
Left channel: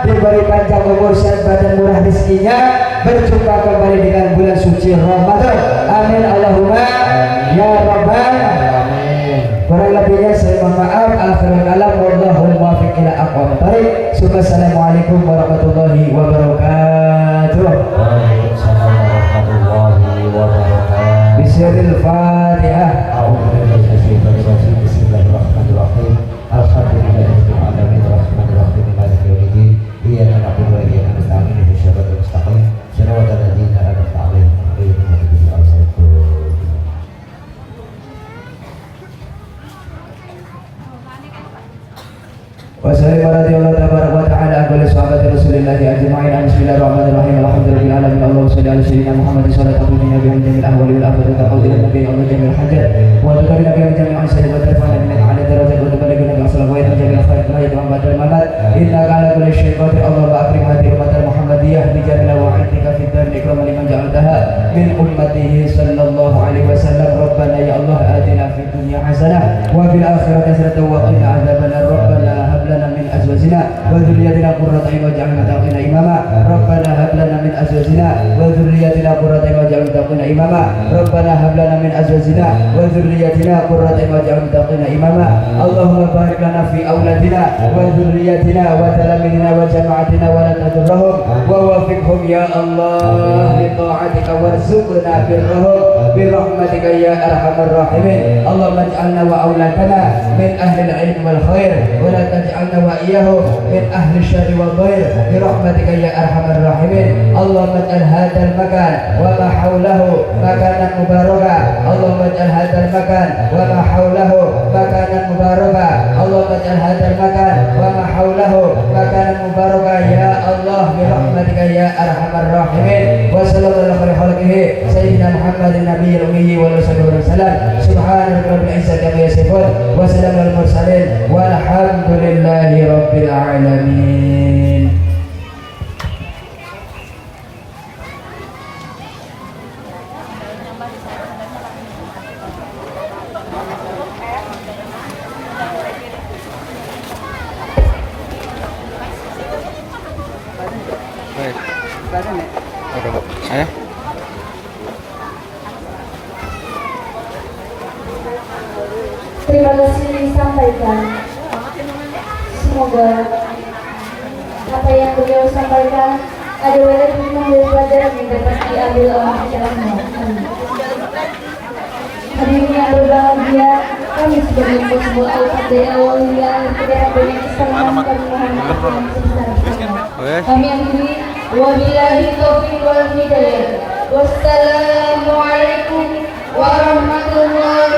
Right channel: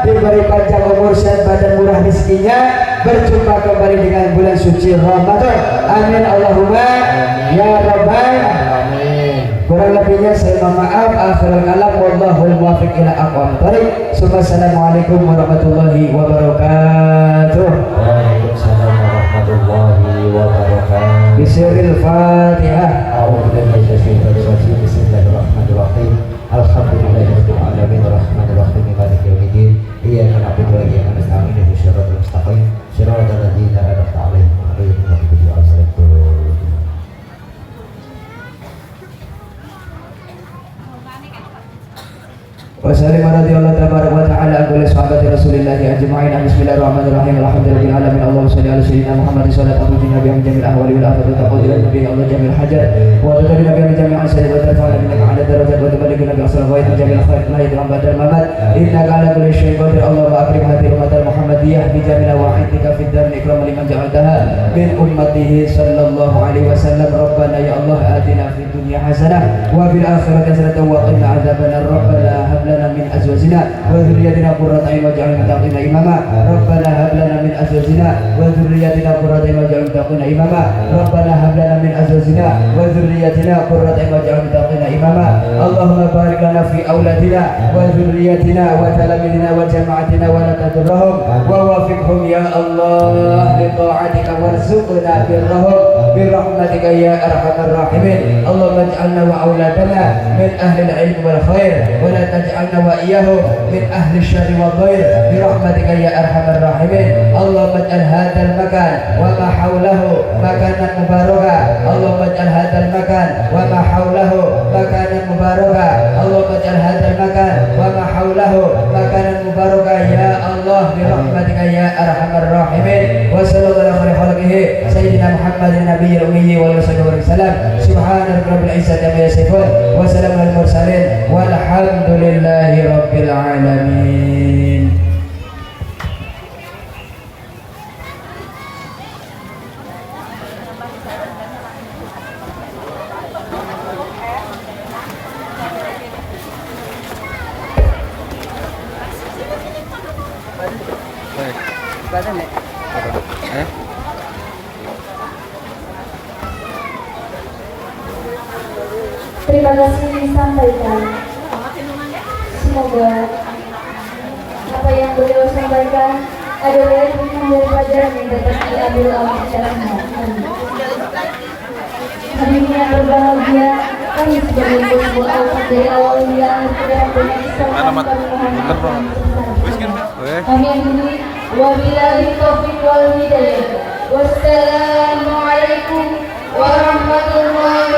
diberi panjang umur sehat badan murah rezekinya, berjumpa kembali dengan bulan suci Ramadan. Amin Allahumma ya rabbal alamin. Kurang lebihnya saya mohon maaf. Akhirul kalam wallahul muwaffiq ila aqwamit thoriq. Assalamualaikum warahmatullahi wabarakatuh. Waalaikumsalam warahmatullahi wabarakatuh. Bismillahil Fatihah. A'udzubillahi minasyaitonir rajim. Bismillahirrahmanirrahim. Alhamdulillahirabbil alamin arrahmanir rahim maliki yaumiddin. Iyyaka na'budu wa iyyaka nasta'in ihdinas siratal mustaqim siratal ladzina an'amta 'alaihim ghairil maghdubi 'alaihim waladdallin. Wassalamualaikum warahmatullahi wabarakatuh. Sahabat Rasulullah ajma'in. Bismillahirrahmanirrahim. Alhamdulillahi alamin. Allahumma shalli ala sayyidina Muhammad sallallahu alaihi wa sallam jamil ahwali wal afati taqul ila nabi Allah jamil hajat wa tadri nabi jamil asari wa tarfa'ala min ala darajat wa tabari nabi sallallahu alaihi wa jamil khair la yadum badal mamat inna ala kulli shay'in qadir. Allah wa akrim hadhihi ummatan muhammadiyah bi jamil wahidatika fid dar ikram liman ja'altaha min ummatihi sallallahu alaihi wasallam. Rabbana ya Allah atina fid dunya hasanah wa fil akhirati hasanah wa qina adzabannar. Rabbana hab lana min azwajina wa dhurriyyatina qurrata a'yun waj'alna lil muttaqina imama. Rabbana hab lana min azwajina wa dhurriyyatina qurrata a'yun waj'alna lil muttaqina imama. Rabbana hab lana min azwajina wa dhurriyyatina qurrata a'yun waj'alna lil muttaqina imama. Allahumma barik lana fi auladina wa dhurriyyatina wa talamidina wa jama'atina wa la tadurrahum wa wafiqhum ya Allah li ta'atika warzuqna birrahum bi rahmatika ya arhamar rahimin. Allahumma ij'alna wa auladana min ahli al-'ilm wal khair wa la taj'alna wa iyyahum min ahli asy-syarri wal dhair bi rahmatika ya arhamar rahimin. Allahumma ij'al hadzal makan wa ma hawlahu makanan mubarakah. Allahumma ij'al hadzal makan wa ma hawlahu makanan mubarakah. Allahumma ij'al hadzal makan wa ma hawlahu makanan mubarakah ya Allah bi rahmatika ya arhamar rahimin. Wa sallallahu alaihi wa sallam sayyidina Muhammadin nabiyil ummi wa alihi wasallam. Subhana rabbil izzati amma yasifun wa salamun alal mursalin walhamdulillahi rabbil alamin. Terima kasih disampaikan. Semoga apa yang beliau sampaikan adalah yang daripada yang dapat diambil oleh syariatnya. Hadirin yang berbahagia, kami sudah membuat sebuah al-fatihah dari awal hingga akhir kepada banyak kesalahan kami mohon maaf yang sebesar. Kami akhiri wabillahi taufiq wal hidayah. Wassalamualaikum warahmatullahi